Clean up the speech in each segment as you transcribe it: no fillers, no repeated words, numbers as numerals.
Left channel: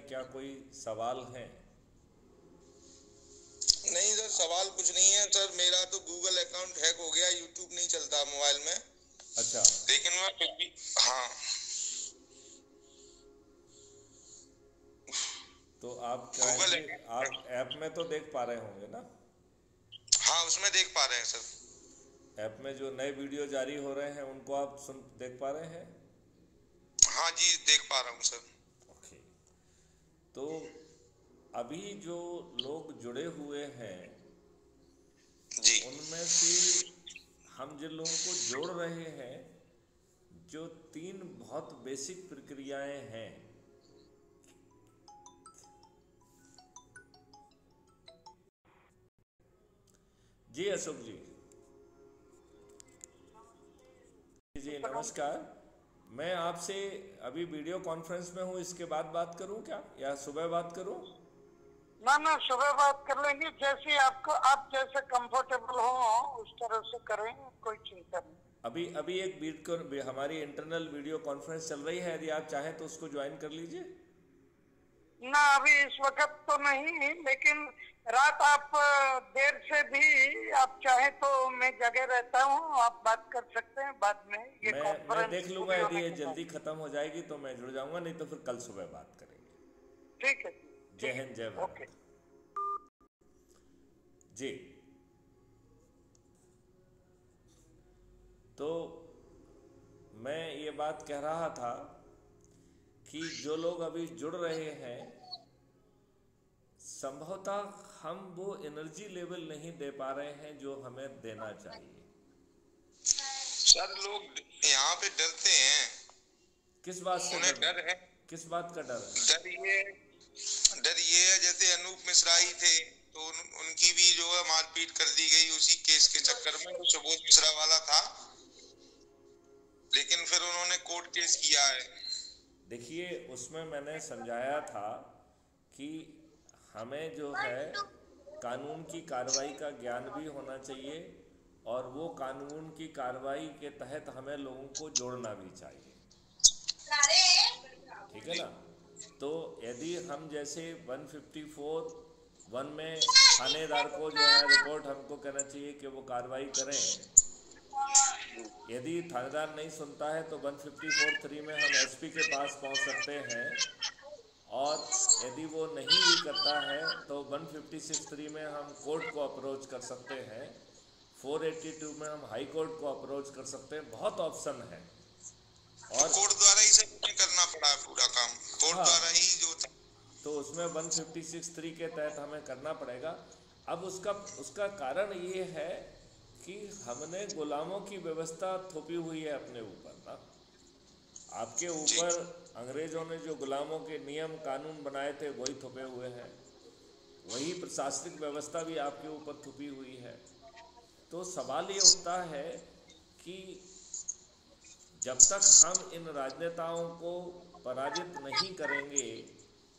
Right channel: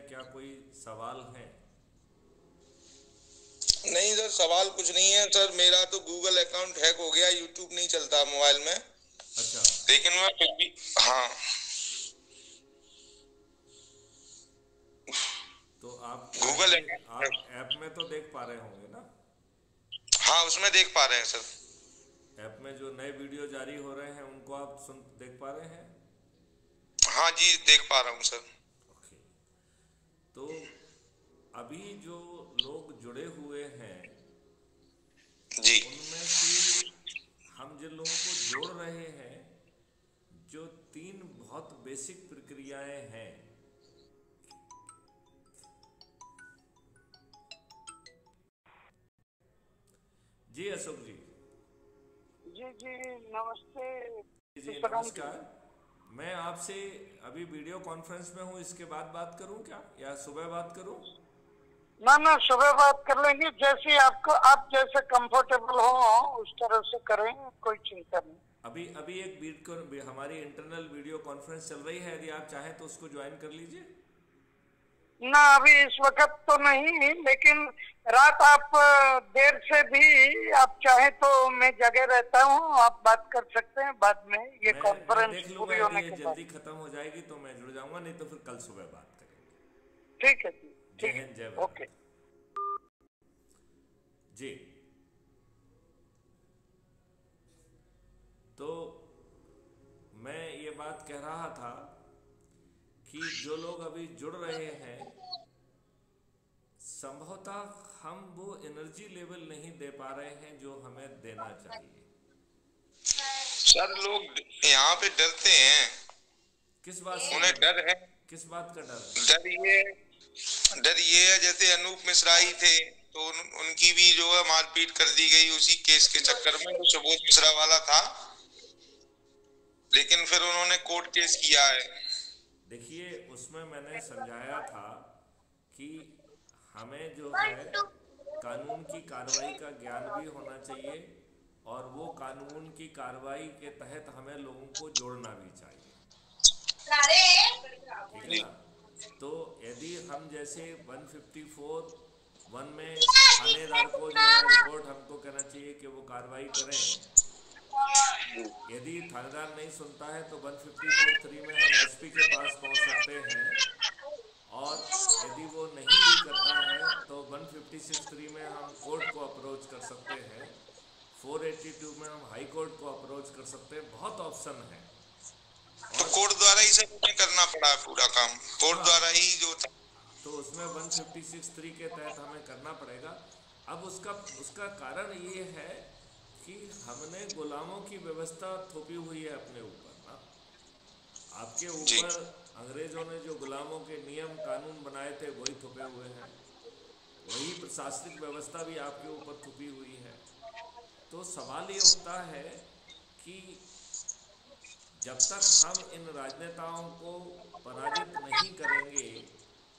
हैं, क्या कोई सवाल है? नहीं सर, सवाल कुछ नहीं है सर। मेरा तो गूगल अकाउंट हैक हो गया, यूट्यूब नहीं चलता मोबाइल में। अच्छा, लेकिन मैं फिर भी, हाँ, तो आप गूगल चाहेंगे, आप अकाउंट, ऐप में तो देख पा रहे होंगे ना? हाँ उसमें देख पा रहे हैं सर। ऐप में जो नए वीडियो जारी हो रहे हैं उनको आप देख पा रहे हैं? हाँ जी, देख पा रहा हूँ सर। ओके। तो अभी जो लोग जुड़े हुए हैं जी उनमें से हम जिन लोगों को जोड़ रहे हैं, जो तीन बहुत बेसिक प्रक्रियाएं हैं, जी अशोक जी। जी जी नमस्ते। जी नमस्कार। मैं आपसे अभी वीडियो कॉन्फ्रेंस में हूँ, इसके बाद बात करूँ क्या, या सुबह बात करूँ? ना सुबह बात कर लेंगे, जैसे आपको, आप जैसे कंफर्टेबल हो उस तरह से करें, कोई चिंता नहीं। अभी अभी एक हमारी इंटरनल वीडियो कॉन्फ्रेंस चल रही है, यदि आप चाहें तो उसको ज्वाइन कर लीजिए। ना अभी इस वक्त तो नहीं, लेकिन रात आप देर से भी आप चाहें तो मैं जगह रहता हूँ, आप बात कर सकते हैं बाद में, ये मैं कॉन्फ्रेंस देख लूंगा, पूरी यदि होने ये के बाद। जल्दी खत्म हो जाएगी तो मैं जुड़ जाऊंगा, नहीं तो फिर कल सुबह बात करेंगे। ठीक है जी, जय ठीक हिंद, जय है, ओके। भारत। जी, तो मैं ये बात कह रहा था कि जो लोग अभी जुड़ रहे हैं, संभवतः हम वो एनर्जी लेवल नहीं दे पा रहे हैं जो हमें देना चाहिए। सर, लोग यहाँ पे डरते हैं। किस बात से उन्हें डर है। किस बात का डर है? डर ये है, जैसे अनूप मिश्रा ही थे तो उनकी भी जो है मारपीट कर दी गई उसी केस के चक्कर में, जो सुबोध मिश्रा वाला था। लेकिन फिर उन्होंने कोर्ट केस किया है। देखिए, उसमें मैंने समझाया था कि हमें जो है कानून की कार्रवाई का ज्ञान भी होना चाहिए, और वो कानून की कार्रवाई के तहत हमें लोगों को जोड़ना भी चाहिए। ठीक है जी ना? तो यदि हम जैसे 154 वन में थानेदार को जो है रिपोर्ट हमको कहना चाहिए कि वो कार्रवाई करें, यदि थानेदार नहीं सुनता है तो 154(3) में हम एसपी के पास पहुंच सकते हैं, और यदि वो नहीं भी करता है तो 156(3) में हम कोर्ट को अप्रोच कर सकते हैं, 482 में हम हाई कोर्ट को अप्रोच कर सकते हैं। बहुत ऑप्शन है। तो और कोर्ट द्वारा ही सब उन्हें करना पड़ा पूरा काम, कोर्ट हाँ, द्वारा ही जो था। तो उसमें 156(3) के तहत हमें करना पड़ेगा। अब उसका उसका कारण ये है कि हमने गुलामों की व्यवस्था थोपी हुई है अपने ऊपर ना। आपके जी ऊपर अंग्रेजों ने जो गुलामों के नियम कानून बनाए थे वही थोपे हुए हैं, वही प्रशासनिक व्यवस्था भी आपके ऊपर थोपी हुई है। तो सवाल ये उठता है कि जब तक हम इन राजनेताओं को पराजित नहीं करेंगे,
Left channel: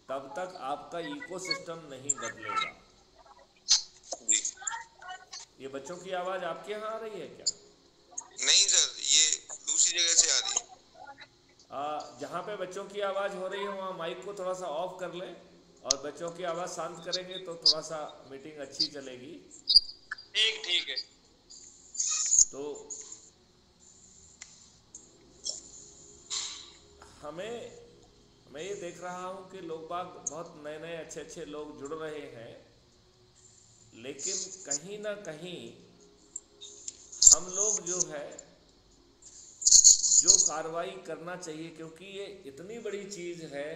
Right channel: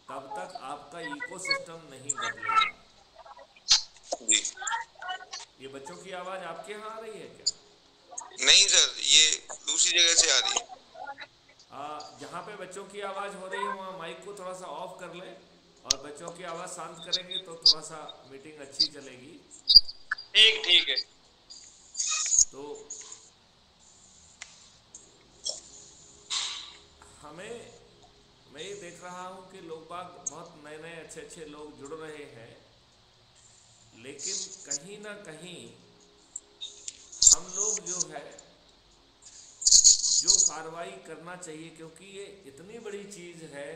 तब तक आपका इकोसिस्टम नहीं बदलेगा। जी। ये बच्चों की आवाज़ आपके यहाँ आ रही है क्या? नहीं सर, ये दूसरी जगह से आ रही है। जहाँ पे बच्चों की आवाज़ हो रही है वहाँ माइक को थोड़ा सा ऑफ कर लें, और बच्चों की आवाज़ शांत करेंगे तो थोड़ा सा मीटिंग अच्छी चलेगी। ठीक ठीक है। तो हमें, मैं ये देख रहा हूँ कि लोग बाग बहुत नए नए अच्छे अच्छे लोग जुड़ रहे हैं, लेकिन कहीं ना कहीं हम लोग जो है जो कार्रवाई करना चाहिए, क्योंकि ये इतनी बड़ी चीज़ है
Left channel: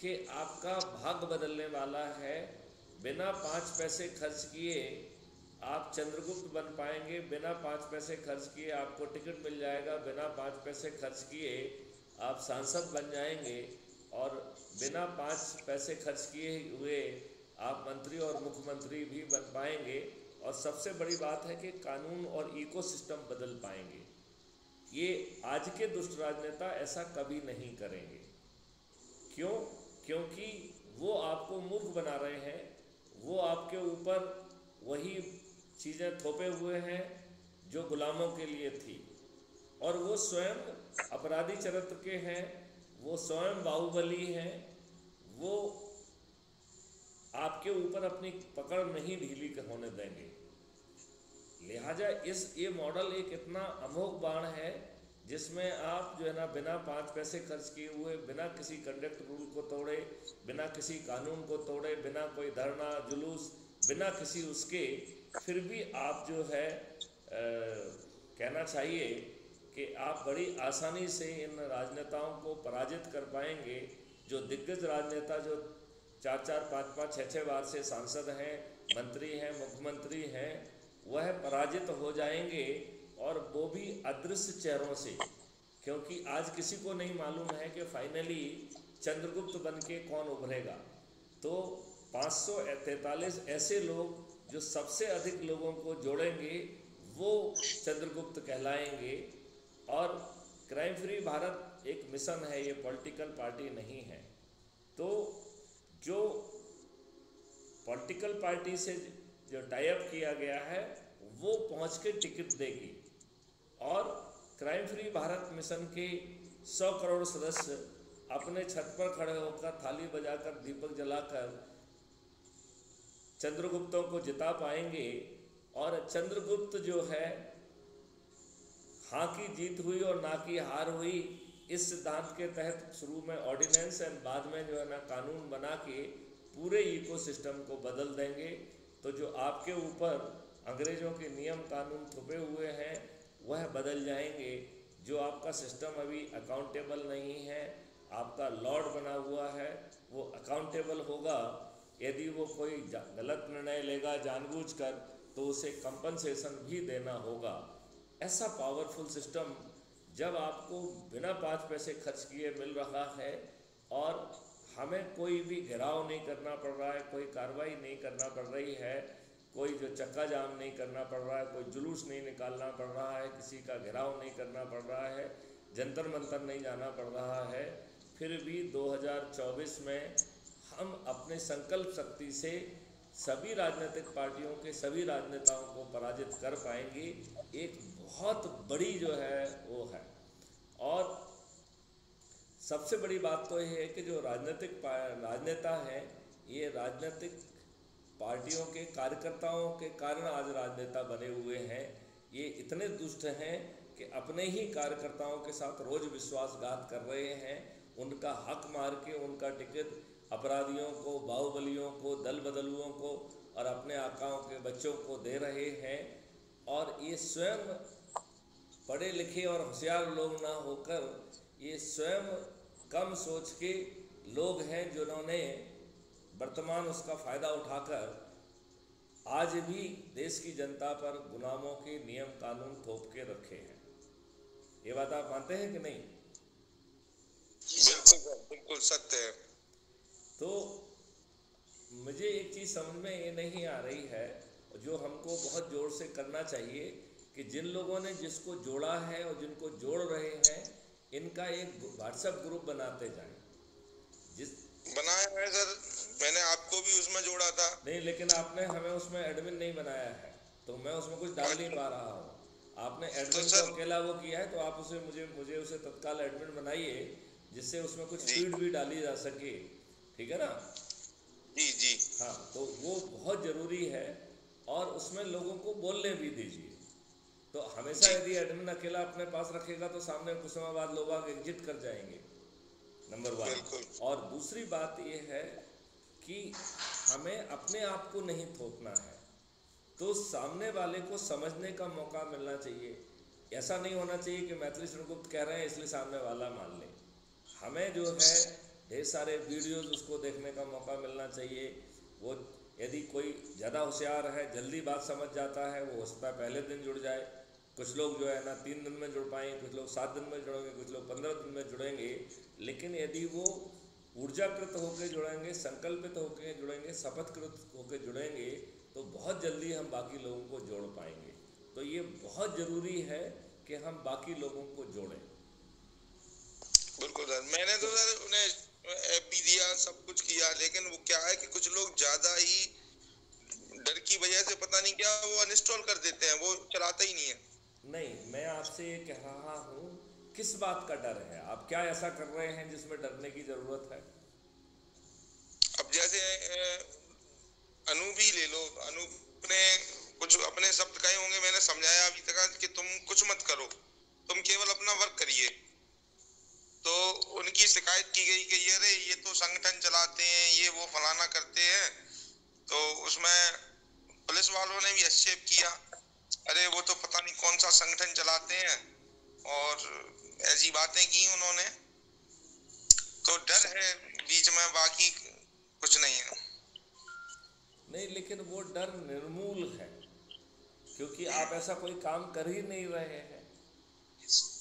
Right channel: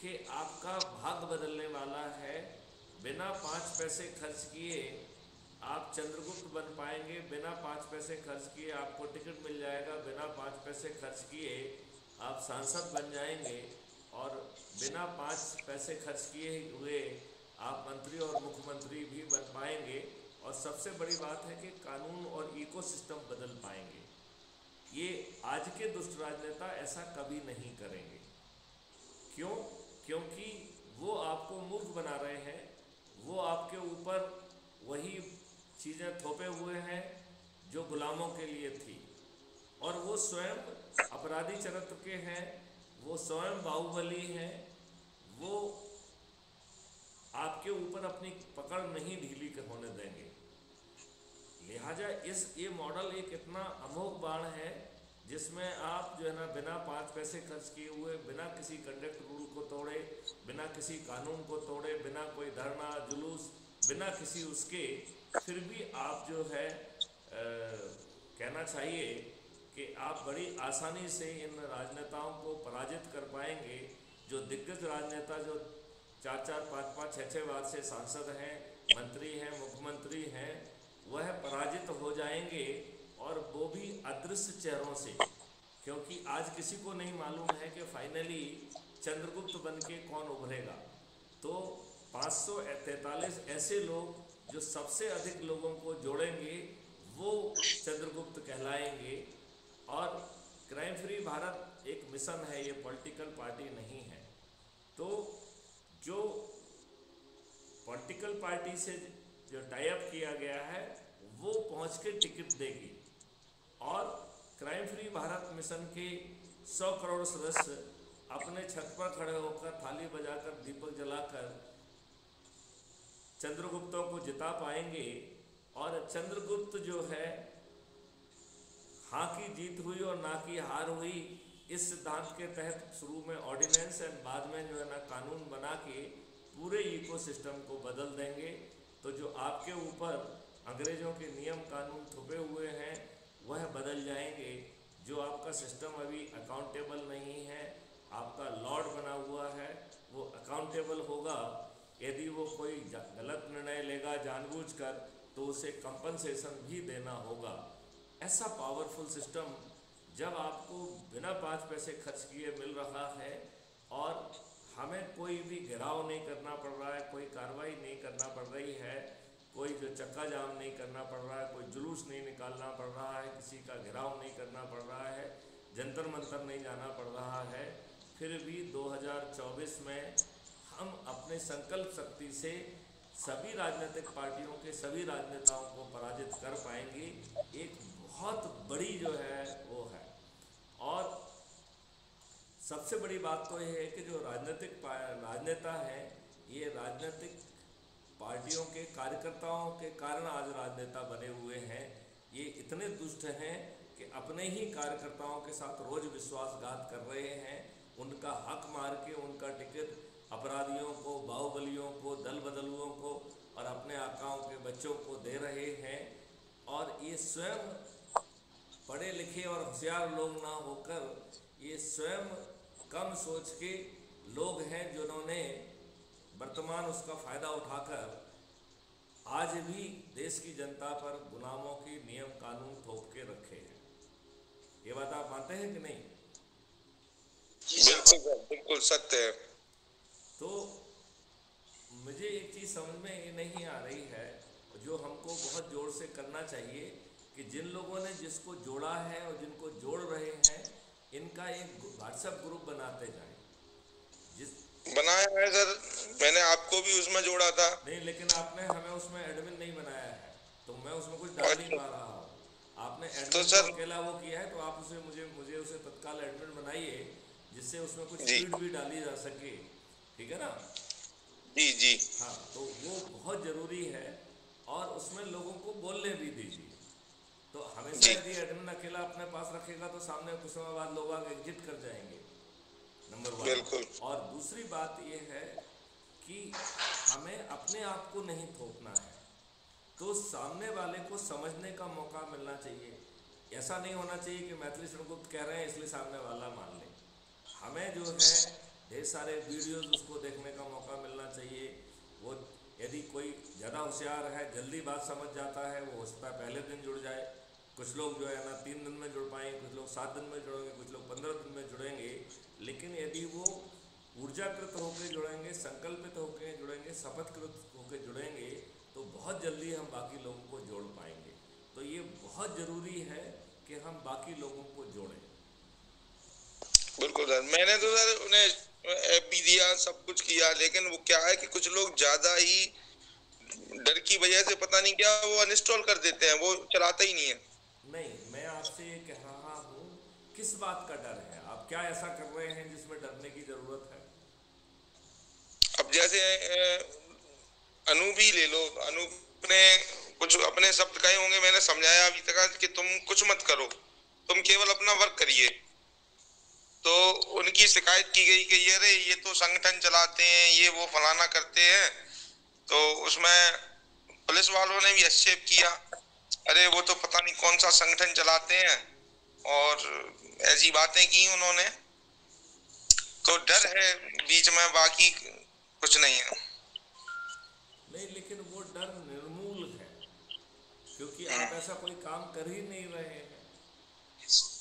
कि आपका भाग्य बदलने वाला है। बिना 5 पैसे खर्च किए आप चंद्रगुप्त बन पाएंगे, बिना 5 पैसे खर्च किए आपको टिकट मिल जाएगा, बिना 5 पैसे खर्च किए आप सांसद बन जाएंगे, और बिना 5 पैसे खर्च किए हुए आप मंत्री और मुख्यमंत्री भी बन पाएंगे। और सबसे बड़ी बात है कि कानून और इकोसिस्टम बदल पाएंगे। ये आज के दुष्ट राजनेता ऐसा कभी नहीं करेंगे। क्यों? क्योंकि वो आपको मूर्ख बना रहे हैं, वो आपके ऊपर वही चीज़ें थोपे हुए हैं जो गुलामों के लिए थी, और वो स्वयं अपराधी चरित्र के हैं, वो स्वयं बाहुबली हैं, वो ऊपर अपनी पकड़ नहीं ढीली होने देंगे। लिहाजा ये मॉडल एक इतना अमोघ बाण है जिसमें आप जो है ना बिना 5 पैसे खर्च किए हुए, बिना किसी कंडक्ट रूल को तोड़े, बिना किसी कानून को तोड़े, बिना कोई धरना जुलूस, बिना किसी उसके, फिर भी आप जो है कहना चाहिए कि आप बड़ी आसानी से इन राजनेताओं को पराजित कर पाएंगे। जो दिग्गज राजनेता जो 4-4, 5-5, 6-6 बार से सांसद हैं, मंत्री हैं, मुख्यमंत्री हैं, वह पराजित हो जाएंगे, और वो भी अदृश्य चेहरों से, क्योंकि आज किसी को नहीं मालूम है कि फाइनली चंद्रगुप्त बन के कौन उभरेगा। तो 543 ऐसे लोग जो सबसे अधिक लोगों को जोड़ेंगे वो चंद्रगुप्त कहलाएंगे। और क्राइम फ्री भारत एक मिशन है, ये पॉलिटिकल पार्टी नहीं है। तो जो पॉलिटिकल पार्टी से जो टाई अप किया गया है वो पहुंच के टिकट देगी, और क्राइम फ्री भारत मिशन के 100 करोड़ सदस्य अपने छत पर खड़े होकर थाली बजाकर दीपक जलाकर चंद्रगुप्तों को जिता पाएंगे। और चंद्रगुप्त जो है हाँ की जीत हुई और ना की हार हुई, इस सिद्धांत के तहत शुरू में ऑर्डिनेंस एंड बाद में जो है ना कानून बना के पूरे इकोसिस्टम को बदल देंगे। तो जो आपके ऊपर अंग्रेजों के नियम कानून थुपे हुए हैं वह बदल जाएंगे। जो आपका सिस्टम अभी अकाउंटेबल नहीं है, आपका लॉर्ड बना हुआ है, वो अकाउंटेबल होगा। यदि वो कोई गलत निर्णय लेगा जानबूझकर तो उसे कंपनसेशन भी देना होगा। ऐसा पावरफुल सिस्टम जब आपको बिना 5 पैसे खर्च किए मिल रहा है, और हमें कोई भी घेराव नहीं करना पड़ रहा है, कोई कार्रवाई नहीं करना पड़ रही है, कोई जो चक्का जाम नहीं करना पड़ रहा है, कोई जुलूस नहीं निकालना पड़ रहा है, किसी का घेराव नहीं करना पड़ रहा है, जंतर मंतर नहीं जाना पड़ रहा है, फिर भी 2024 में हम अपने संकल्प शक्ति से सभी राजनीतिक पार्टियों के सभी राजनेताओं को पराजित कर पाएंगे। एक बहुत बड़ी जो है वो है। और सबसे बड़ी बात तो यह है कि जो राजनेता हैं, ये राजनीतिक पार्टियों के कार्यकर्ताओं के कारण आज राजनेता बने हुए हैं। ये इतने दुष्ट हैं कि अपने ही कार्यकर्ताओं के साथ रोज विश्वासघात कर रहे हैं, उनका हक मार के उनका टिकट अपराधियों को, बाहुबलियों को, दल बदलुओं को और अपने आकाओं के बच्चों को दे रहे हैं। और ये स्वयं पढ़े लिखे और होशियार लोग ना होकर ये स्वयं कम सोच के लोग हैं जिन्होंने वर्तमान उसका फ़ायदा उठाकर आज भी देश की जनता पर गुलामों के नियम कानून थोप के रखे हैं। ये बात आप मानते हैं कि नहीं? बिल्कुल बिल्कुल सत्य है। तो मुझे एक चीज़ समझ में ये नहीं आ रही है, जो हमको बहुत जोर से करना चाहिए, कि जिन लोगों ने जिसको जोड़ा है और जिनको जोड़ रहे हैं, इनका एक व्हाट्सएप ग्रुप बनाते जाएं। जिस बनाया है सर, मैंने आपको भी उसमें जोड़ा था। नहीं, लेकिन आपने हमें उसमें एडमिन नहीं बनाया है, तो मैं उसमें कुछ डाल नहीं पा रहा हूँ। आपने एडमिन तो अकेला वो किया है, तो आप उसे मुझे उसे तत्काल एडमिन बनाइए, जिससे उसमें कुछ फीड भी डाली जा सके। ठीक है ना? जी जी हाँ, तो वो बहुत ज़रूरी है, और उसमें लोगों को बोलने भी दीजिए। तो हमेशा यदि एडमिन अकेला अपने पास रखेगा तो सामने कुछ समय बाद लोग एग्जिट कर जाएंगे, नंबर 1। और दूसरी बात ये है कि हमें अपने आप को नहीं थोपना है, तो सामने वाले को समझने का मौका मिलना चाहिए। ऐसा नहीं होना चाहिए कि मैथिली चंद्रगुप्त कह रहे हैं इसलिए सामने वाला मान ले। हमें जो है ढेर सारे वीडियोस उसको देखने का मौका मिलना चाहिए। वो यदि कोई ज़्यादा होशियार है, जल्दी बात समझ जाता है, वो हो सकता है पहले दिन जुड़ जाए। कुछ लोग जो है ना 3 दिन में जुड़ पाएंगे, कुछ लोग 7 दिन में जुड़ेंगे, कुछ लोग 15 दिन में जुड़ेंगे। लेकिन यदि वो ऊर्जाकृत होकर जुड़ेंगे, संकल्पित होकर जुड़ेंगे, शपथकृत होकर जुड़ेंगे, तो बहुत जल्दी हम बाकी लोगों को जोड़ पाएंगे। तो ये बहुत ज़रूरी है कि हम बाकी लोगों को जोड़ें। बिल्कुल सर, मैंने तो सर उन्हें ऐप भी दिया, सब कुछ किया, लेकिन वो क्या है कि कुछ लोग ज्यादा ही डर की वजह से पता नहीं क्या वो अनइंस्टॉल कर देते हैं, वो चलाता ही नहीं है। नहीं, मैं आपसे ये कह रहा हूँ, किस बात का डर है? आप क्या ऐसा कर रहे हैं जिसमें डरने की जरूरत है? अब जैसे अनूप ही ले लो, अनूप ने कुछ अपने शब्द कहे होंगे, मैंने समझाया अभी तक कि तुम कुछ मत करो, तुम केवल अपना वर्क करिए। तो उनकी शिकायत की गई कि ये तो संगठन चलाते हैं, ये वो फलाना करते हैं। तो उसमें पुलिस वालों ने भी हस्तक्षेप किया, अरे वो तो पता नहीं कौन सा संगठन चलाते हैं, और ऐसी बातें की उन्होंने। तो डर है बीच में, बाकी कुछ नहीं है। नहीं, लेकिन वो डर निर्मूल है, क्योंकि आप ऐसा कोई काम कर ही नहीं रहे हैं,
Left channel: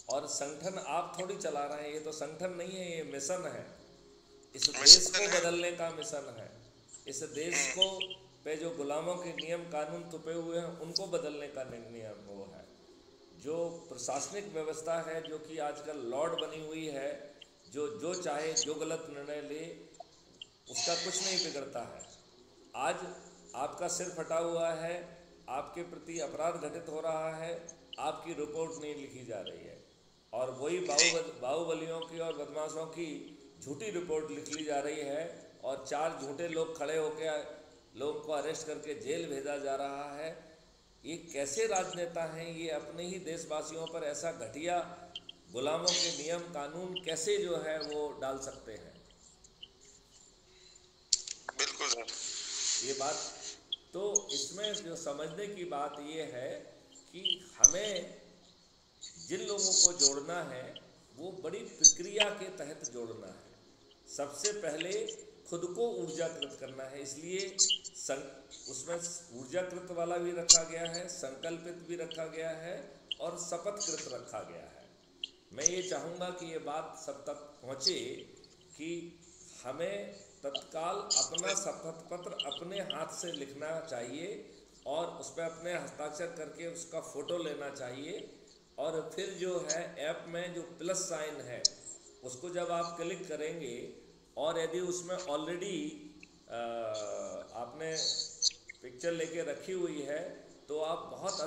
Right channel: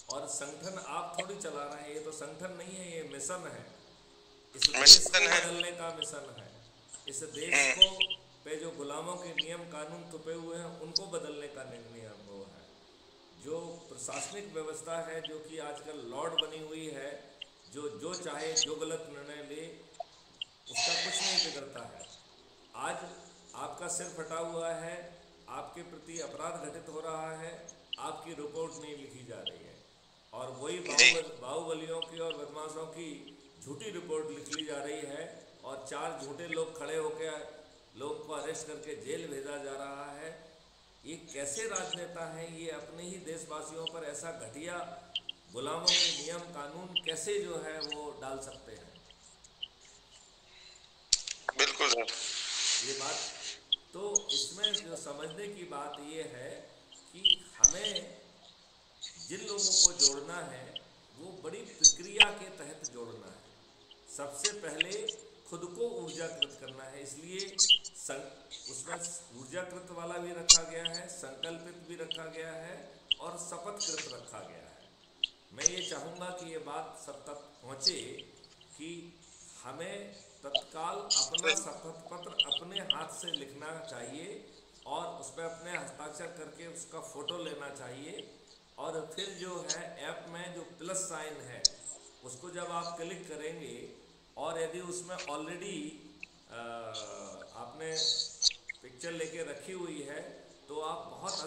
और संगठन आप थोड़ी चला रहे हैं। ये तो संगठन नहीं है, ये मिशन है, इस देश को बदलने का मिशन है। इस देश को पे जो गुलामों के नियम कानून थुपे हुए हैं, उनको बदलने का नियम वो है। जो प्रशासनिक व्यवस्था है, जो कि आजकल लॉर्ड बनी हुई है, जो चाहे जो गलत निर्णय ले, उसका कुछ नहीं बिगड़ता है। आज आपका सिर फटा हुआ है, आपके प्रति अपराध घटित हो रहा है, आपकी रिपोर्ट नहीं लिखी जा रही है, और वही बाहुबलियों की और बदमाशों की झूठी रिपोर्ट लिख ली जा रही है, और 4 झूठे लोग खड़े होकर लोगों को अरेस्ट करके जेल भेजा जा रहा है। ये कैसे राजनेता हैं? ये अपने ही देशवासियों पर ऐसा घटिया गुलामों के नियम कानून कैसे जो है वो डाल सकते हैं? बिल्कुल सर, ये बात तो इसमें जो समझने की बात ये है कि हमें जिन लोगों को जोड़ना है वो बड़ी प्रक्रिया के तहत जोड़ना है। सबसे पहले खुद को ऊर्जाकृत करना है, इसलिए उसमें ऊर्जाकृत वाला भी रखा गया है, संकल्पित भी रखा गया है, और शपथकृत रखा गया है। मैं ये चाहूँगा कि ये बात सब तक पहुँचे कि हमें तत्काल अपना शपथ पत्र अपने हाथ से लिखना चाहिए, और उस पर अपने हस्ताक्षर करके उसका फ़ोटो लेना चाहिए, और फिर जो है ऐप में जो प्लस साइन है उसको जब आप क्लिक करेंगे, और यदि उसमें ऑलरेडी आपने पिक्चर लेके रखी हुई है तो आप बहुत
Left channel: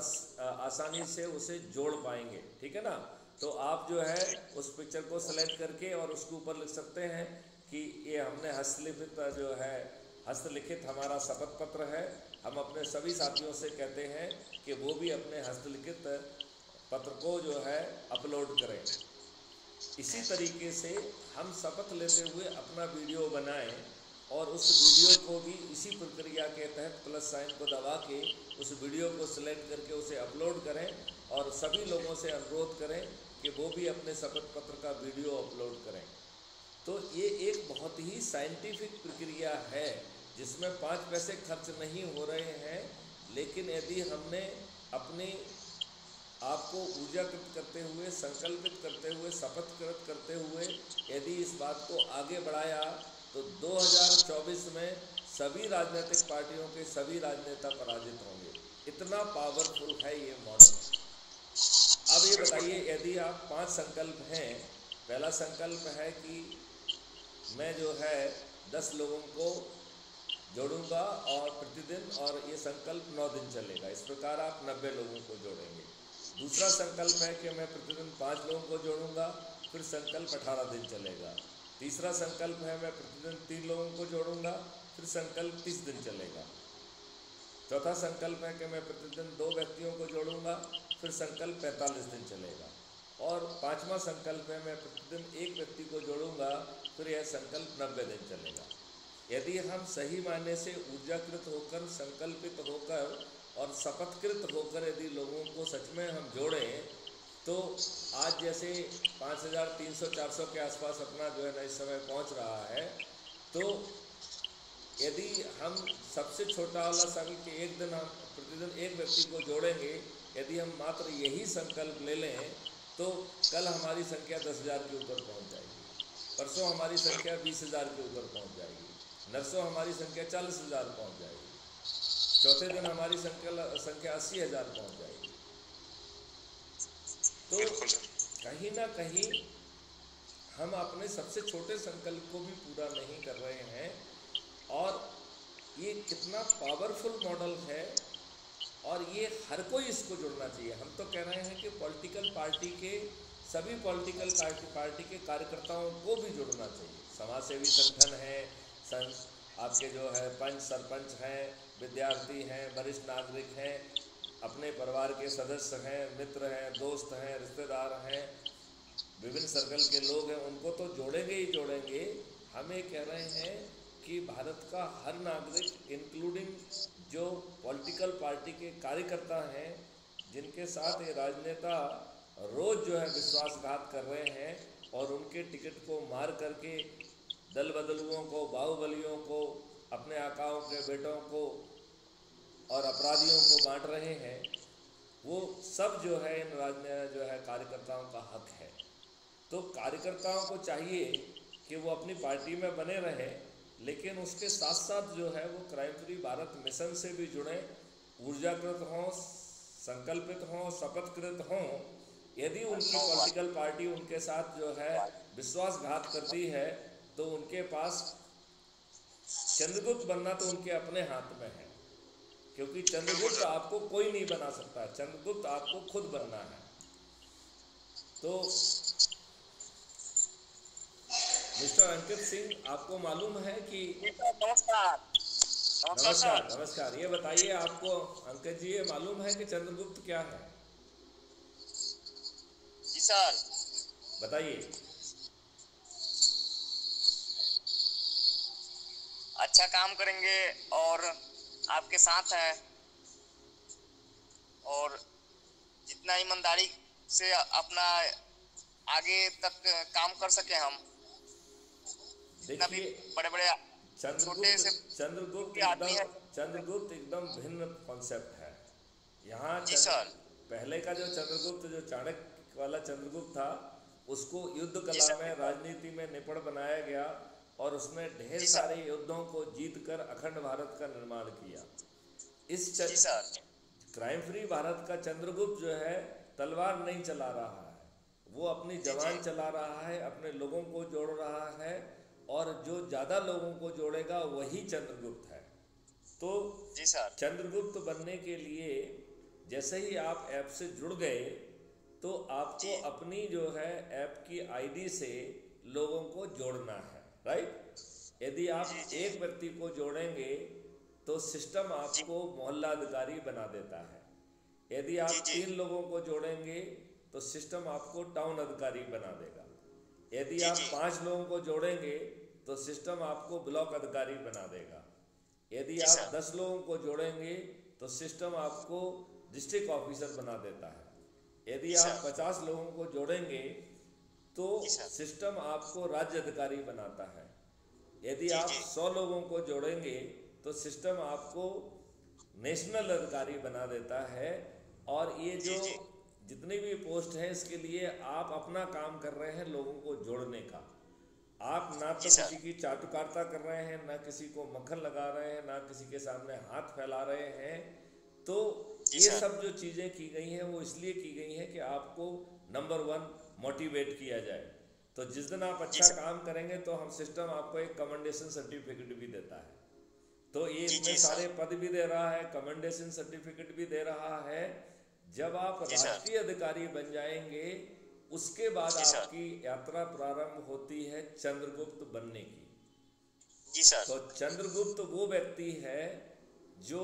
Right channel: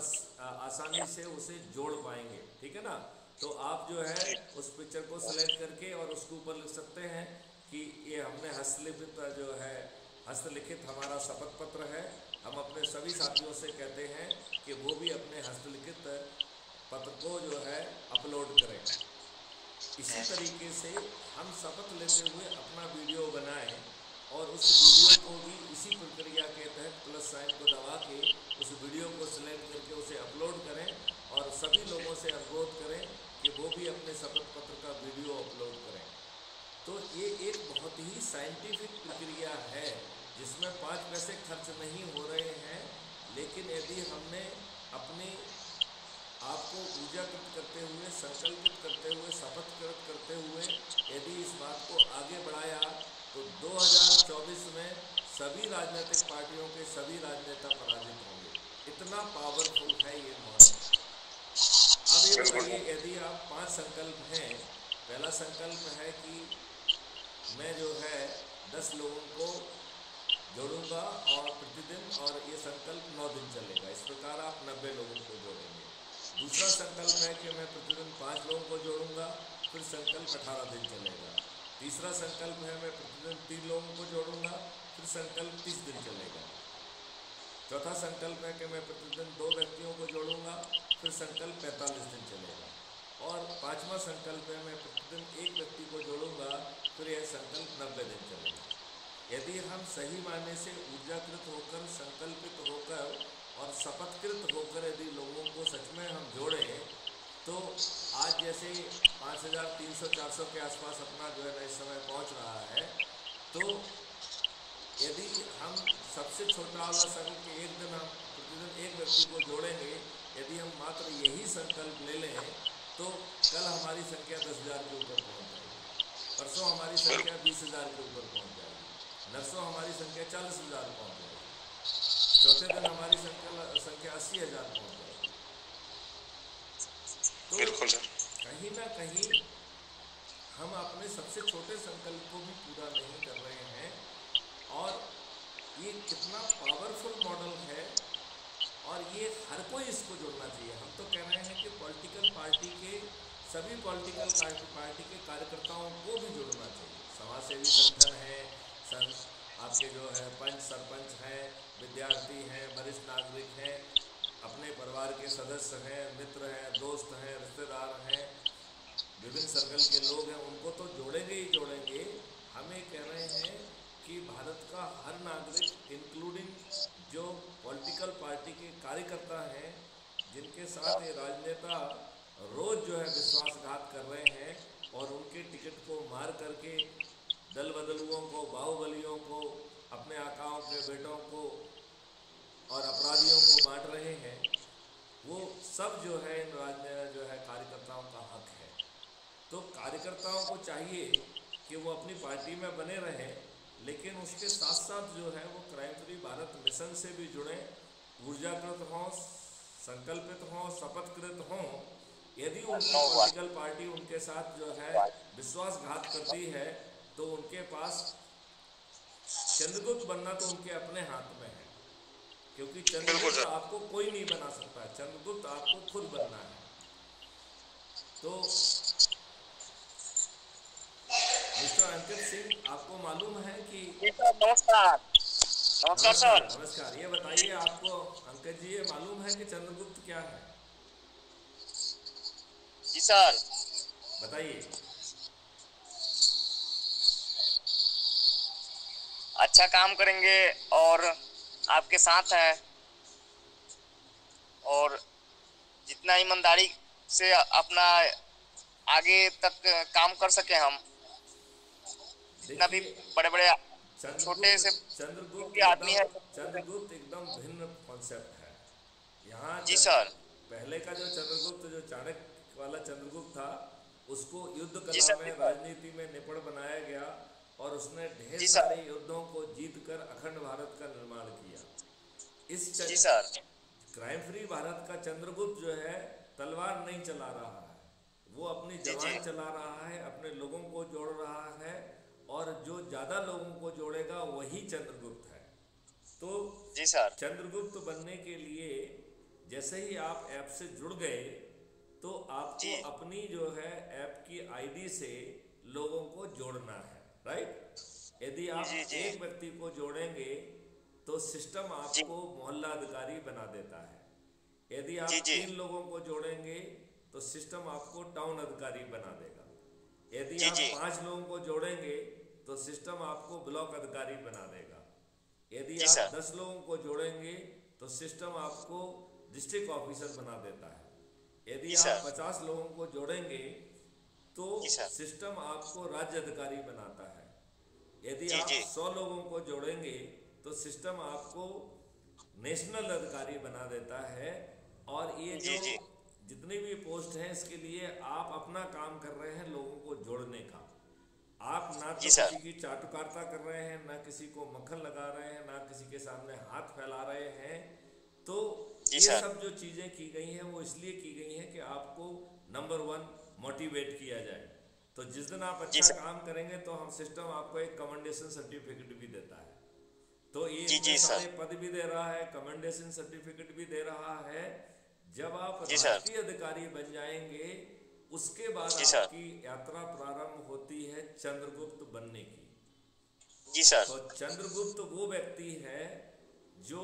आसानी से उसे जोड़ पाएंगे, ठीक है ना। तो आप जो है उस पिक्चर को सेलेक्ट करके और उसके ऊपर लिख सकते हैं कि ये हमने हस्तलिखित हमारा शपथ पत्र है। हम अपने सभी साथियों से कहते हैं कि वो भी अपने हस्तलिखित पत्र को जो है अपलोड करें। इसी तरीके से हम शपथ लेते हुए अपना वीडियो बनाएं, और उस वीडियो को भी इसी प्रक्रिया के तहत प्लस साइन को दबा के उस वीडियो को सिलेक्ट करके उसे अपलोड करें, और सभी लोगों से अनुरोध करें कि वो भी अपने शपथ पत्र का वीडियो अपलोड करें। तो ये एक बहुत ही साइंटिफिक प्रक्रिया है जिसमें 5 पैसे खर्च नहीं हो रहे हैं, लेकिन यदि हमने अपने आपको ऊर्जाकृत करते हुए, संकल्पित करते हुए, शपथकृत करते हुए यदि इस बात को आगे बढ़ाया तो 2024 में सभी राजनीतिक पार्टियों के सभी राजनेता पराजित होंगे। इतना पावरफुल है ये मॉडल। अब ये बताइए, यदि आप 5 संकल्प हैं, पहला संकल्प है कि मैं जो है 10 लोगों को जोड़ूंगा और प्रतिदिन, और ये संकल्प 9 दिन चलेगा। इस प्रकार आप 90 लोगों को जोड़ेंगे। दूसरा संकल्प है कि मैं प्रतिदिन 5 लोगों को जोड़ूंगा, फिर संकल्प 18 दिन चलेगा। तीसरा संकल्प है मैं प्रतिदिन 3 लोगों को जोड़ूंगा, फिर संकल्प 30 दिन चलेगा। चौथा संकल्प है कि मैं प्रतिदिन 2 व्यक्तियों को जोड़ूंगा, फिर संकल्प 45 दिन चलेगा। और 5वां संकल्प है मैं प्रतिदिन 1 व्यक्ति को जोड़ूंगा, फिर यह संकल्प 90 दिन चलेगा। यदि हम सही मायने से ऊर्जाकृत होकर, संकल्पित होकर और शपथकृत होकर यदि लोगों को सच में हम जोड़ें, तो आज जैसे 5300-400 के आसपास अपना जो है ना इस समय पहुंच रहा है, तो यदि हम सबसे छोटा वाला संकल्प कि एक दिन हम प्रतिदिन 1 व्यक्ति को जोड़ेंगे, यदि हम मात्र यही संकल्प ले लें तो कल हमारी संख्या 10,000 के ऊपर पहुंच जाएगी, परसों हमारी संख्या 20,000 के ऊपर पहुंच जाएगी, नरसों हमारी संख्या 40,000 पहुंच जाएगी, चौथे दिन हमारी संख्या 80,000 पहुंच जाएगी। तो कहीं ना कहीं हम अपने सबसे छोटे संकल्प को भी पूरा नहीं कर रहे हैं, और ये कितना पावरफुल मॉडल है, और ये हर कोई इसको जुड़ना चाहिए। हम तो कह रहे हैं कि पॉलिटिकल पार्टी के सभी पॉलिटिकल पार्टी के कार्यकर्ताओं को भी जुड़ना चाहिए। समाजसेवी संगठन है, आपके जो है पंच सरपंच हैं, विद्यार्थी हैं, वरिष्ठ नागरिक हैं, अपने परिवार के सदस्य हैं, मित्र हैं, दोस्त हैं, रिश्तेदार हैं, विभिन्न सर्कल के लोग हैं, उनको तो जोड़ेंगे ही जोड़ेंगे। हम ये कह रहे हैं कि भारत का हर नागरिक इंक्लूडिंग जो पॉलिटिकल पार्टी के कार्यकर्ता हैं, जिनके साथ ये राजनेता रोज़ जो है विश्वासघात कर रहे हैं और उनके टिकट को मार करके दल बदलुओं को, बाहुबलियों को, अपने आकाओं के बेटों को और अपराधियों को बांट रहे हैं, वो सब जो है इन राजनीतिक जो है कार्यकर्ताओं का हक है। तो कार्यकर्ताओं को चाहिए कि वो अपनी पार्टी में बने रहें, लेकिन उसके साथ साथ जो है वो क्राइम फ्री भारत मिशन से भी जुड़ें, ऊर्जाकृत हों, संकल्पित हों, शपथकृत हों। यदि उनकी पॉलिटिकल पार्टी उनके साथ जो है विश्वासघात करती है तो उनके पास चंद्रगुप्त बनना तो उनके अपने हाथ में है, क्योंकि चंद्रगुप्त आपको कोई नहीं बना सकता है, चंद्रगुप्त आपको खुद बनना है। तो मिस्टर अंकित सिंह, आपको मालूम है कि नमस्कार। नमस्कार नमस्कार, ये बताइए आपको अंकित जी, ये मालूम है कि चंद्रगुप्त क्या है? जी सर, बताइए। अच्छा काम करेंगे और आपके साथ है, और जितना ईमानदारी से अपना आगे तक काम कर सके हम, जितना भी बड़े बड़े छोटे से चंद्रगुप्त आदमी है। चंद्रगुप्त एकदम भिन्न कॉन्सेप्ट है यहाँ। जी सर। पहले का जो चंद्रगुप्त, जो चाणक्य वाला चंद्रगुप्त था, उसको युद्ध जी कला सर। में, राजनीति में निपुण बनाया गया और उसने ढेर जी सर। सारे युद्धों को जीतकर अखंड भारत का निर्माण किया। जी सर। क्राइम फ्री भारत का चंद्रगुप्त जो है तलवार नहीं चला रहा है, वो अपनी जवान चला रहा है, अपने लोगों को जोड़ रहा है, और जो ज्यादा लोगों को जोड़ेगा वही चंद्रगुप्त है। तो जी सर। चंद्रगुप्त बनने के लिए जैसे ही आप ऐप से जुड़ गए तो आपको अपनी जो है ऐप की आईडी से लोगों को जोड़ना है, राइट? यदि आप एक व्यक्ति को जोड़ेंगे तो सिस्टम आपको मोहल्ला अधिकारी बना देता है। यदि आप 3 लोगों को जोड़ेंगे तो सिस्टम आपको टाउन अधिकारी बना देगा। यदि आप 5 लोगों को जोड़ेंगे तो सिस्टम आपको ब्लॉक अधिकारी बना देगा। यदि आप 10 लोगों को जोड़ेंगे तो सिस्टम आपको डिस्ट्रिक्ट ऑफिसर बना देता है। यदि आप 50 लोगों को जोड़ेंगे तो सिस्टम आपको राज्य अधिकारी बनाता है। यदि आप 100 लोगों को जोड़ेंगे तो सिस्टम आपको नेशनल अधिकारी बना देता है। और ये जो जितनी भी पोस्ट हैं, इसके लिए आप अपना काम कर रहे हैं लोगों को जोड़ने का। आप ना तो किसी की चाटुकारिता कर रहे हैं, ना किसी को मक्खन लगा रहे हैं, ना किसी के सामने हाथ फैला रहे हैं। तो ये सब जो चीजें की गई हैं वो इसलिए की गई हैं कि आपको नंबर 1 मोटिवेट किया जाए। तो जिस दिन आप अच्छा काम करेंगे तो हम सिस्टम आपको एक कमेंडेशन सर्टिफिकेट भी देता है। तो ये इतने सारे पद भी दे रहा है, कमेंडेशन सर्टिफिकेट भी दे रहा है। जब आप राष्ट्रीय अधिकारी बन जाएंगे उसके बाद आपकी यात्रा प्रारंभ होती है चंद्रगुप्त बनने की। जी सर। तो चंद्रगुप्त वो व्यक्ति है जो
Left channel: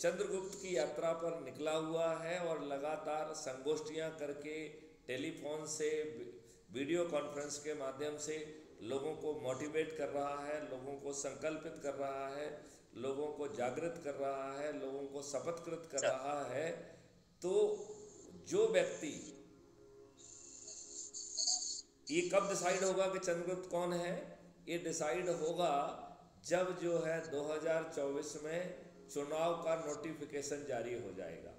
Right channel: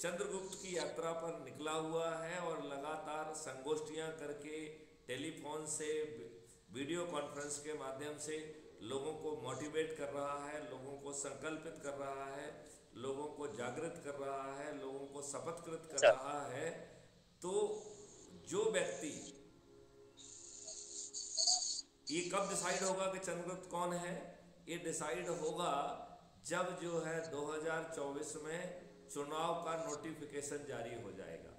चंद्रगुप्त की यात्रा पर निकला हुआ है और लगातार संगोष्ठियां करके, टेलीफोन से, वीडियो कॉन्फ्रेंस के माध्यम से लोगों को मोटिवेट कर रहा है, लोगों को संकल्पित कर रहा है, लोगों को जागृत कर रहा है, लोगों को शपथकृत कर रहा है। तो जो व्यक्ति, ये कब डिसाइड होगा कि चंद्रगुप्त कौन है? ये डिसाइड होगा जब जो है 2024 में चुनाव का नोटिफिकेशन जारी हो जाएगा।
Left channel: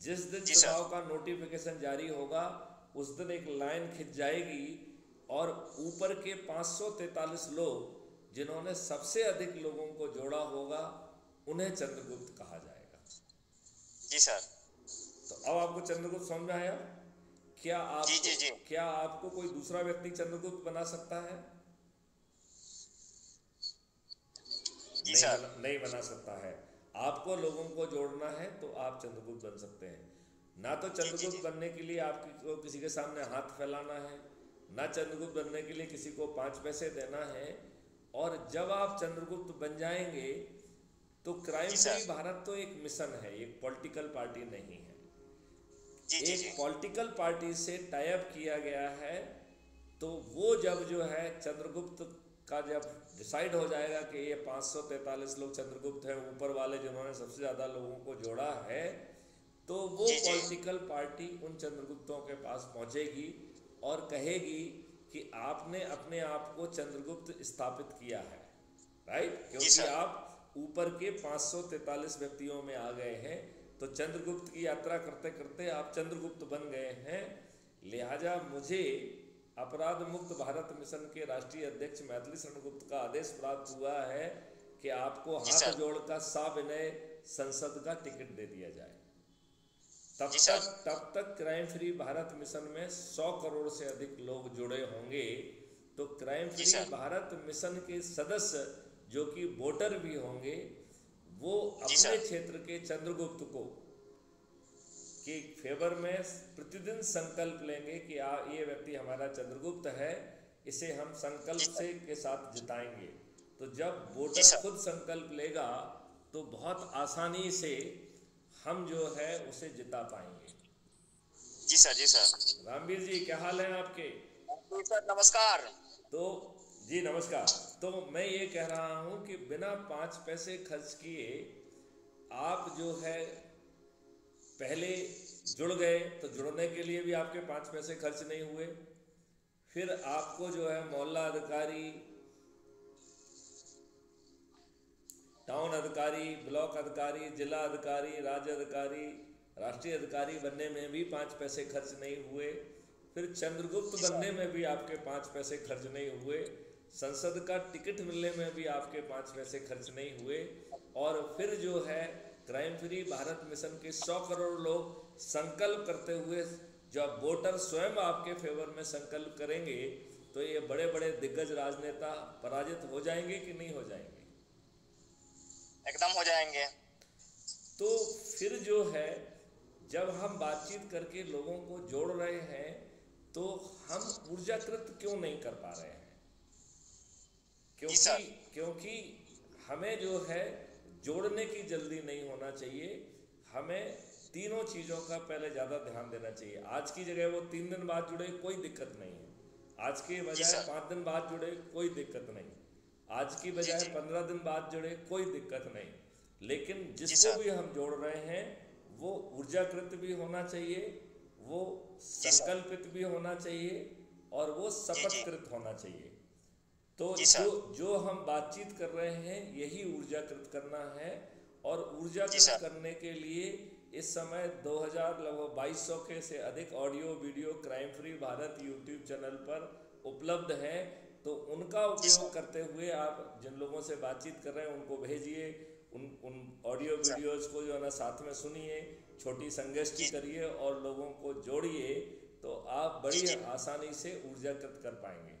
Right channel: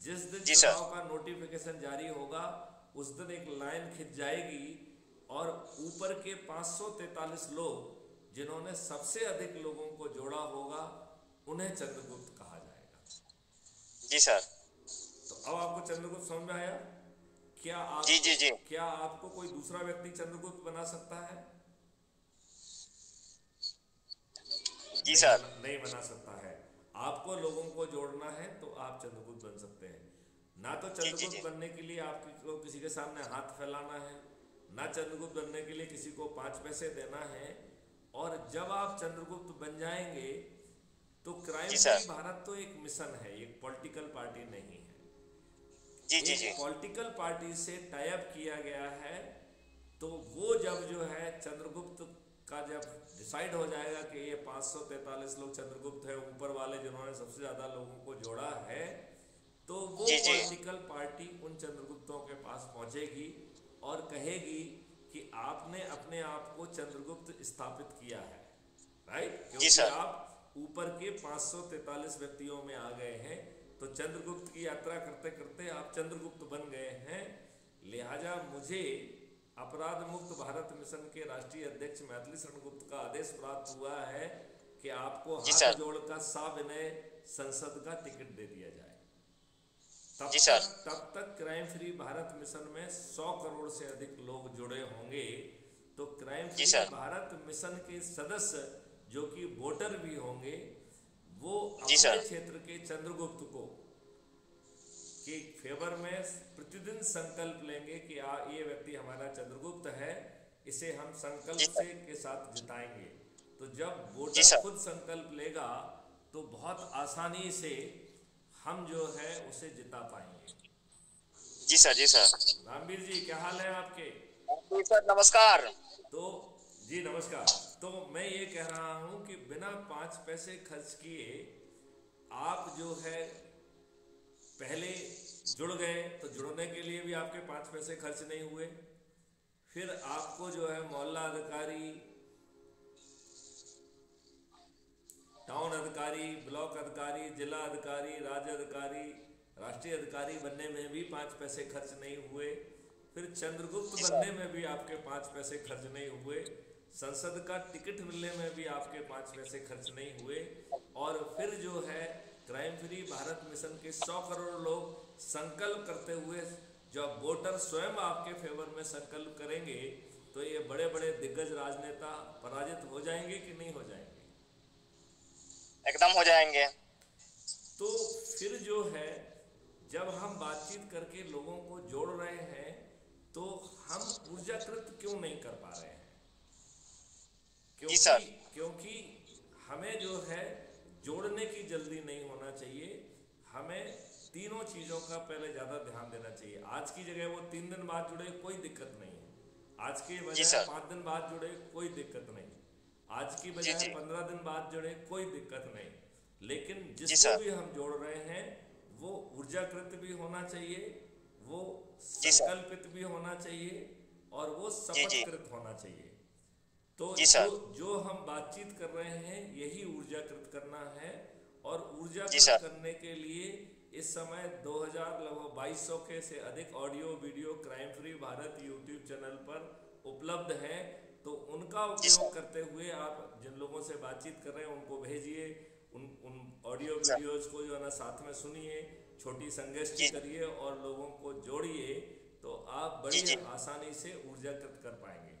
जिस दिन चुनाव का नोटिफिकेशन जारी होगा उस दिन एक लाइन खिंच जाएगी और ऊपर के 543 लोग जिन्होंने सबसे अधिक लोगों को जोड़ा होगा उन्हें चंद्रगुप्त कहा जाएगा। जी सर। तो अब आपको चंद्रगुप्त समझ में आया? क्या आप क्या आपको कोई दूसरा व्यक्ति चंद्रगुप्त बना सकता है? जी सर। नहीं बना सकता है। आपको लोगों को जोड़ना है तो आप चंद्रगुप्त बन सकते हैं। ना तो चंद्रगुप्त बनने के लिए आपको किसी के सामने हाथ फैलाना है, ना चंद्रगुप्त बनने के लिए किसी को 5 पैसे देना है। और जब आप चंद्रगुप्त बन जाएंगे तो क्राइम जी फ्री सर। भारत तो एक मिशन है, एक पॉलिटिकल पार्टी नहीं है। जी जी जी एक पॉलिटिकल पार्टी से टाई अप किया गया है, तो वो जब जो है चंद्रगुप्त का जब डिसाइड हो जाएगा कि ये 543 लोग चंद्रगुप्त हैं, ऊपर वाले जिन्होंने सबसे ज्यादा लोगों को जोड़ा है, तो वो जी जी पॉलिटिकल पार्टी उन चंद्रगुप्तों के पास पहुंचेगी और कहेगी कि आपने अपने आप को चंद्रगुप्त स्थापित किया है, राइट? जी क्योंकि सर। आप ऊपर के 543 व्यक्तियों में आ गए हैं, तो चंद्रगुप्त की यात्रा करते करते आप चंद्रगुप्त बन गए हैं। लिहाजा मुझे अपराध मुक्त भारत मिशन के राष्ट्रीय अध्यक्ष मैथिली शरण गुप्त का आदेश प्राप्त हुआ है कि आपको जी हाथ सर। जोड़कर सविनय संसद का टिकट दे दिया जाए। जी सर। तब तक क्राइम फ्री भारत मिशन में 100 करोड़ से अधिक लोग जुड़े होंगे। तो क्राइम जी फ्री सर। भारत मिशन के सदस्य जो कि वोटर भी होंगे, वो जी अपने सर। क्षेत्र के चंद्रगुप्त को के फेवर में प्रतिदिन संकल्प लेंगे कि ये व्यक्ति हमारा चंद्रगुप्त है, इसे हम संकल्प जी सर। से के साथ जिताएंगे। तो जब जी वोटर सर। खुद संकल्प लेगा तो बहुत आसानी से हम जो है उसे जिता पाएंगे। जी सर। जी सर। रामवीर जी, क्या हाल है आपके? जी सर, नमस्कार। तो जी नमस्कार। तो मैं ये कह रहा हूं कि बिना 5 पैसे खर्च किए आप जो है पहले जुड़ गए, तो जुड़ने के लिए भी आपके 5 पैसे खर्च नहीं हुए। फिर आपको जो है मोहल्ला अधिकारी, टाउन अधिकारी, ब्लॉक अधिकारी, जिला अधिकारी, राज्य अधिकारी, राष्ट्रीय अधिकारी बनने में भी 5 पैसे खर्च नहीं हुए। फिर चंद्रगुप्त बनने में भी आपके 5 पैसे खर्च नहीं हुए। संसद का टिकट मिलने में भी आपके 5 पैसे खर्च नहीं हुए। और फिर जो है क्राइम फ्री भारत मिशन के 100 करोड़ लोग संकल्प करते हुए, जब वोटर स्वयं आपके फेवर में संकल्प करेंगे, तो ये बड़े बड़े दिग्गज राजनेता पराजित हो जाएंगे कि नहीं हो जाएंगे? एकदम हो जाएंगे। तो फिर जो है जब हम बातचीत करके लोगों को जोड़ रहे हैं, तो हम ऊर्जाकृत क्यों नहीं कर पा रहे हैं? क्योंकि हमें जो है जोड़ने की जल्दी नहीं होना चाहिए। हमें तीनों चीजों का पहले ज्यादा ध्यान देना चाहिए। आज की जगह वो 3 दिन बाद जुड़े, कोई दिक्कत नहीं है। आज के बजाय 5 दिन बाद जुड़े, कोई दिक्कत नहीं। आज की बजाय 15 दिन बाद जुड़े, कोई दिक्कत नहीं। लेकिन जिसको भी हम जोड़ रहे हैं वो ऊर्जाकृत भी होना चाहिए, वो संकल्पित भी होना चाहिए, और वो शपथकृत होना चाहिए। तो जो हम बातचीत कर रहे हैं यही ऊर्जाकृत करना है। और ऊर्जाकृत करने के लिए इस समय 2000 लगभग 2200 के से अधिक audio video crime free Bharat YouTube channel पर उपलब्ध हैं। तो उनका उपयोग करते हुए आप जिन लोगों से बातचीत कर रहे हैं उनको भेजिए, उन ऑडियो वीडियोज को जो है ना साथ में सुनिए, छोटी संगोष्ठी करिए और लोगों को जोड़िए, तो आप बड़ी आसानी से ऊर्जाकृत कर पाएंगे।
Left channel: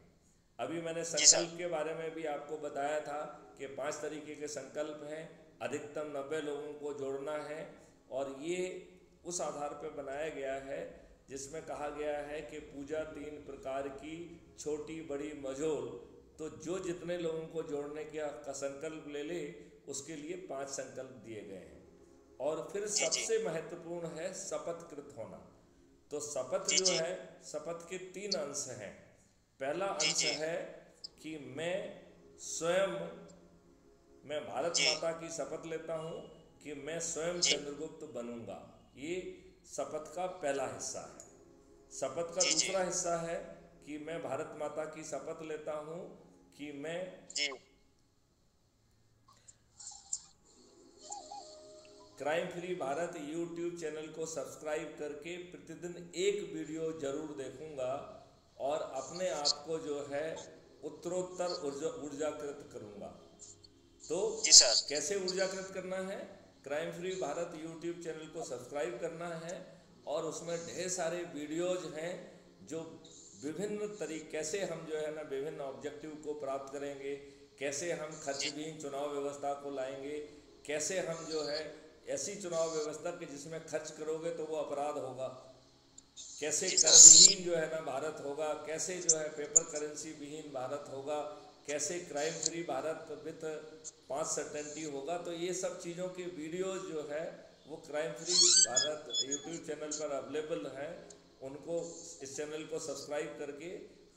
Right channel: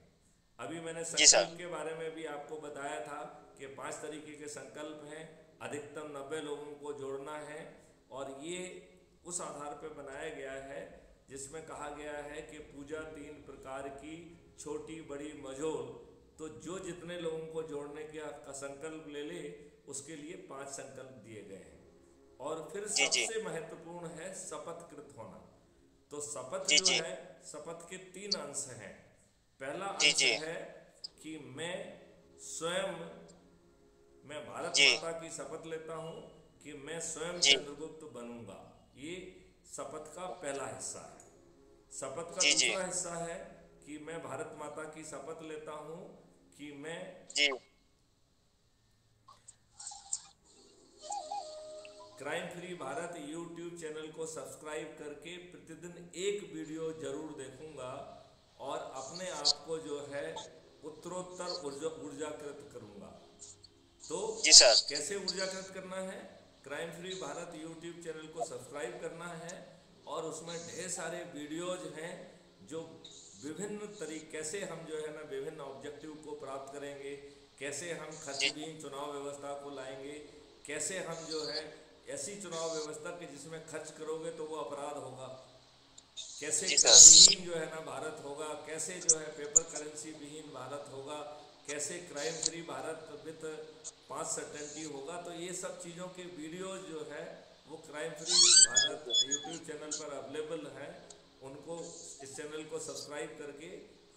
अभी मैंने संकल्प के बारे में भी आपको बताया था कि 5 तरीके के संकल्प हैं, अधिकतम 90 लोगों को जोड़ना है। और ये उस आधार पर बनाया गया है जिसमें कहा गया है कि पूजा 3 प्रकार की, छोटी बड़ी मझोल। तो जो जितने लोगों को जोड़ने का संकल्प ले उसके लिए 5 संकल्प दिए गए हैं। और फिर सबसे महत्वपूर्ण है शपथकृत होना। तो शपथ जो है, शपथ के 3 अंश हैं। पहला अंश है कि मैं स्वयं, मैं भारत माता की शपथ लेता हूं कि मैं स्वयं चंद्रगुप्त बनूंगा। ये शपथ का पहला हिस्सा है। शपथ का दूसरा हिस्सा है कि मैं भारत माता की शपथ लेता हूं कि मैं crime free Bharat YouTube channel को सब्सक्राइब करके प्रतिदिन एक वीडियो जरूर देखूंगा और अपने आप को जो है उत्तरोत्तर ऊर्जाकृत करूंगा। तो कैसे ऊर्जाकृत करना है? Crime free Bharat YouTube channel को सब्सक्राइब करना है और उसमें ढेर सारे वीडियोज हैं जो विभिन्न तरीके, कैसे हम जो है ना विभिन्न ऑब्जेक्टिव को प्राप्त करेंगे, कैसे हम खर्चहीन चुनाव व्यवस्था को लाएंगे, कैसे हम जो है ऐसी चुनाव व्यवस्था कि जिसमें खर्च करोगे तो वो अपराध होगा, कैसे कर विहीन जो है ना भारत होगा, कैसे जो है पेपर करेंसी विहीन भारत होगा, कैसे crime free Bharat with 5 certainty होगा। तो ये सब चीज़ों के वीडियोज जो है वो crime free Bharat YouTube channel पर अवेलेबल हैं। उनको, इस चैनल को सब्सक्राइब करके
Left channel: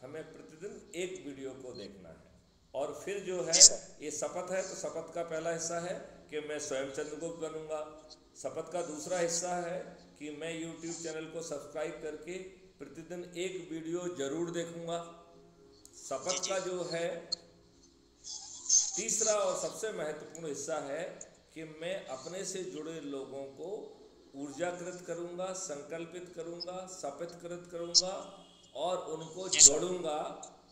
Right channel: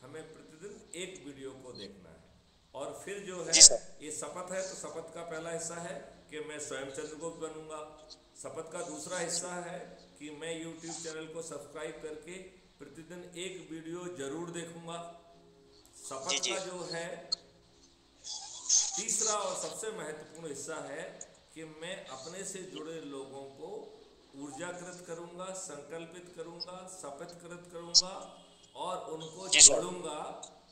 हमें प्रतिदिन एक वीडियो को देखना है। और फिर जो है ये शपथ है, तो शपथ का पहला हिस्सा है कि मैं स्वयं चंद्रगुप्त बनूंगा। शपथ का दूसरा हिस्सा है कि मैं यूट्यूब चैनल को सब्सक्राइब करके प्रतिदिन एक वीडियो जरूर देखूंगा। शपथ का जो है तीसरा और सबसे महत्वपूर्ण हिस्सा है कि मैं अपने से जुड़े लोगों को ऊर्जाकृत करूंगा, संकल्पित करूंगा, शपथकृत करूंगा और उनको जोड़ूंगा।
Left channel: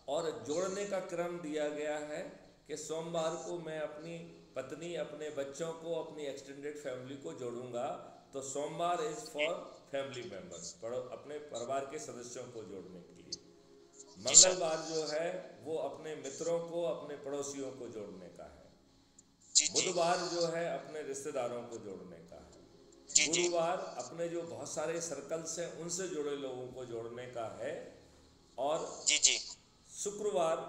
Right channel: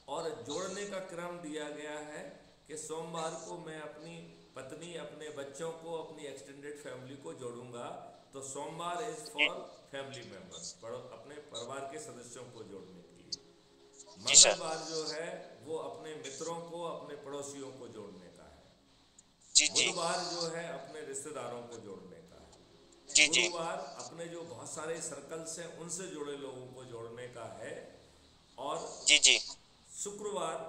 और जोड़ने का क्रम दिया गया है कि सोमवार को मैं अपनी पत्नी, अपने बच्चों को, अपनी एक्सटेंडेड फैमिली को जोड़ूंगा। तो सोमवार इज फॉर फैमिली मेंबर्स, अपने परिवार के सदस्यों को जोड़ने के लिए। मंगलवार जो है वो अपने मित्रों को, अपने पड़ोसियों को जोड़ने का है। बुधवार जो है अपने रिश्तेदारों को जोड़ने का है। गुरुवार अपने जो बहुत सारे सर्कल्स हैं उनसे जुड़े लोगों को जोड़ने का है। और शुक्रवार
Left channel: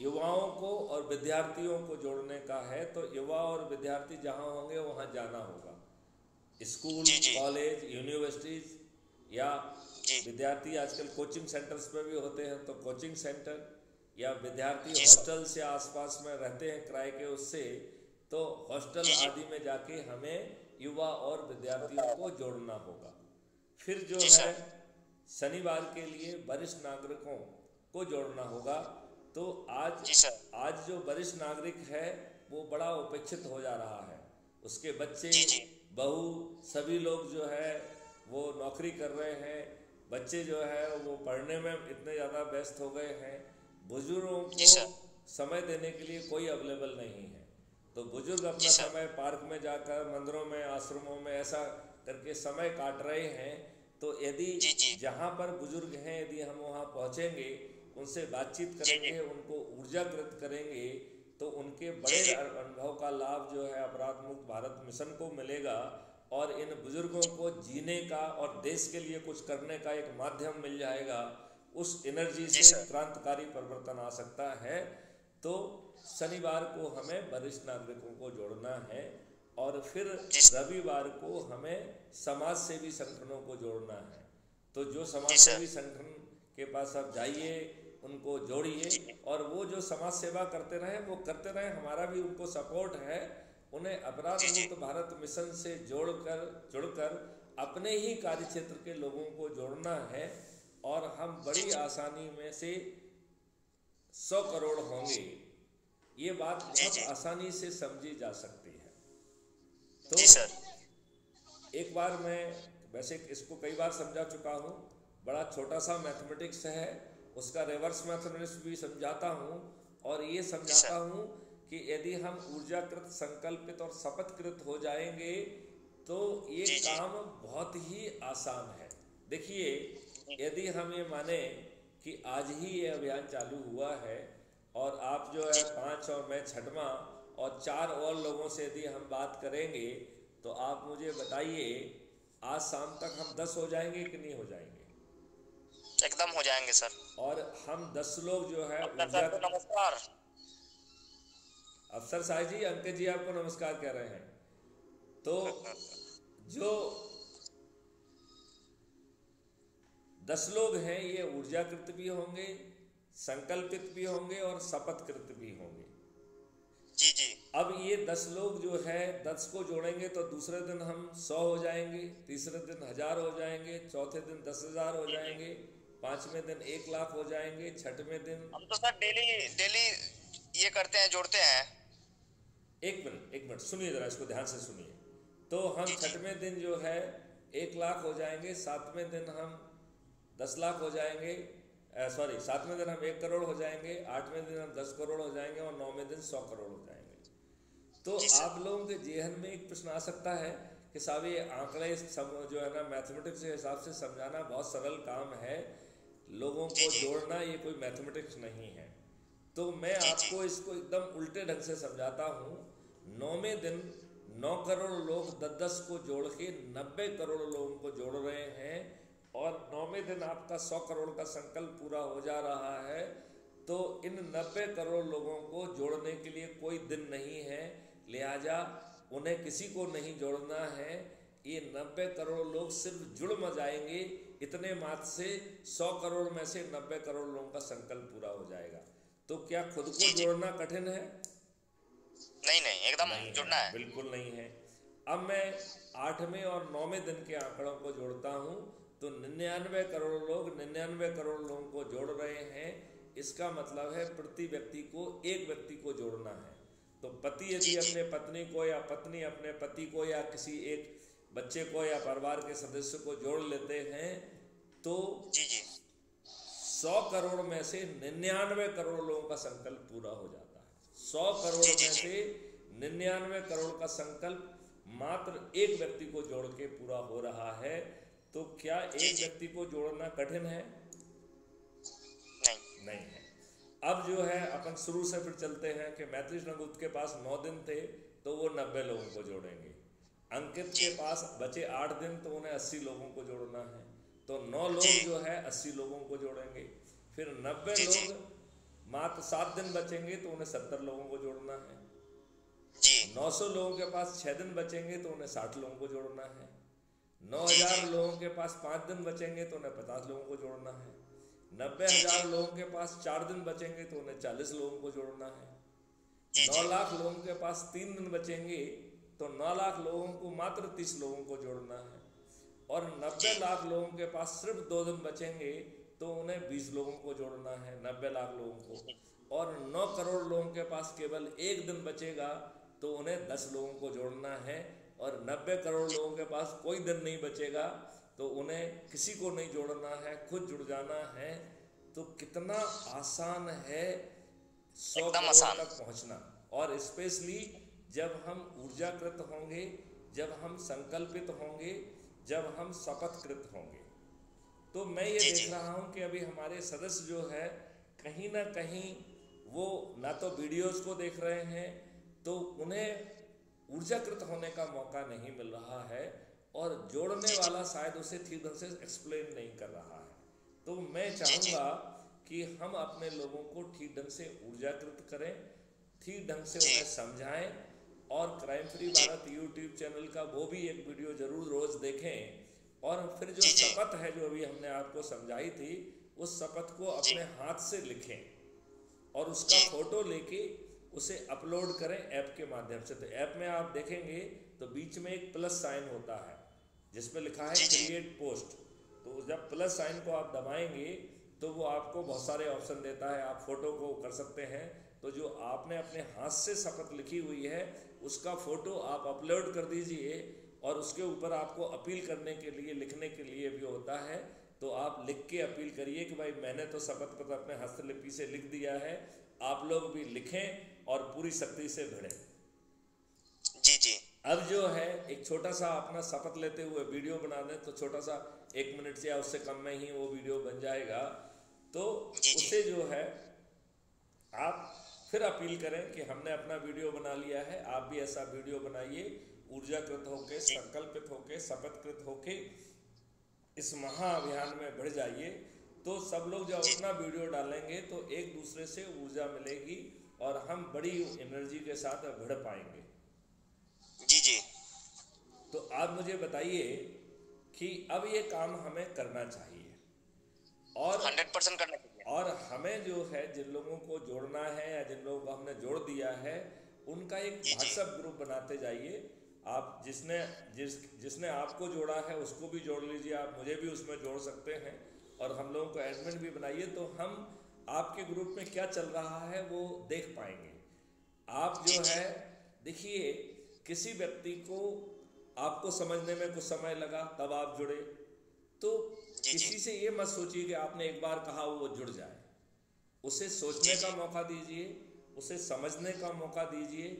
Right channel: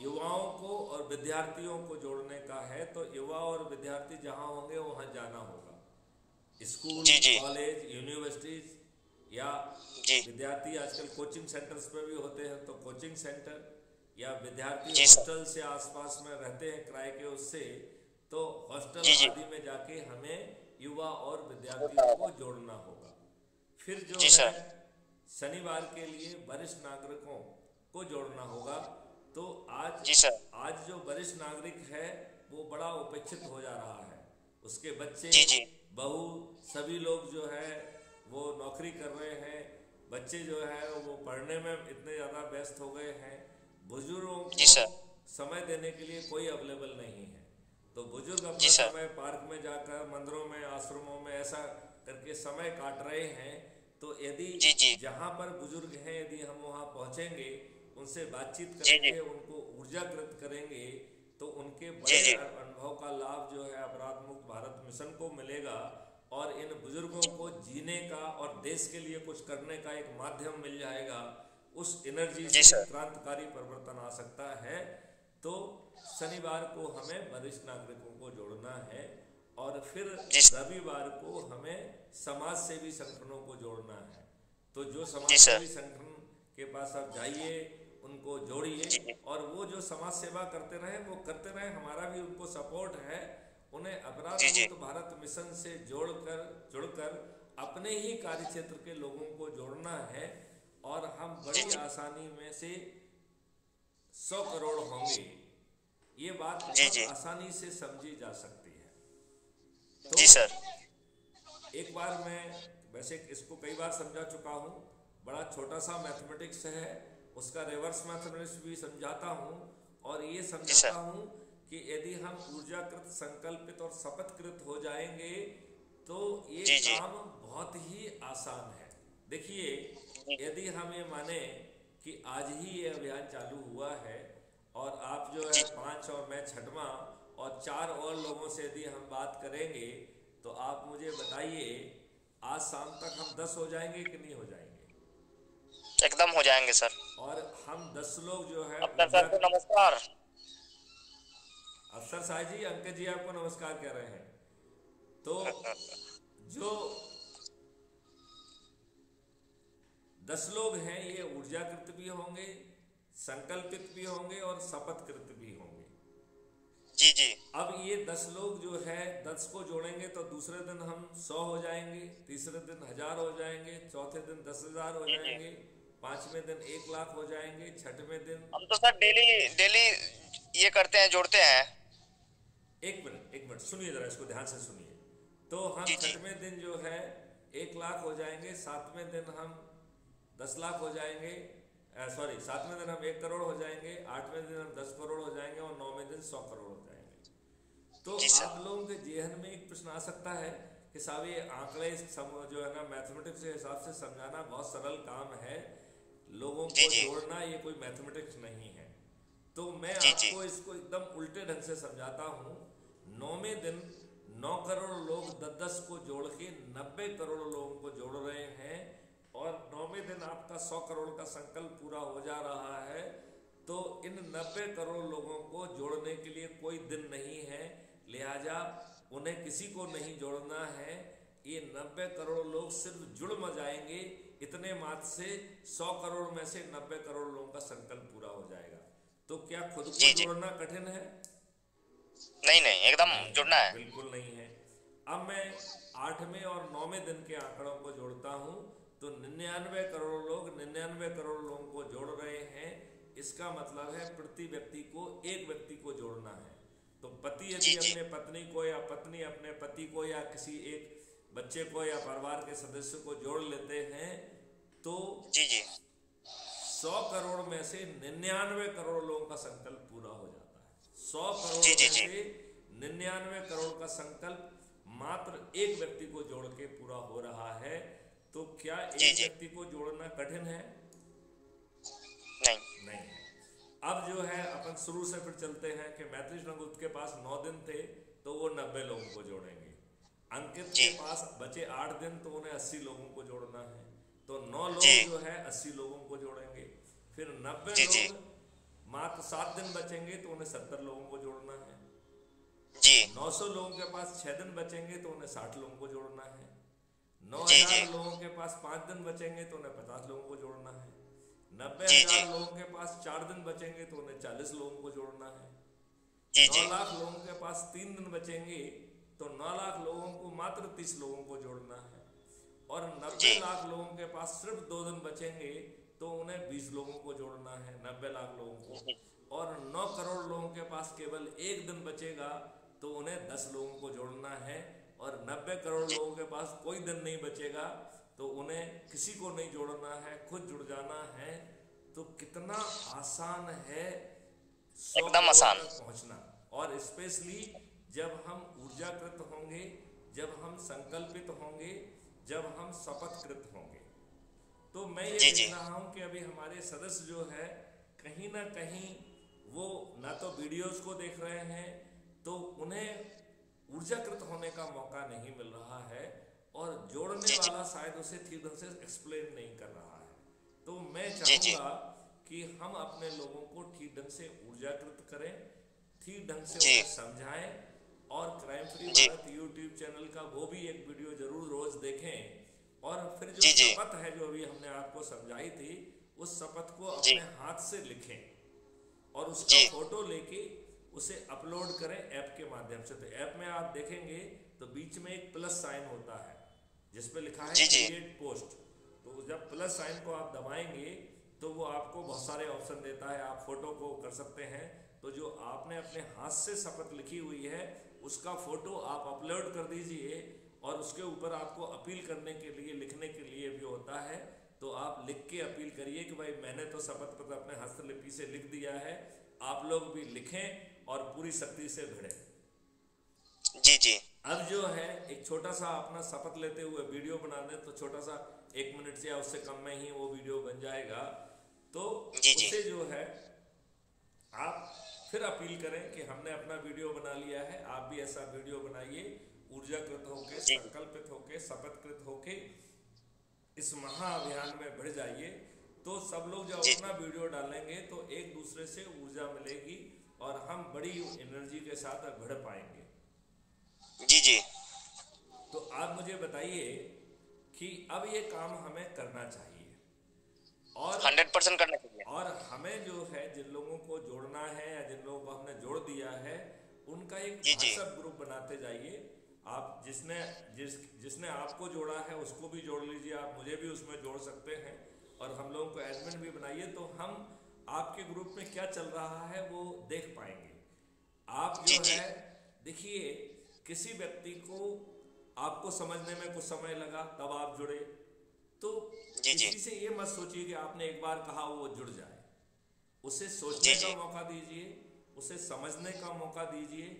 युवाओं को और विद्यार्थियों को जोड़ने का है। तो युवा और विद्यार्थी जहां होंगे वहां जाना होगा, स्कूल, कॉलेज, यूनिवर्सिटीज, या विद्यार्थी आजकल कोचिंग सेंटर्स पे भी होते हैं तो कोचिंग सेंटर, या विद्यार्थी हॉस्टल से आसपास में रहते हैं किराए के, उससे तो हॉस्टल आदि में जाके हमें युवा और विद्यार्थियों को जोड़ना होगा। फिर जो है शनिवार के लिए वरिष्ठ नागरिकों को जोड़ना होगा। तो आज जो वरिष्ठ नागरिक है वो बड़ा उपेक्षित हो जा रहा है। उसके बच्चे, बहू, सभी लोग जो है वो नौकरी कर रहे हैं, बच्चे जो है वो पढ़ने में इतने ज़्यादा व्यस्त हो गए हैं, बुजुर्गों को समय देने के लिए कोई अवेलेबल नहीं है। तो बुजुर्ग अपना समय पार्क में जाकर, मंदिरों में, आश्रमों में ऐसा करके समय काट रहे हैं। तो यदि जहाँ पर बुजुर्ग हैं, यदि हम वहाँ पहुँचेंगे, उनसे बातचीत करेंगे, उनको ऊर्जाकृत करेंगे, तो उनके बड़े अनुभव का लाभ जो है अपराध मुक्त भारत मिशन को मिलेगा। और इन बुजुर्गों को जीने का और देश के लिए कुछ करने का एक माध्यम मिल जाएगा। उस एनर्जी से क्रांतिकारी परिवर्तन आ सकता है। तो शनिवार को हमें वरिष्ठ नागरिकों को जोड़ना है। और फिर रविवार को हमें समाज सेवी संगठनों को जोड़ना है। तो जो समाज सेवी संगठन के पास आप जाइए, उनको जोड़िए, और वो जो समाज सेवा करते रहे वो करते रहे, हमारा भी उनको सपोर्ट है। उन्हें अपराध मुक्त भारत मिशन से जुड़कर अपने ही कार्य क्षेत्र के लोगों को जोड़ना है। और हम बड़ी आसानी में से 100 करोड़ होंगे, ये बात बहुत आसानी से समझी जा सकती है। तो एक बार मैं वैसे इसको कई बार समझा चुका हूँ, बड़ा छोटा सा मैथमेटिक्स है, उसका रिवर्स मैथमेटिक्स भी समझाता हूँ। और ये समझाता हूँ कि यदि हम ऊर्जाकृत, संकल्पित और शपथकृत हो जाएंगे तो ये काम बहुत ही आसान है। देखिए, यदि हम ये माने कि आज ही ये अभियान चालू हुआ है और आप जो है 5 और मैं 6वां और 4 और लोगों से यदि हम बात करेंगे, तो आप मुझे बताइए आज शाम तक हम 10 हो जाएंगे कि नहीं हो जाएंगे? एकदम हो जाएंगे सर। और हम 10 लोग जो है, नमस्कार अफसर साहब जी, अंकित जी आपको नमस्कार कह रहे हैं। तो जो 10 लोग हैं ये ऊर्जाकृत भी होंगे, संकल्पित भी होंगे और शपथकृत भी होंगे। जी। अब ये 10 लोग जो है 10 को जोड़ेंगे तो दूसरे दिन हम 100 हो जाएंगे, तीसरे दिन 1000 हो जाएंगे, चौथे दिन 10,000 हो जाएंगे, 5वें दिन 1 लाख हो जाएंगे, 6वें दिन। हम तो सर डेली ये करते हैं, जोड़ते हैं। एक मिनट सुनिए जरा, इसको ध्यान से सुनिए। तो हम 6वें दिन जो है 1 लाख हो जाएंगे, 7वें दिन हम 10 लाख हो जाएंगे, 7वें दिन हम 1 करोड़ हो जाएंगे, 8वें दिन हम 10 करोड़ हो जाएंगे और 9वें दिन 100 करोड़ हो जाएंगे। तो आप लोगों के जेहन में एक प्रश्न आ सकता है कि साहब ये आंकड़े जो है ना मैथमेटिक्स के हिसाब से समझाना बहुत सरल काम है, लोगों को जोड़ना ये कोई मैथमेटिक्स नहीं है। तो मैं आपको इसको एकदम उल्टे ढंग से समझाता हूँ। 9वें दिन 9 करोड़ लोग 10 को जोड़ के 90 करोड़ लोगों को जोड़ रहे हैं। और 9वें दिन आपका 100 करोड़ का संकल्प पूरा हो जा रहा है। तो इन 90 करोड़ लोगों को जोड़ने के लिए कोई दिन नहीं है, लिहाजा उन्हें किसी को नहीं जोड़ना है। ये 90 करोड़ लोग सिर्फ जुड़ म जाएंगे, इतने मात्र से 100 करोड़ में से 90 करोड़ लोगों का संकल्प पूरा हो जाएगा। तो क्या खुद को जोड़ना कठिन है? नहीं नहीं, एकदम जुड़ना है, बिल्कुल नहीं है। अब मैं 8वें और 9वें दिन के आंकड़ों को जोड़ता हूं तो 99 करोड़ लोग 99 करोड़ लोगों को जोड़ रहे हैं। इसका मतलब है प्रति व्यक्ति को एक व्यक्ति को जोड़ना है। तो पति यदि अपने पत्नी को या पत्नी अपने पति को या किसी एक बच्चे को या परिवार के सदस्य को जोड़ लेते हैं तो 100 करोड़ में से 99 करोड़ लोगों का संकल्प पूरा हो जाता है। 100 करोड़ में से 99 करोड़ का संकल्प मात्र एक व्यक्ति को जोड़ के पूरा हो रहा है। तो क्या एक व्यक्ति को जोड़ना कठिन है? नहीं है। अब जो है अपन शुरू से फिर चलते हैं कि मैत्री चंद्रगुप्त के पास 9 दिन थे तो वो 90 लोगों को जोड़ेंगे। अंकित के पास बचे 8 दिन तो उन्हें 80 लोगों को जोड़ना है, तो 9 लोग जो है 80 लोगों को जोड़ेंगे। फिर 90 लोग मात्र 7 दिन बचेंगे तो उन्हें 70 लोगों को जोड़ना है। 900 लोगों के पास 6 दिन बचेंगे तो उन्हें 60 लोगों को जोड़ना है। 9000 लोगों के पास 5 दिन बचेंगे तो उन्हें 50 लोगों को जोड़ना है। 90,000 लोगों के पास 4 दिन बचेंगे तो उन्हें 40 लोगों को जोड़ना है। 9 लाख लोगों के पास 3 दिन बचेंगे तो 9 लाख लोगों को मात्र 30 लोगों को जोड़ना है। और 90 लाख लोगों के पास सिर्फ 2 दिन बचेंगे तो उन्हें 20 लोगों को जोड़ना है, 90 लाख लोगों को। और 9 करोड़ लोगों के पास केवल 1 दिन बचेगा तो उन्हें 10 लोगों को जोड़ना है। और 90 करोड़ लोगों के पास कोई दिन नहीं बचेगा तो उन्हें किसी को नहीं जोड़ना है, खुद जुड़ जाना है। तो कितना आसान है 100 करोड़ तक पहुंचना। और स्पेशली जब हम ऊर्जाकृत होंगे, जब हम संकल्पित होंगे, जब हम शपथकृत होंगे। तो मैं ये देख रहा हूं कि अभी हमारे सदस्य जो है कहीं ना कहीं वो ना तो वीडियोस को देख रहे हैं तो उन्हें ऊर्जाकृत होने का मौका नहीं मिल रहा है, और जोड़ने वाला शायद उसे ठीक ढंग से एक्सप्लेन नहीं कर रहा है। तो मैं चाहूंगा कि हम अपने लोगों को ठीक ढंग से ऊर्जाकृत करें, ठीक ढंग से उन्हें समझाएं, और crime free Bharat YouTube channel का वो भी एक वीडियो जरूर रोज देखें। और फिर जो शपथ है जो अभी हमने आपको समझाई थी, उस शपथ को अपने हाथ से लिखें और उसका फोटो लेके उसे अपलोड करें ऐप के माध्यम से। तो ऐप में आप देखेंगे तो बीच में एक प्लस साइन होता है जिसपे लिखा है क्रिएट पोस्ट। तो जब प्लस साइन को आप दबाएंगे तो वो आपको बहुत सारे ऑप्शन देता है, आप फोटो को कर सकते हैं। तो जो आपने अपने हाथ से शपथ लिखी हुई है उसका फोटो आप अपलोड कर दीजिए, और उसके ऊपर आपको अपील करने के लिए लिखने के लिए भी होता है। तो आप लिख के अपील करिए कि भाई मैंने तो शपथ पत्र अपने हस्तलिपि से लिख दिया है, आप लोग भी लिखें और पूरी शक्ति से भिड़ें। अब जो है एक छोटा सा अपना शपथ लेते हुए वीडियो बना दें तो छोटा सा 1 मिनट से या उससे कम में ही वो वीडियो बन जाएगा। तो उससे जो है आप फिर अपील करें कि हमने अपना वीडियो बना लिया है, आप भी ऐसा वीडियो बनाइए, ऊर्जाकृत होके, संकल्पित होके, शपथकृत होके इस महाअभियान में बढ़ जाइए। तो सब लोग जब अपना वीडियो डालेंगे तो एक दूसरे से ऊर्जा मिलेगी और हम बड़ी एनर्जी के साथ बढ़ पाएंगे। तो आप मुझे बताइए कि अब ये काम हमें करना चाहिए और 100% करना चाहिए। और हमें जो है जिन लोगों को जोड़ना है या जिन लोगों को हमने जोड़ दिया है उनका एक व्हाट्सएप ग्रुप बनाते जाइए। आप जिसने आपको जोड़ा है उसको भी जोड़ लीजिए, आप मुझे भी उसमें जोड़ सकते हैं, और हम लोगों को एडमिन भी बनाइए। तो हम आपके ग्रुप में क्या चल रहा है वो देख पाएंगे। आप जो है देखिए, किसी व्यक्ति को आपको समझने में कुछ समय लगा तब आप जुड़े, तो किसी से ये मत सोचिए कि आपने एक बार कहा वो जुड़ जाए। उसे सोचने का मौका दीजिए, उसे समझने का मौका दीजिए,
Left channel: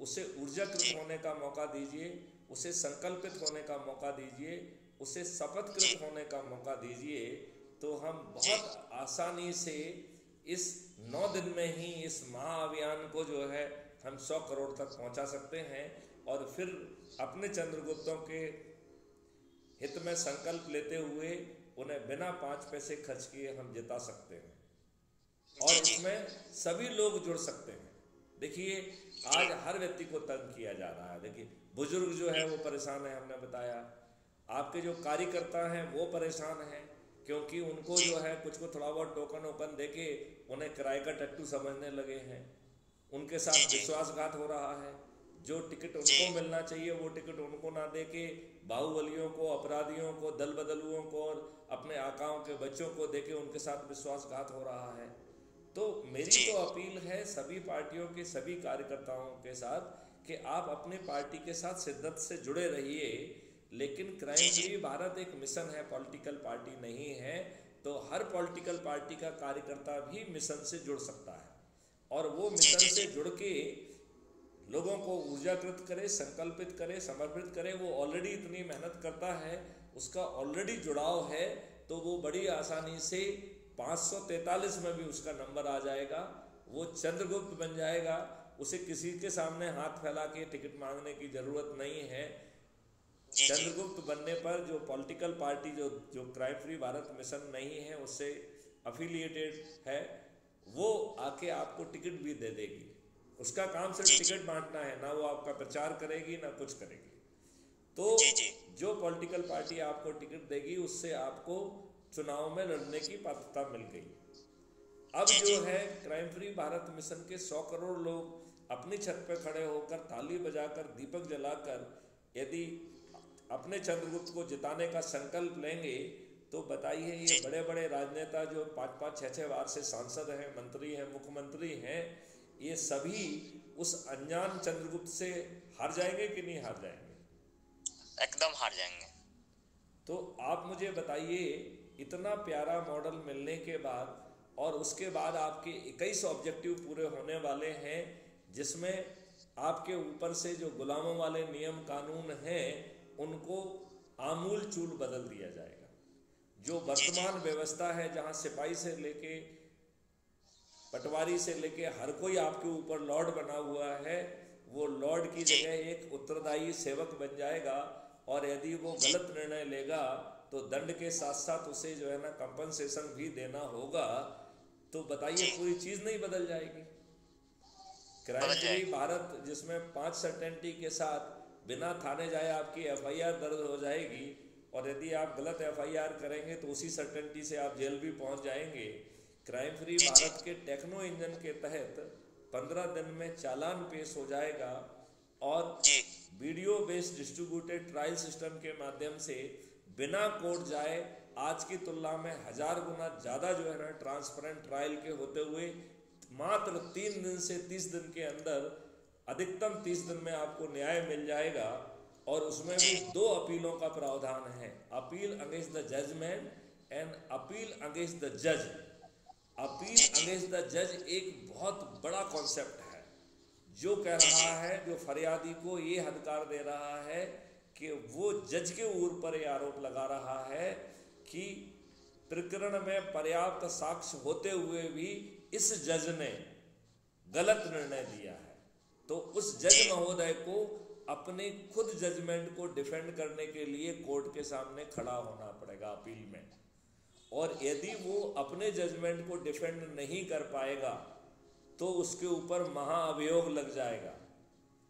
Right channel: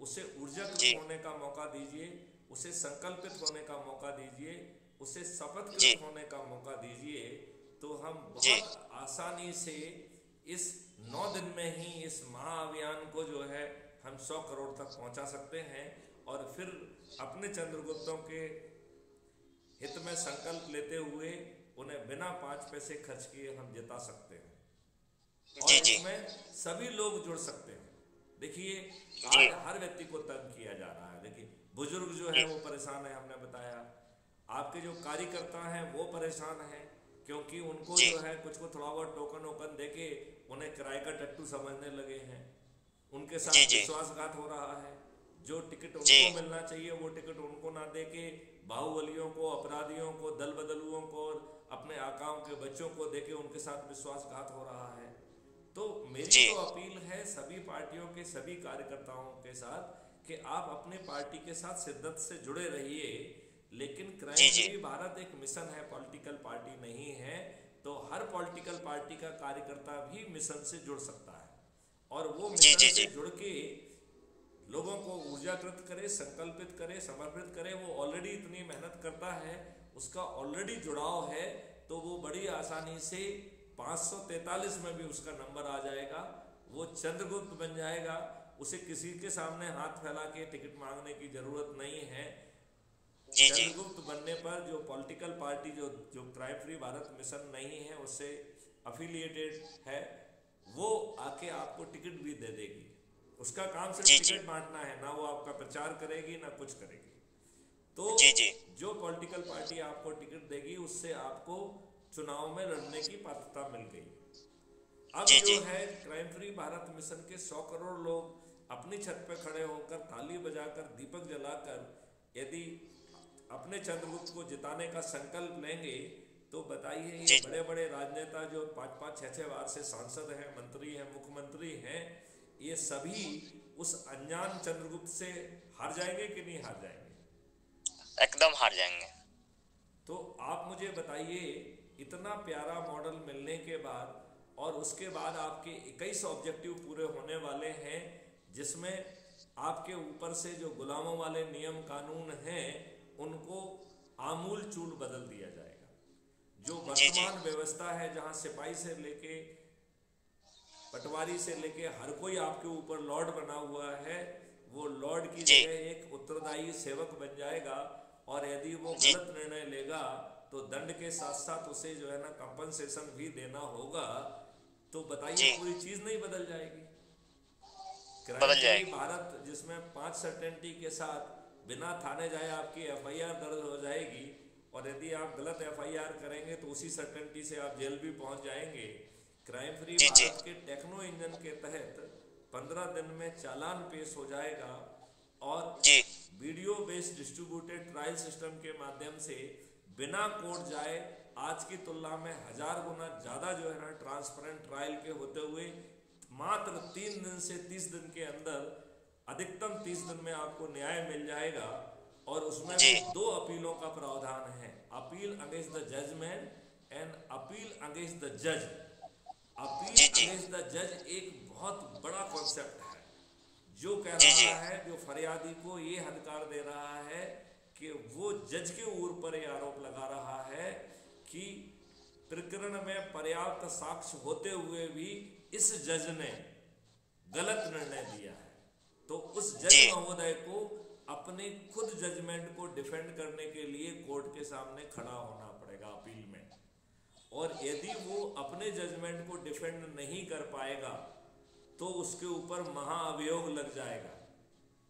उसे ऊर्जाकृत होने का मौका दीजिए, उसे संकल्पित होने का मौका दीजिए, उसे शपथकृत होने का मौका दीजिए। तो हम बहुत आसानी से इस 9 दिन में ही इस महाअभियान को जो है हम 100 करोड़ तक पहुंचा सकते हैं, और फिर अपने चंद्रगुप्तों के हित में संकल्प लेते हुए उन्हें बिना 5 पैसे खर्च किए हम जिता सकते हैं। और इसमें सभी लोग जुड़ सकते हैं। देखिए आज हर व्यक्ति को तंग किया जा रहा है। देखिए बुजुर्ग जो है वो परेशान है, हमने बताया। आपके जो कार्यकर्ता हैं वो परेशान हैं, क्योंकि उनको जो है कुछ को थोड़ा बहुत टोकन वोकन देके उन्हें किराए का टट्टू समझने लगे हैं। उनके साथ विश्वासघात हो रहा है। जो टिकट उनको मिलना चाहिए वो टिकट उनको ना देके बाहुबलियों को, अपराधियों को, दल बदलुओं को और अपने आकाओं के बच्चों को देके उनके साथ विश्वासघात हो रहा है। तो मेरी तो अपील है सभी पार्टियों के सभी कार्यकर्ताओं के साथ कि आप अपनी पार्टी के साथ शिद्दत से जुड़े रहिए, लेकिन क्राइम फ्री भारत एक मिशन है, पॉलिटिकल पार्टी नहीं है। तो हर पॉलिटिकल पार्टी का कार्यकर्ता भी मिशन से जुड़ सकता है और वो मिशन से जुड़ के लोगों को ऊर्जाकृत करे, संकल्पित करे, समर्पित करे। वो ऑलरेडी इतनी मेहनत करता है, उसका ऑलरेडी जुड़ाव है, तो वो बड़ी आसानी से 543 में भी उसका नंबर आ जाएगा। वो चंद्रगुप्त बन जाएगा। उसे किसी के सामने हाथ फैला के टिकट मांगने की जरूरत नहीं है। चंद्रगुप्त बनने पर जो पॉलिटिकल पार्टी जो क्राइम फ्री भारत मिशन नहीं है उससे अफिलिएटेड है, वो आके आपको टिकट भी दे देगी। उसका काम सिर्फ टिकट बांटना है, ना वो आपका प्रचार करेगी ना कुछ करेगी। तो जो पॉलिटिकल पार्टी आपको टिकट देगी उससे आपको चुनाव में लड़ने की पात्रता मिल गई। अब जो है क्राइम फ्री भारत मिशन के 100 करोड़ लोग अपनी छत पे खड़े होकर ताली बजाकर दीपक जलाकर यदि अपने चंद्रगुप्त को जिताने का संकल्प लेंगे तो बताइए ये बड़े बड़े राजनेता जो 5-5, 6-6 बार से सांसद हैं, मंत्री हैं, मुख्यमंत्री हैं, ये सभी उस अनजान चंद्रगुप्त से हार जाएंगे कि नहीं हार जाएंगे? एकदम हार जाएंगे। तो आप मुझे बताइए इतना प्यारा मॉडल मिलने के बाद और उसके बाद आपके 21 ऑब्जेक्टिव पूरे होने वाले हैं, जिसमें आपके ऊपर से जो गुलामों वाले नियम कानून हैं उनको आमूल चूल बदल दिया जाएगा। जो वर्तमान व्यवस्था है जहां सिपाही से लेके पटवारी से लेके हर कोई आपके ऊपर लॉर्ड बना हुआ है, वो लॉर्ड की जगह एक उत्तरदायी सेवक बन जाएगा। और यदि वो गलत निर्णय लेगा तो दंड के साथ साथ उसे जो है ना कंपनसेशन भी देना होगा। तो बताइए पूरी चीज नहीं बदल जाएगी? क्राइम फ्री भारत जिसमें 5 सर्टेनिटी के साथ बिना थाने जाए आपकी FIR दर्ज हो जाएगी, और यदि आप गलत FIR करेंगे तो उसी सर्टेनिटी से आप जेल भी पहुंच जाएंगे। Crime free Bharat K techno engine के तहत 15 दिन में चालान पेश हो जाएगा और video based distributed trial system के माध्यम से बिना कोर्ट जाए आज की तुलना में 1000 गुना ज्यादा जो है ना ट्रांसपेरेंट ट्रायल के होते हुए मात्र 3 दिन से 30 दिन के अंदर, अधिकतम 30 दिन में आपको न्याय मिल जाएगा। और उसमें भी 2 अपीलों का प्रावधान है, appeal against the judgement and appeal against the जज। अपील अगेंस्ट द जज एक बहुत बड़ा कॉन्सेप्ट है जो कह रहा है, जो फरियादी को ये अधिकार दे रहा है कि वो जज के ऊपर ये आरोप लगा रहा है कि प्रकरण में पर्याप्त साक्ष्य होते हुए भी इस जज ने गलत निर्णय दिया है। तो उस जज महोदय को अपने खुद जजमेंट को डिफेंड करने के लिए कोर्ट के सामने खड़ा होना पड़ेगा अपील में। और यदि वो अपने जजमेंट को डिफेंड नहीं कर पाएगा तो उसके ऊपर महाअभियोग लग जाएगा,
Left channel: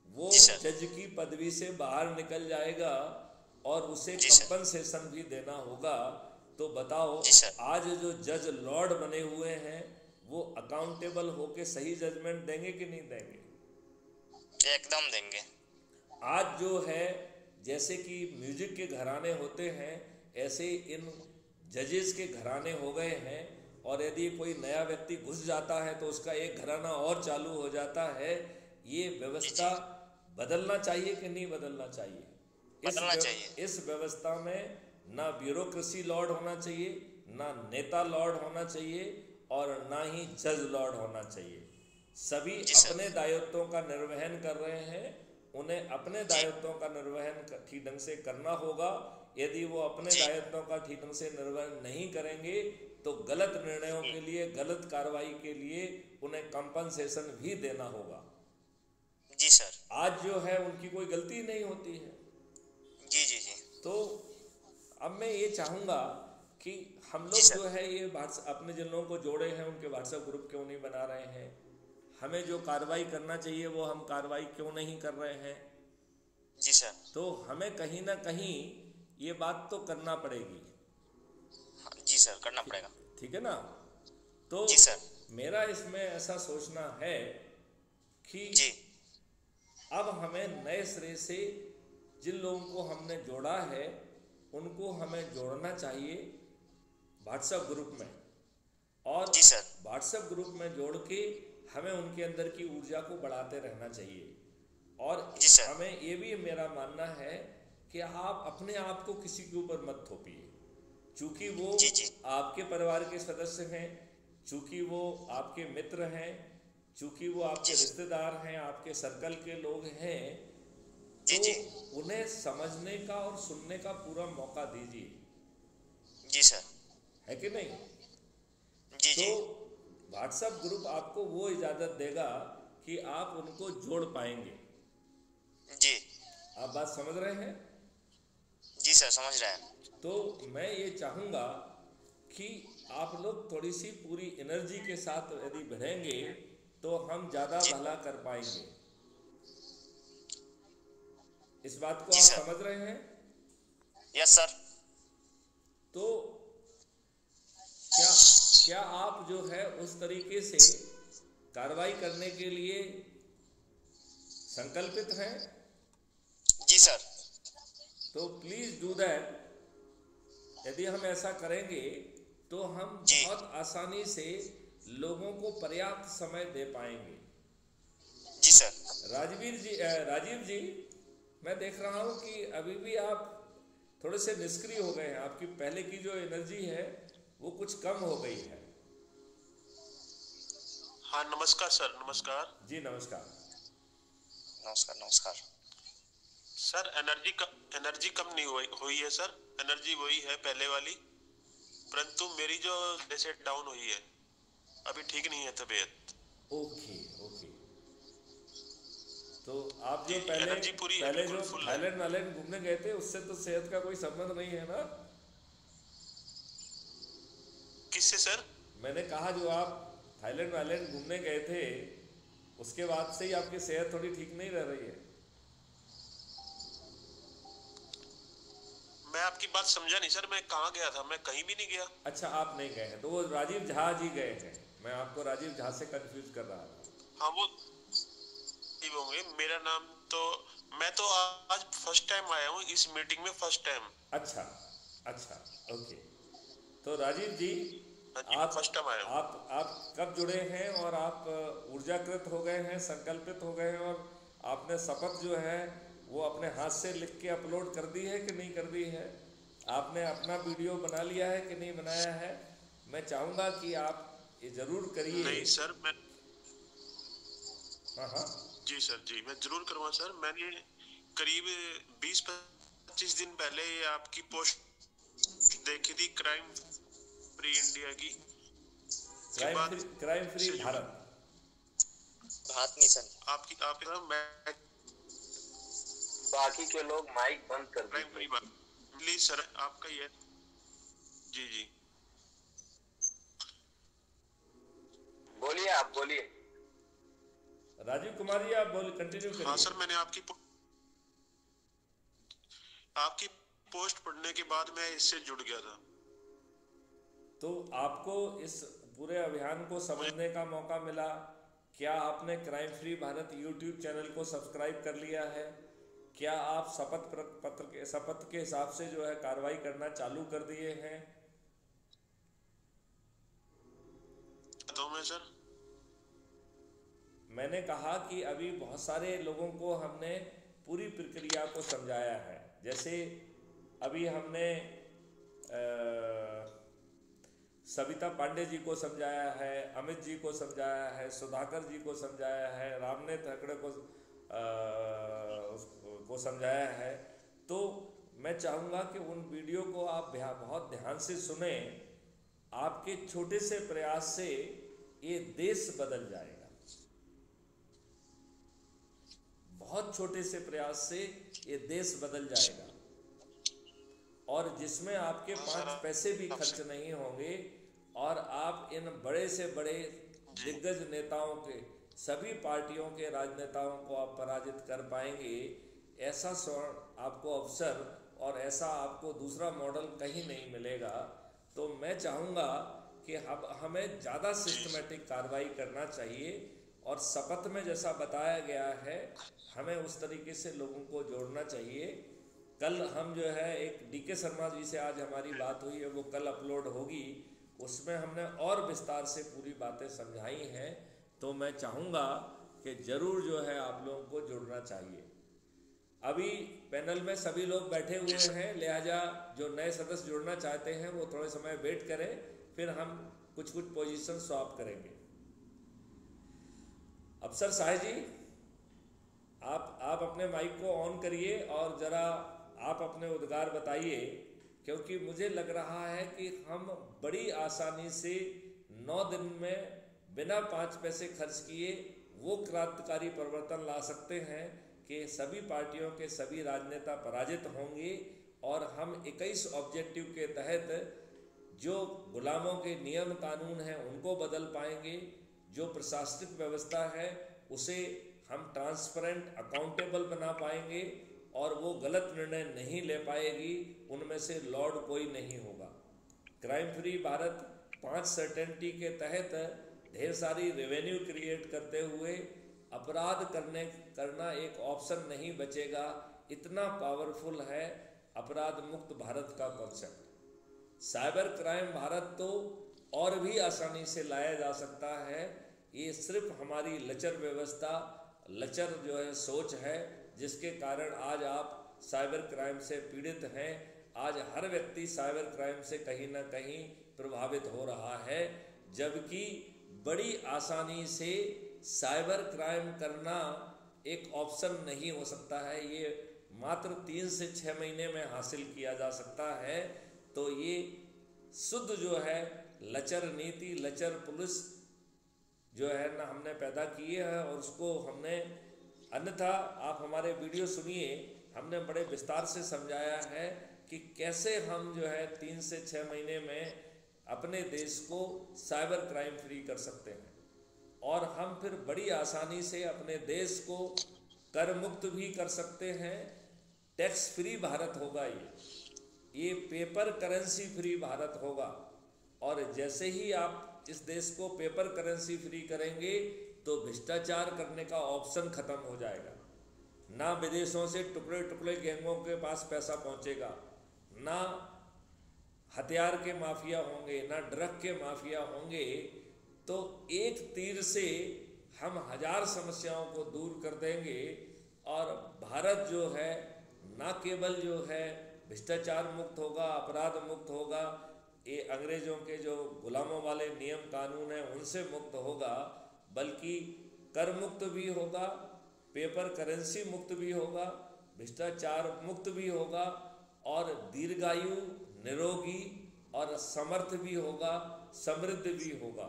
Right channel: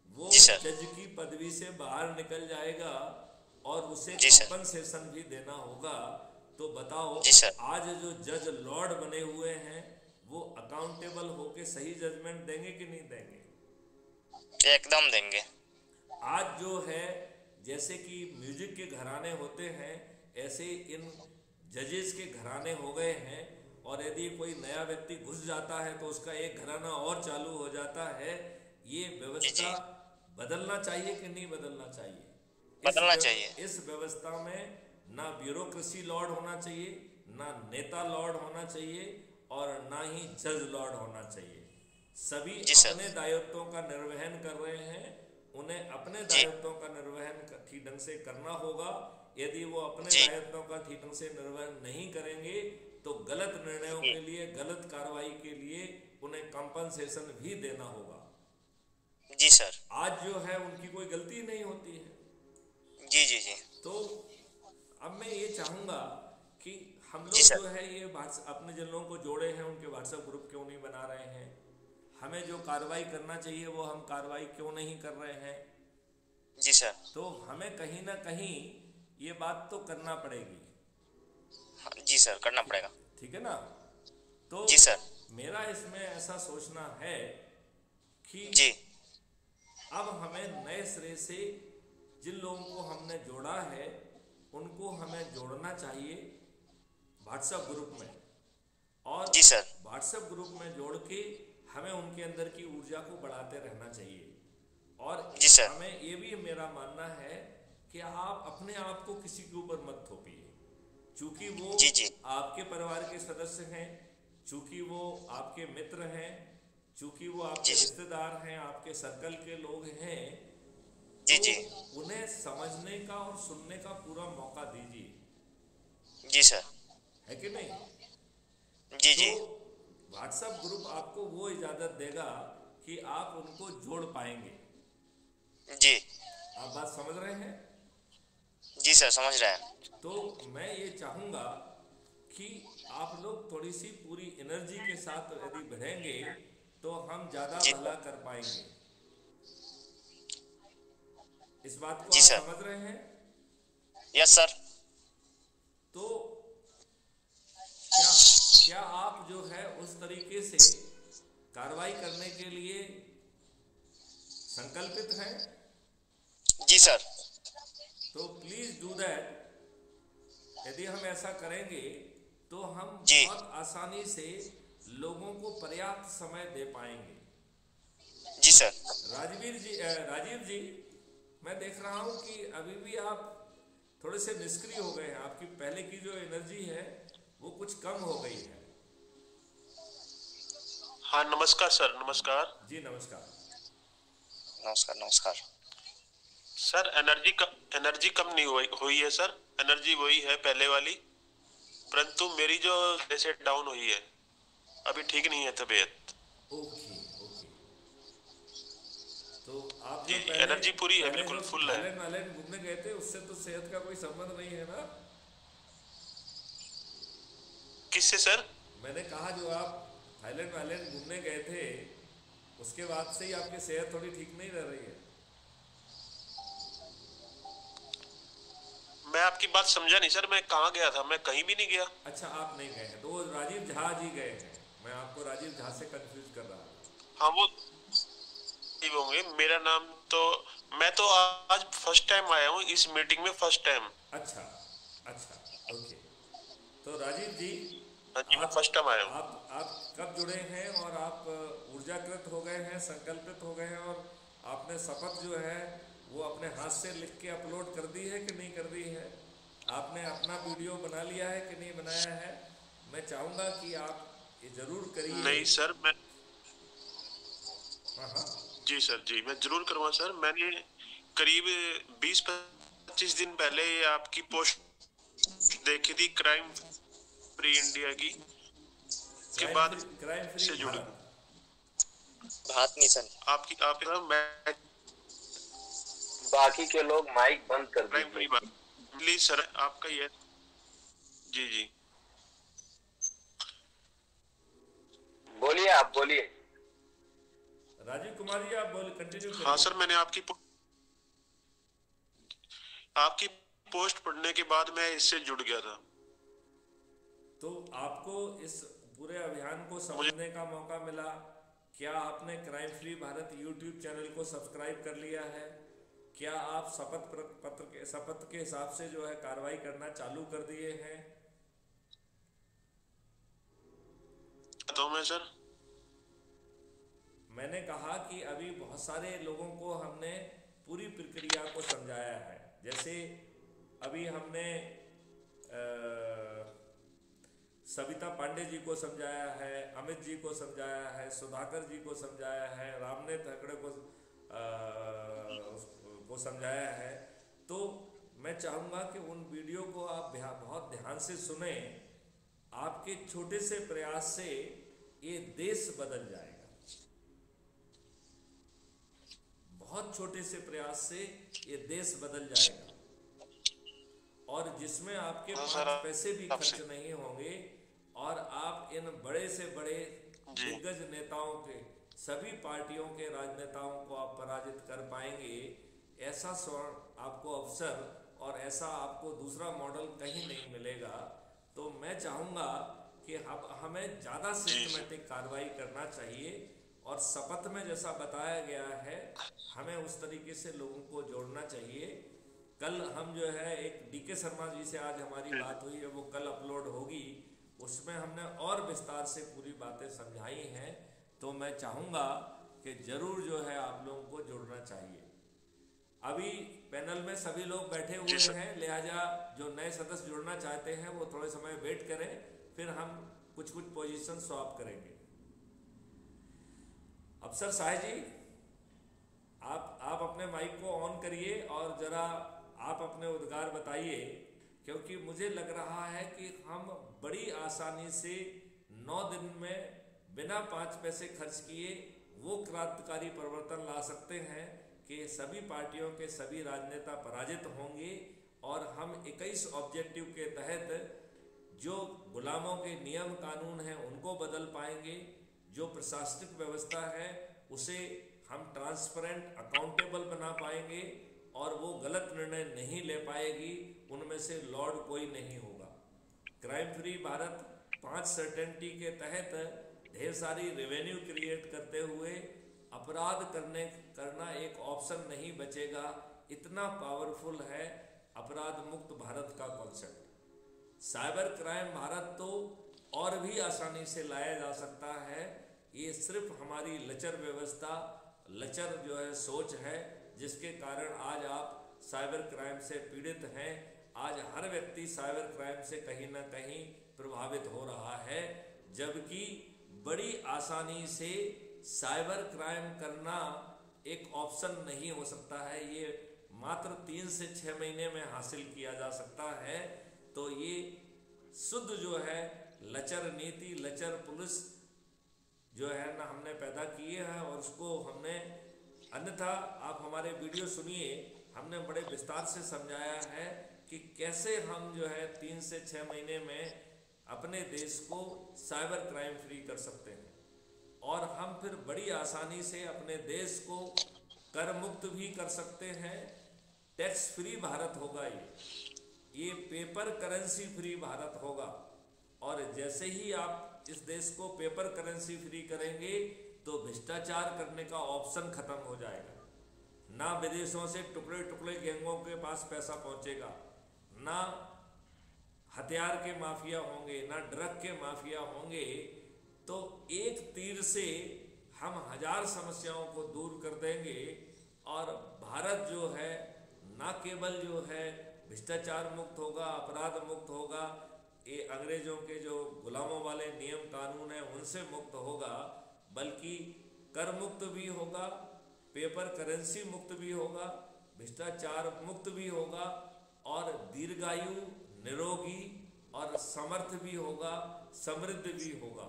वो जज की पदवी से बाहर निकल जाएगा और उसे कंपनसेशन भी देना होगा। तो बताओ आज जो जज लॉर्ड बने हुए हैं वो अकाउंटेबल होके सही जजमेंट देंगे कि नहीं देंगे? एकदम देंगे। आज जो है जैसे कि म्यूजिक के घराने होते हैं ऐसे इन जजेस के घराने हो गए हैं, और यदि कोई नया व्यक्ति घुस जाता है तो उसका एक घराना और चालू हो जाता है। ये व्यवस्था बदलना चाहिए कि नहीं बदलना चाहिए? बदलना चाहिए। इस व्यवस्था में ना ब्यूरोक्रेसी लॉर्ड होना चाहिए, ना नेता लॉर्ड होना चाहिए और ना ही जज लॉर्ड होना चाहिए। सभी अपने दायित्वों का निर्वहन कर रहे हैं, उन्हें अपने दायित्वों का निर्वहन ठीक ढंग से करना होगा। यदि वो अपने दायित्वों का ठीक ढंग से निर्वहन नहीं करेंगे तो गलत निर्णयों के लिए, गलत कार्रवाई के लिए उन्हें कंपनसेशन भी देना होगा। जी सर। आज जो है उनकी कोई गलती नहीं होती है। जी जी जी। तो अब मैं ये चाहूंगा कि हम लोग जो है ये अपने जिन लोगों को जोड़े हैं उनके व्हाट्सएप ग्रुप क्यों नहीं बना रहे हैं? हमें जो कार्रवाई करना चाहिए वो हम कार्रवाई क्यों नहीं कर रहे हैं? जी सर। तो हमें कहीं ना कहीं ये बात तो करना पड़ेगी। जी सर, करना पड़ेगा। ठीक है ना? तो जी सर, मेरा इसमें ऐसा सोचना है कि जी अब हमें नए सिरे से जिन लोगों को हमने जोड़ा है उनको हमें जोड़ना चाहिए व्हाट्सएप ग्रुप में, और जी सर, व्हाट्सएप ग्रुप में जोड़ के हमें उनके अंदर की ऊर्जा को बढ़ाते रहना चाहिए। और जी सर, हमें ये भी मेरा मानना है कि आप अपने आप को किसी के ऊपर मत थोपिए, चूंकि वो जी जी आपके परिवार के सदस्य हैं, चूंकि वो आपके मित्र हैं, चूंकि वो आपके रिश्तेदार हैं, आपके सर्कल के लोग हैं, जी तो जी उन्हें समझने का और सुनने का पूरा मौका दीजिए। जी सर, है कि नहीं? जी जी तो व्हाट्सएप ग्रुप आपको वो इजाजत देगा कि आप उनको जोड़ पाएंगे। जी। आप बात समझ रहे हैं? जी सर, समझ रहे हैं। तो मैं ये चाहूंगा कि आप लोग थोड़ी सी पूरी एनर्जी के साथ यदि बढ़ेंगे तो हम ज्यादा भला कर पाएंगे। इस बात को आप समझ रहे हैं? Yes sir. तो क्या आप जो है उस तरीके से कार्रवाई करने के लिए संकल्पित हैं? जी सर। तो प्लीज डू दैट। यदि हम ऐसा करेंगे तो हम जी बहुत आसानी से लोगों को पर्याप्त समय दे पाएंगे। जी सर। राजीव जी, मैं देख रहा हूं कि अभी भी आप थोड़े से निष्क्रिय हो गए हैं। आपकी पहले की जो एनर्जी है वो कुछ कम हो गई है। हाँ, नमस्कार सर। नमस्कार जी, नमस्कार। नमस्कार नमस्कार। सर, एनर्जी कम नहीं हुई है सर। एनर्जी वही है पहले वाली, परंतु मेरी जो जैसे डाउन हुई है, अभी ठीक नहीं है तबीयत। Okay okay. तो आप जो पहले एनर्जी पूरी है, बिल्कुल फुल है। थाईलैंड घूमने गए थे उससे तो सेहत का कोई संबंध नहीं है ना? किससे सर? मैंने कहा जो आप थाईलैंड घूमने गए थे उसके बाद से ही आपकी सेहत थोड़ी ठीक नहीं रह रही है। मैं आपकी बात समझा नहीं सर। मैं कहाँ गया था? मैं कहीं भी नहीं गया। अच्छा, आप नहीं गए हैं तो वो राजीव झा जी गए हैं। मैं आपको राजीव झा से कंफ्यूज कर रहा था। हाँ, वो होंगे। मेरा नाम तो, मैं तो आज फर्स्ट टाइम आया हूँ इस मीटिंग में, फर्स्ट टाइम। अच्छा अच्छा, ओके। तो राजीव जी, आप फर्स्ट टाइम आया हूँ। आप कब जुड़े हैं और आप ऊर्जाकृत हो गए हैं, संकल्पित हो गए हैं, और आपने शपथ जो है वो अपने हाथ से लिख के अपलोड कर दी है कि नहीं कर दी है? आपने अपना वीडियो बना लिया है कि नहीं बनाया है? मैं चाहूंगा कि आप ये जरूर करिए। नहीं सर, मैं हाँ जी सर, जी मैं जरूर करूँगा सर। मैंने करीब 20-25 दिन पहले आपकी पोस्ट देखी थी, क्राइम फ्री इंडिया की, के बाद क्राइम फ्री भारत नहीं सर, आप मैं बाकी के लोग माइक बंद कर क्राइम फ्री प्लीज सर, आपका ये। जी जी, बोलिए, आप बोलिए। राजीव कुमार जी, आप बोल कंटिन्यू करिए। हाँ सर, मैंने आपकी पोस्ट पढ़ने के बाद मैं इससे जुड़ गया था। तो आपको इस पूरे अभियान को समझने का मौका मिला। क्या आपने crime free Bharat YouTube channel को सब्सक्राइब कर लिया है? क्या आप शपथ के हिसाब से जो है कार्रवाई करना चालू कर दिए हैं? तो मैं सर, मैंने कहा कि अभी बहुत सारे लोगों को हमने पूरी प्रक्रिया को समझाया है। जैसे अभी हमने सविता पांडे जी को समझाया है, अमित जी को समझाया है, सुधाकर जी को समझाया है, रामनेत हकड़े को समझाया है। तो मैं चाहूँगा कि उन वीडियो को आप बहुत ध्यान से सुने। आपके छोटे से प्रयास से ये देश बदल जाएगा। बहुत छोटे से प्रयास से ये देश बदल जाएगा। और जिसमें आपके हाँ 5 सर, पैसे भी आपसे- खर्च नहीं होंगे और आप इन बड़े से बड़े जी। दिग्गज नेताओं के, सभी पार्टियों के राजनेताओं को आप पराजित कर पाएंगे। ऐसा स्वर्ण आपको अवसर और ऐसा आपको दूसरा मॉडल कहीं नहीं मिलेगा। तो मैं चाहूँगा कि हमें ज़्यादा सिस्टमेटिक कार्रवाई करना चाहिए और शपथ में जैसा बताया गया है हमें उस तरीके से लोगों को जोड़ना चाहिए। कल हम जो है एक डीके शर्मा जी से आज हमारी बात हुई है, वो कल अपलोड होगी, उसमें हमने और विस्तार से पूरी बातें समझाई हैं। तो मैं चाहूँगा कि ज़रूर जो है आप लोगों को जुड़ना चाहिए। अभी पैनल में सभी लोग बैठे हुए हैं, लिहाजा जो नए सदस्य जुड़ना चाहते हैं वो थोड़े समय वेट करें, फिर हम कुछ पोजीशन स्वैप करेंगे। अफसर साहब जी, आप अपने माइक को ऑन करिए और ज़रा आप अपने उद्गार बताइए, क्योंकि मुझे लग रहा है कि हम बड़ी आसानी से 9 दिन में बिना 5 पैसे खर्च किए वो क्रांतिकारी परिवर्तन ला सकते हैं कि सभी पार्टियों के सभी राजनेता पराजित होंगे और हम 21 ऑब्जेक्टिव के तहत जो गुलामों के नियम कानून हैं उनको बदल पाएंगे, जो प्रशासनिक व्यवस्था है उसे हम ट्रांसपेरेंट अकाउंटेबल बना पाएंगे और वो गलत निर्णय नहीं ले पाएगी, उनमें से लॉर्ड कोई नहीं होगा। क्राइम फ्री भारत 5 सर्टेनिटी के तहत ढेर सारी रेवेन्यू क्रिएट करते हुए अपराध करना एक ऑप्शन नहीं बचेगा। इतना पावरफुल है अपराध मुक्त भारत का कॉन्सेप्ट। साइबर क्राइम भारत तो और भी आसानी से लाया जा सकता है। ये सिर्फ हमारी लचर व्यवस्था, लचर जो है सोच है, जिसके कारण आज आप साइबर क्राइम से पीड़ित हैं। आज हर व्यक्ति साइबर क्राइम से कहीं ना कहीं प्रभावित हो रहा है, जबकि बड़ी आसानी से साइबर क्राइम करना एक ऑप्शन नहीं हो सकता है। ये मात्र 3 से 6 महीने में हासिल किया जा सकता है। तो ये शुद्ध जो है लचर नीति, लचर पुलिस जो है ना हमने पैदा किए हैं और उसको हमने, अन्यथा आप हमारे वीडियो सुनिए, हमने बड़े विस्तार से समझाया है कि कैसे हम जो है 3 से 6 महीने में अपने देश को साइबर क्राइम फ्री कर सकते हैं और हम फिर बड़ी आसानी से अपने देश को कर मुक्त भी कर सकते हैं। टैक्स फ्री भारत होगा, ये पेपर करेंसी फ्री भारत होगा। और जैसे ही आप इस देश को पेपर करेंसी फ्री करेंगे तो भ्रष्टाचार करने का ऑप्शन खत्म हो जाएगा। ना विदेशों से टुकड़े टुकड़े गैंगों के पास पैसा पहुंचेगा, ना हथियार के माफिया होंगे, ना ड्रग के माफिया होंगे। तो एक तीर से हम 1000 समस्याओं को दूर कर देंगे और भारत जो है ना केवल जो है भ्रष्टाचार मुक्त होगा, अपराध मुक्त होगा, ये अंग्रेजों के जो गुलामों वाले नियम कानून हैं उनसे मुक्त होगा, बल्कि कर मुक्त भी होगा, पेपर करेंसी मुक्त भी होगा, भ्रष्टाचार मुक्त भी होगा और दीर्घायु, निरोगी और समर्थ भी होगा, समृद्ध भी होगा।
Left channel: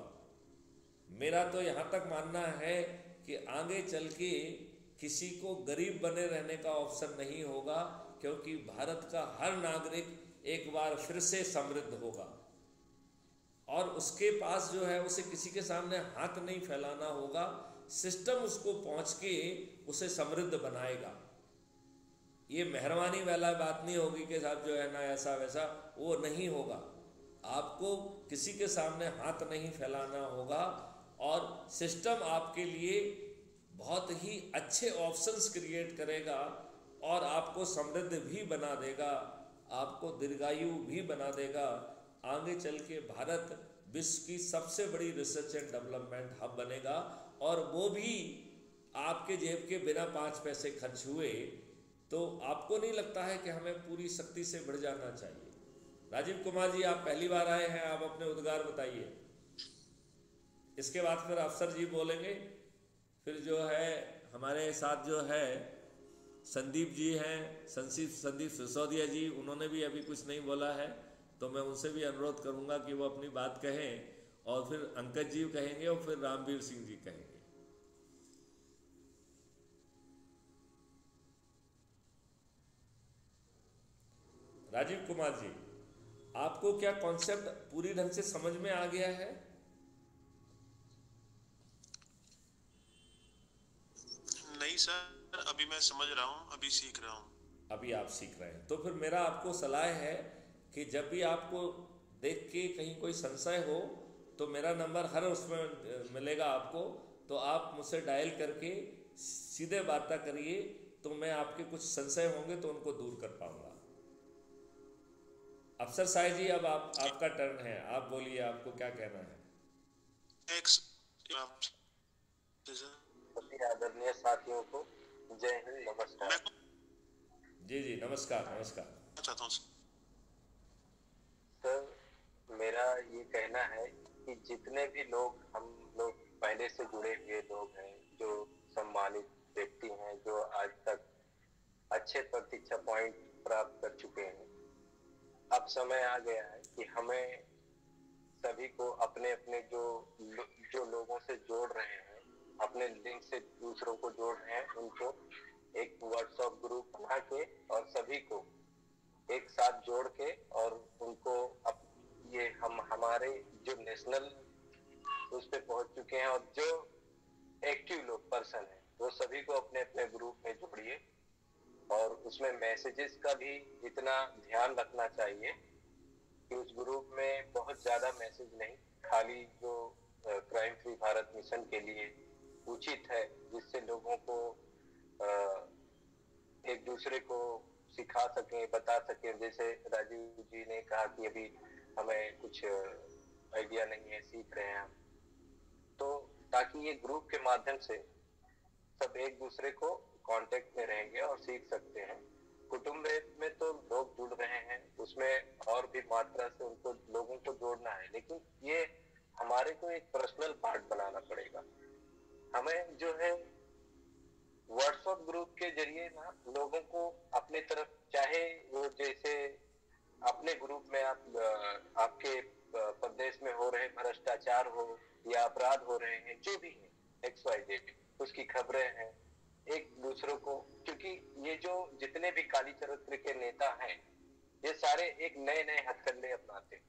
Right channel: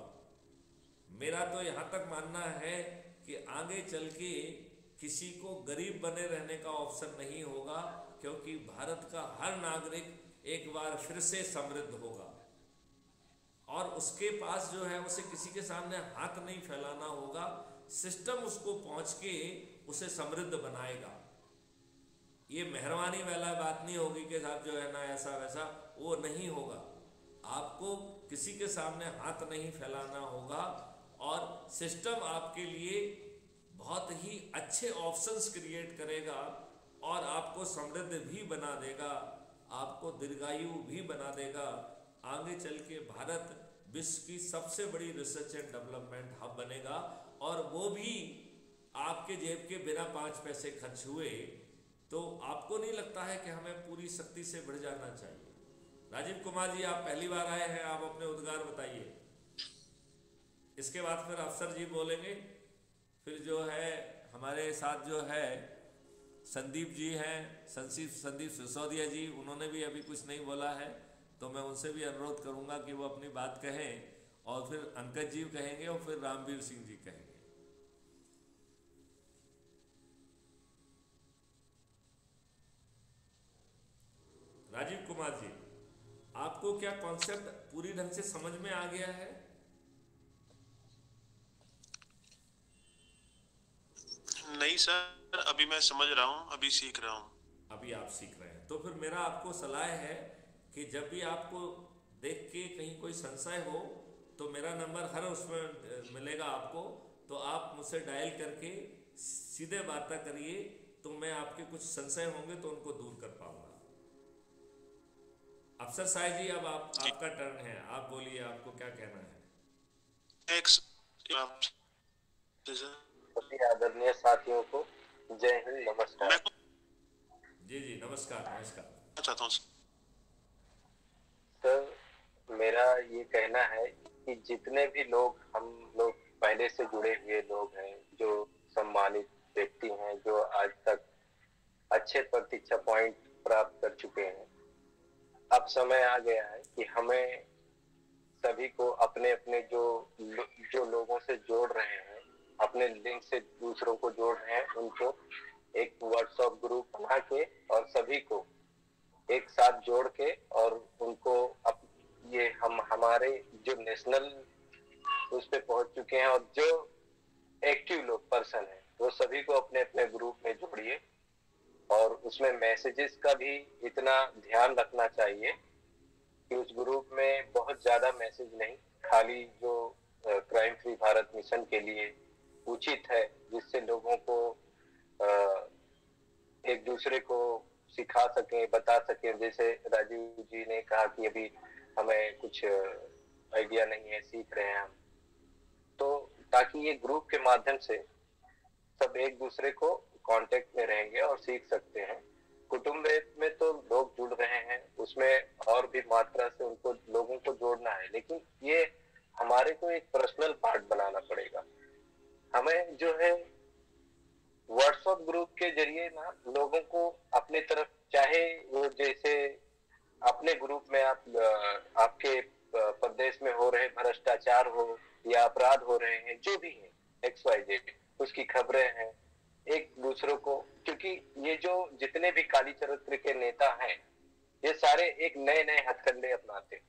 मेरा तो यहाँ तक मानना है कि आगे चल के किसी को गरीब बने रहने का ऑप्शन नहीं होगा, क्योंकि भारत का हर नागरिक एक बार फिर से समृद्ध होगा और उसके पास जो है उसे किसी के सामने हाथ नहीं फैलाना होगा। सिस्टम उसको पहुंच के उसे समृद्ध बनाएगा। ये मेहरबानी वाला बात नहीं होगी कि साहब जो है ना ऐसा वैसा, वो नहीं होगा। आपको किसी के सामने हाथ नहीं फैलाना होगा और सिस्टम आपके लिए बहुत ही अच्छे ऑप्शंस क्रिएट करेगा और आपको समृद्ध भी बना देगा, आपको दीर्घायु भी बना देगा। आगे चल के भारत विश्व की सबसे बड़ी रिसर्च एंड डेवलपमेंट हब बनेगा और वो भी आपके जेब के बिना 5 पैसे खर्च हुए। तो आपको नहीं लगता है कि हमें पूरी शक्ति से बढ़ जाना चाहिए? राजीव कुमार जी, आप पहली बार आए हैं, आप अपने उद्गार बताइए। इसके बाद फिर अफसर जी बोलेंगे, फिर जो है हमारे साथ जो है संदीप जी हैं, संदीप सिसोदिया जी, उन्होंने भी अभी कुछ नहीं बोला है, तो मैं उनसे भी अनुरोध करूंगा कि वो अपनी बात कहें और फिर अंकज जी कहेंगे और फिर रामवीर सिंह जी कहेंगे। राजीव कुमार जी, आपको क्या कॉन्सेप्ट पूरी ढंग से समझ में आ गया है? नहीं सर, अभी मैं समझ रहा हूँ, अभी सीख रहा हूँ। अभी आप सीख रहे हैं, तो फिर मेरा आपको सलाह है कि जब भी आपको देख के कहीं कोई संशय हो तो मेरा नंबर हर उसमें मिलेगा आपको, तो आप मुझसे डायल करके सीधे वार्ता करिए, तो मैं आपके कुछ संशय होंगे तो उनको दूर कर पाऊंगा। अफसर साहब जी, अब आपका टर्न है, आप बोलिए, आपको क्या कहना है? सभी आदरणीय साथियों को जय हिंद, नमस्कार। जी जी, नमस्कार नमस्कार। चाहता हूँ सर, मेरा ये कहना है कि जितने भी लोग, हम लोग पहले से जुड़े हुए लोग हैं, जो सम्मानित व्यक्ति हैं, जो आज तक अच्छे प्रतीक्षा पॉइंट प्राप्त कर चुके हैं, अब समय आ गया है कि हमें सभी को अपने अपने जो लोगों से जोड़ रहे हैं, अपने लिंक से दूसरों को जोड़ रहे हैं, उनको एक व्हाट्सएप ग्रुप बना के और सभी को एक साथ जोड़ के और उनको ये हमारे जो नेशनल उस पे पहुंच चुके हैं और जो एक्टिव लोग पर्सन है, वो सभी को अपने अपने ग्रुप में जोड़िए। और उसमें मैसेजेस का भी इतना ध्यान रखना चाहिए कि उस ग्रुप में बहुत ज्यादा मैसेज नहीं, खाली जो क्राइम फ्री भारत मिशन के लिए उचित है, जिससे लोगों को एक दूसरे को सिखा सकें, बता सकें। जैसे राजीव जी ने कहा कि अभी हमें कुछ आइडिया नहीं है, सीख रहे हैं हम, तो ताकि ये ग्रुप के माध्यम से सब एक दूसरे को कांटेक्ट में रहेंगे और सीख सकते हैं। कुटुंब में तो लोग जुड़ रहे हैं, उसमें और भी मात्रा से उनको लोगों को जोड़ना है, लेकिन ये हमारे को एक पर्सनल पार्ट बनाना पड़ेगा। हमें जो है व्हाट्सएप ग्रुप के जरिए ना लोगों को अपनी तरफ, चाहे वो जैसे अपने ग्रुप में आपके प्रदेश में हो रहे भ्रष्टाचार हो या अपराध हो रहे हैं, जो भी है XYZ, उसकी खबरें हैं एक दूसरों को, क्योंकि ये जो जितने भी काली चरित्र के नेता हैं, ये सारे एक नए नए हथकंडे अपनाते हैं,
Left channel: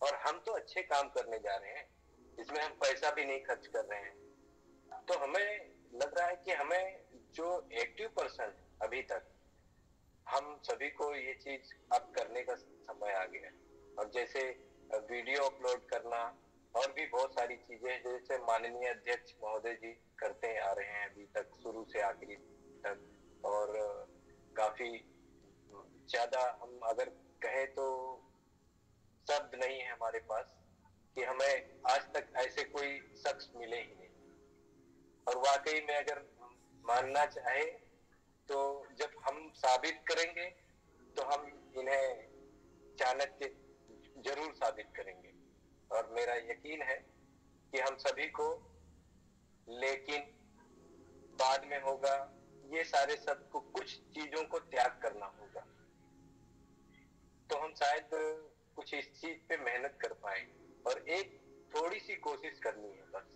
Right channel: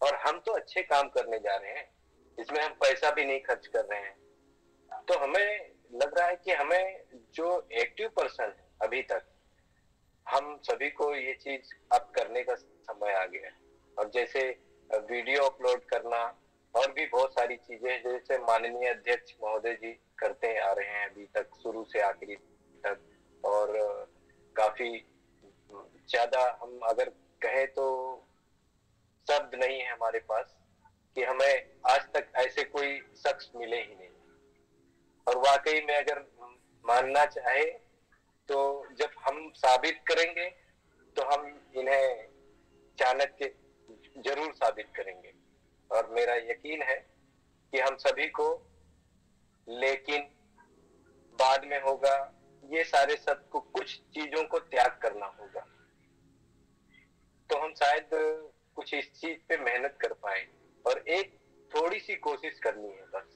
और हम तो अच्छे काम करने जा रहे हैं, इसमें हम पैसा भी नहीं खर्च कर रहे हैं। तो हमें लग रहा है कि हमें जो एक्टिव पर्सन है अभी तक, हम सभी को ये चीज अब करने का समय आ गया है। और जैसे वीडियो अपलोड करना और भी बहुत सारी चीजें, जैसे माननीय अध्यक्ष महोदय जी करते आ रहे हैं अभी तक, शुरू से आखिरी तक, और काफी ज्यादा, हम अगर कहें तो शब्द नहीं है हमारे पास कि हमें आज तक ऐसे कोई शख्स मिले ही नहीं। और वाकई में अगर मानना चाहे तो जब हम साबित करेंगे तो हम इन्हें चाणक्य जरूर साबित करेंगे। और मेरा यकीन है कि हम सभी को, लेकिन बाद में होगा, ये सारे सबको कुछ चीजों को त्याग करना होगा, तो हम शायद कुछ इस चीज पे मेहनत कर पाए, और एक थोड़ी सी कोशिश करनी है बस।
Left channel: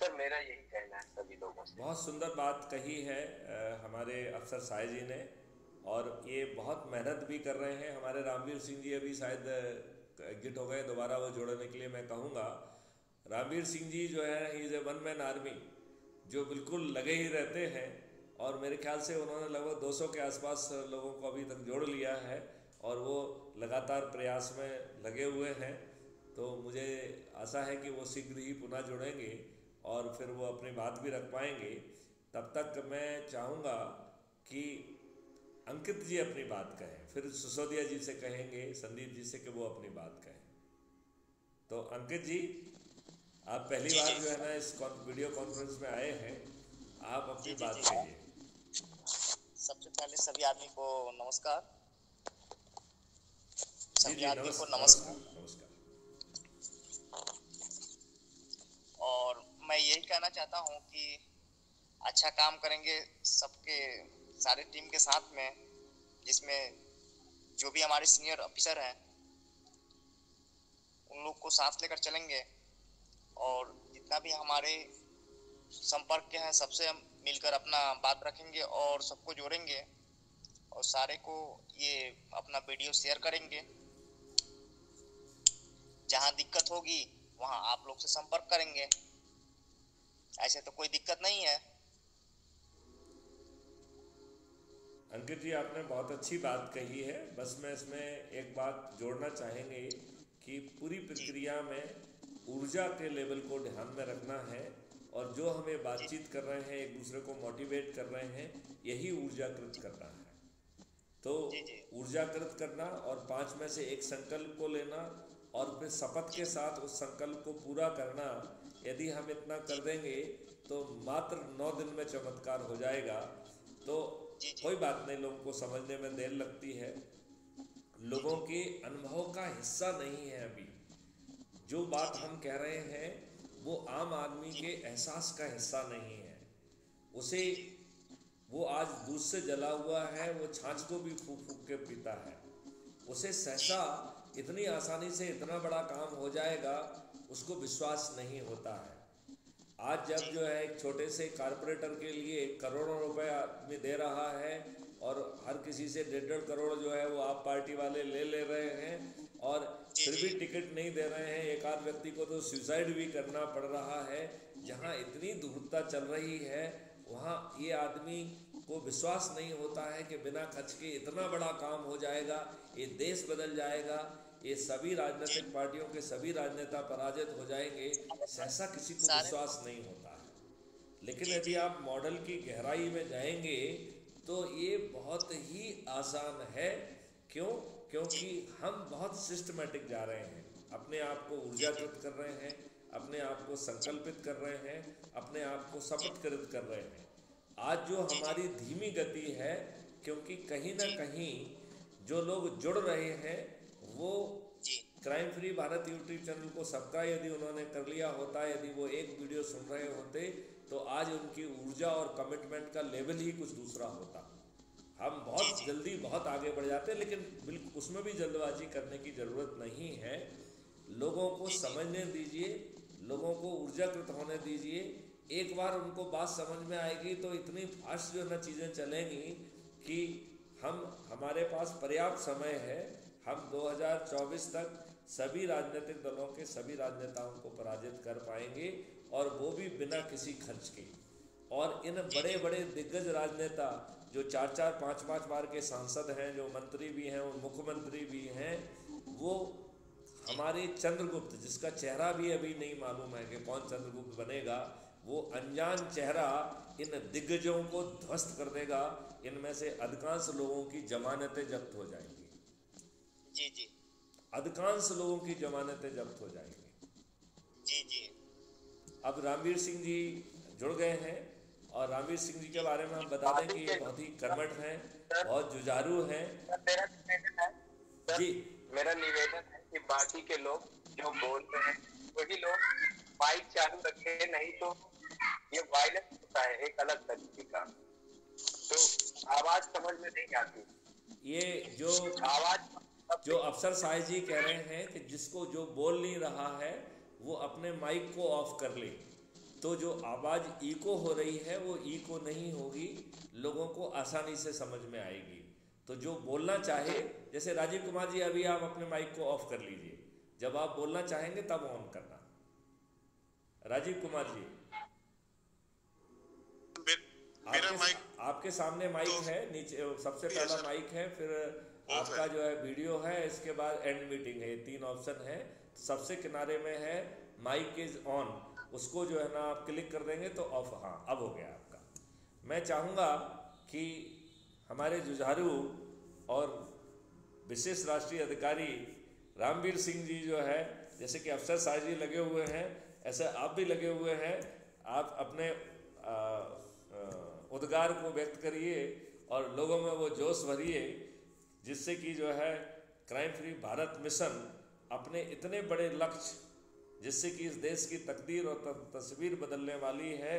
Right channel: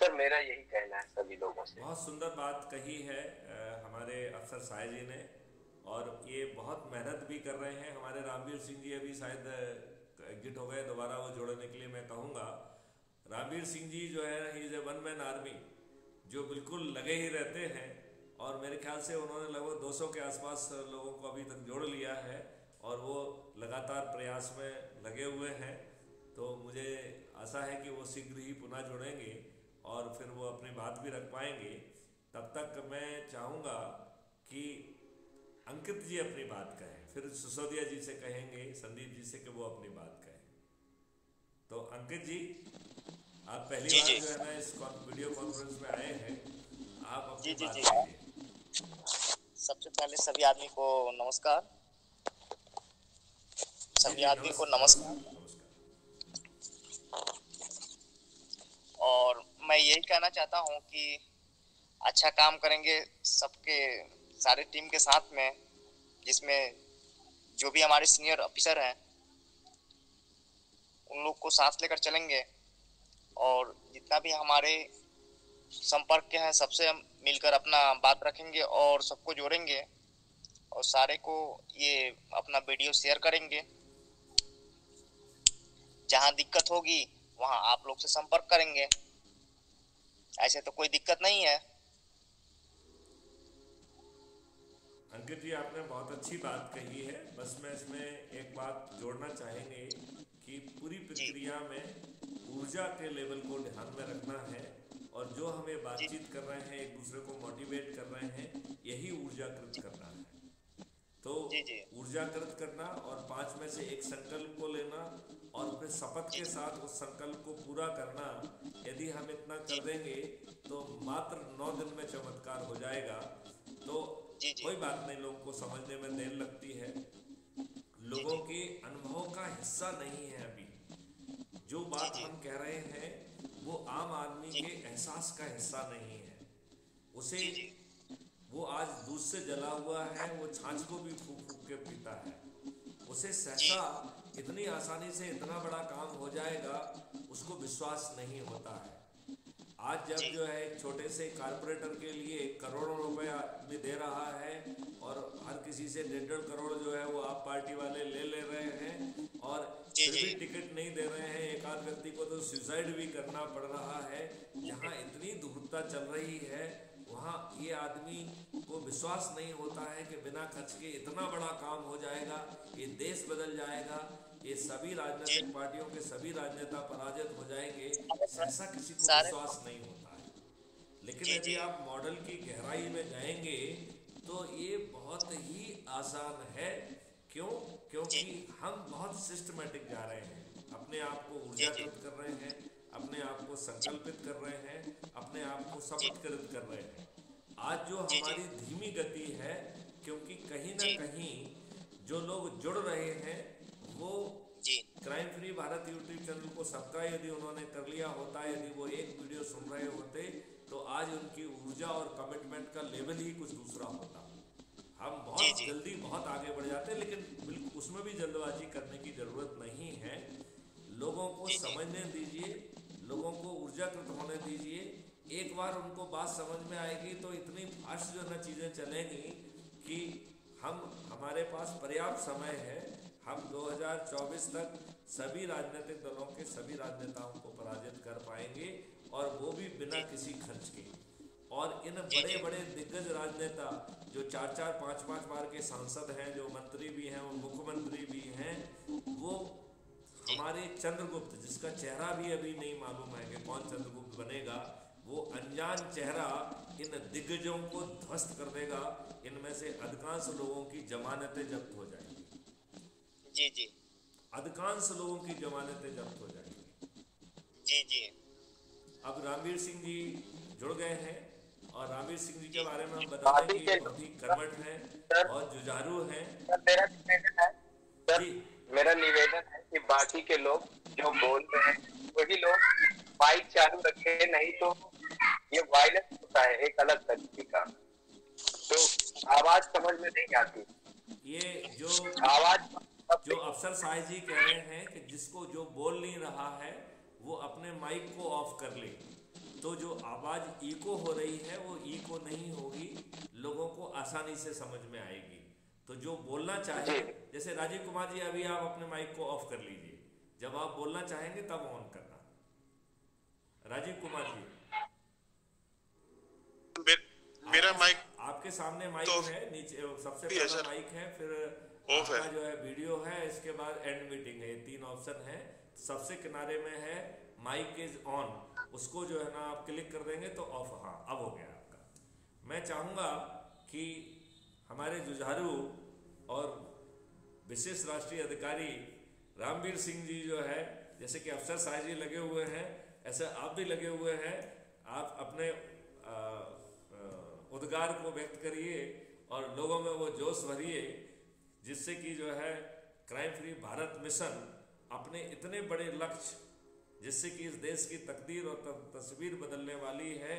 सर, मेरा यही कहना है सभी लोगों से। बहुत सुंदर बात कही है हमारे अफसर साय जी ने, और ये बहुत मेहनत भी कर रहे हैं। हमारे रामवीर सिंह जी अभी शायद एग्जिट हो गए, दोबारा वो जोड़ने के लिए मैं कहूँगा। रामवीर सिंह जी जो है, he is a one man army, जो बिल्कुल लगे ही रहते हैं, और मेरे ख्याल से उन्होंने लगभग 200 के आसपास लोगों को अभी तक जोड़ लिया है, और वो लगातार प्रयास में लगे हुए हैं। तो मुझे आशा है कि वो शीघ्र ही पुनः जुड़ेंगे और फिर वो अपनी बात भी रख पाएंगे। तब तक मैं चाहूँगा कि अंकित जी अपनी बात कहें, फिर सिसोदिया जी से कहेंगे, संदीप जी से, कि वो अपनी बात कहें। तो अंकित जी, आप पहली बार जो है ना इस वीडियो कॉन्फ्रेंस में आए हैं, आप अपनी बात कहिए। सबसे पहले सभी आदमी को नमस्कार। सभी आदमी को नमस्कार। और मैं यही कहना चाहता हूँ कि अच्छा काम करेंगे सबके, सारे टीम के साथ में, जिसमें जो भी हमारे सीनियर ऑफिसर हैं उन लोग को साथ लेकर चलेंगे, और जितना भी हमारे संपर्क के हैं सबसे हम मिलकर अपना बात रखेंगे और सबको जोड़ेंगे। और सारे को ये अपना वीडियो शेयर करेंगे। जहां दिक्कत होगी वहां आप लोग से संपर्क करेंगे, ऐसे तो कोई दिक्कत नहीं है। अंकित जी, आपने बहुत अच्छी बात कही है। बस मैं इसमें एक बात जोड़ना चाहेंगे कि पूरी प्रक्रिया में ऊर्जा के लेवल को ध्यान में रखना है, और जो हमें बातचीत कर रहे हैं, एक दूसरे को मोटिवेट कर रहे हैं, यही ऊर्जाकृत करना है। तो ऊर्जाकृत करना और 5 में से एक संकल्प को लेना और फिर शपथ के साथ उस संकल्प को पूरा करना, यदि हम इतना कर देंगे तो मात्र 9 दिन में चमत्कार हो जाएगा। तो कोई बात नहीं, लोगों को समझने में देर लगती है, लोगों के अनुभव का हिस्सा नहीं है। अभी जो बात हम कह रहे हैं वो आम आदमी के एहसास का हिस्सा नहीं है। उसे वो आज दूध से जला हुआ है, वो छाछ को भी फूक फूक के पीता है। उसे सहसा इतनी आसानी से इतना बड़ा काम हो जाएगा, उसको विश्वास नहीं होता है। आज जब जो है एक छोटे से कारपोरेटर के लिए करोड़ों रुपए आदमी दे रहा है और हर किसी से 1.5 करोड़ जो है वो आप पार्टी वाले ले रहे हैं, और फिर भी टिकट नहीं दे रहे हैं। एक आध व्यक्ति को तो सुसाइड भी करना पड़ रहा है। जहां इतनी धूर्तता चल रही है, वहाँ ये आदमी को विश्वास नहीं होता है कि बिना खर्च के इतना बड़ा काम हो जाएगा, ये देश बदल जाएगा, ये सभी राजनीतिक पार्टियों के सभी राजनेता पराजित हो जाएंगे। ऐसा किसी को विश्वास नहीं होता है। लेकिन यदि आप मॉडल की गहराई में जाएंगे तो ये बहुत ही आसान है। क्यों? क्योंकि हम बहुत सिस्टमैटिक जा रहे हैं, अपने आप को ऊर्जाकृत कर रहे हैं, अपने आप को संकल्पित कर रहे हैं, अपने आप को शपथकृत कर रहे हैं। आज जो हमारी धीमी गति है, क्योंकि कहीं ना कहीं जो लोग जुड़ रहे हैं वो crime free Bharat YouTube channel को सब्सक्राइब यदि उन्होंने कर लिया होता, यदि वो एक वीडियो सुन रहे होते, तो आज उनकी ऊर्जा और कमिटमेंट का लेवल ही कुछ दूसरा होता। हम बहुत जल्दी बहुत आगे बढ़ जाते हैं, लेकिन बिल्कुल उसमें भी जल्दबाजी करने की ज़रूरत नहीं है। लोगों को समझने दीजिए, लोगों को ऊर्जाकृत होने दीजिए। एक बार उनको बात समझ में आएगी तो इतनी फास्ट जो है चीज़ें चलेंगी कि हमारे पास पर्याप्त समय है। हम 2024 तक सभी राजनीतिक दलों के सभी राजनेताओं को पराजित कर पाएंगे, और वो भी बिना किसी खर्च के। और इन बड़े बड़े दिग्गज राजनेता जो 4-4, 5-5 बार के सांसद हैं, जो मंत्री भी हैं, वो मुख्यमंत्री भी हैं, वो हमारे चंद्रगुप्त, जिसका चेहरा भी अभी नहीं मालूम है कि कौन चंद्रगुप्त बनेगा, वो अनजान चेहरा इन दिग्गजों को ध्वस्त कर देगा। इनमें से अधिकांश लोगों की जमानतें जब्त हो जाएंगी। जी अधिकांश लोगों की जमानतें जब्त हो जाएंगी। जी अब रामवीर सिंह जी जुड़ गए हैं, और रामवीर सिंह जी के बारे में हम बता दें कि बहुत ही कर्मठ हैं, बहुत जुझारू हैं। मेरा निवेदन है कि बाकी के लोग जो बोल रहे हैं वही लोग माइक चालू रखे, नहीं तो ये वायलेंस होता है एक अलग तरीके का, तो आवाज समझ में नहीं आती। ये जो आवाज जो अफसर साहिब जी कह रहे हैं कि जिसको जो बोल नहीं रहा है वो अपने माइक को ऑफ कर ले, तो जो आवाज़ इको हो रही है वो इको नहीं होगी, लोगों को आसानी से समझ में आएगी। तो जो बोलना चाहे, जैसे राजीव कुमार जी, अभी आप अपने माइक को ऑफ कर लीजिए, जब आप बोलना चाहेंगे तब ऑन करना। राजीव कुमार जी, मेरा माइक आपके सामने माइक तो है, नीचे सबसे पहला माइक है, फिर आपका जो है वीडियो है, इसके बाद एंड मीटिंग है। 3 ऑप्शन है। सबसे किनारे में है माइक इज ऑन, उसको जो है ना आप क्लिक कर देंगे तो ऑफ। हाँ, अब हो गया आपका। मैं चाहूँगा कि हमारे जुझारू और विशेष राष्ट्रीय अधिकारी रामवीर सिंह जी जो है, जैसे कि अफसर साहिब जी लगे हुए हैं, ऐसे आप भी लगे हुए हैं। आप अपने उद्गार को व्यक्त करिए और लोगों में वो जोश भरिए, जिससे कि जो है क्राइम फ्री भारत मिशन अपने इतने बड़े लक्ष्य, जिससे कि इस देश की तकदीर और तस्वीर बदलने वाली है,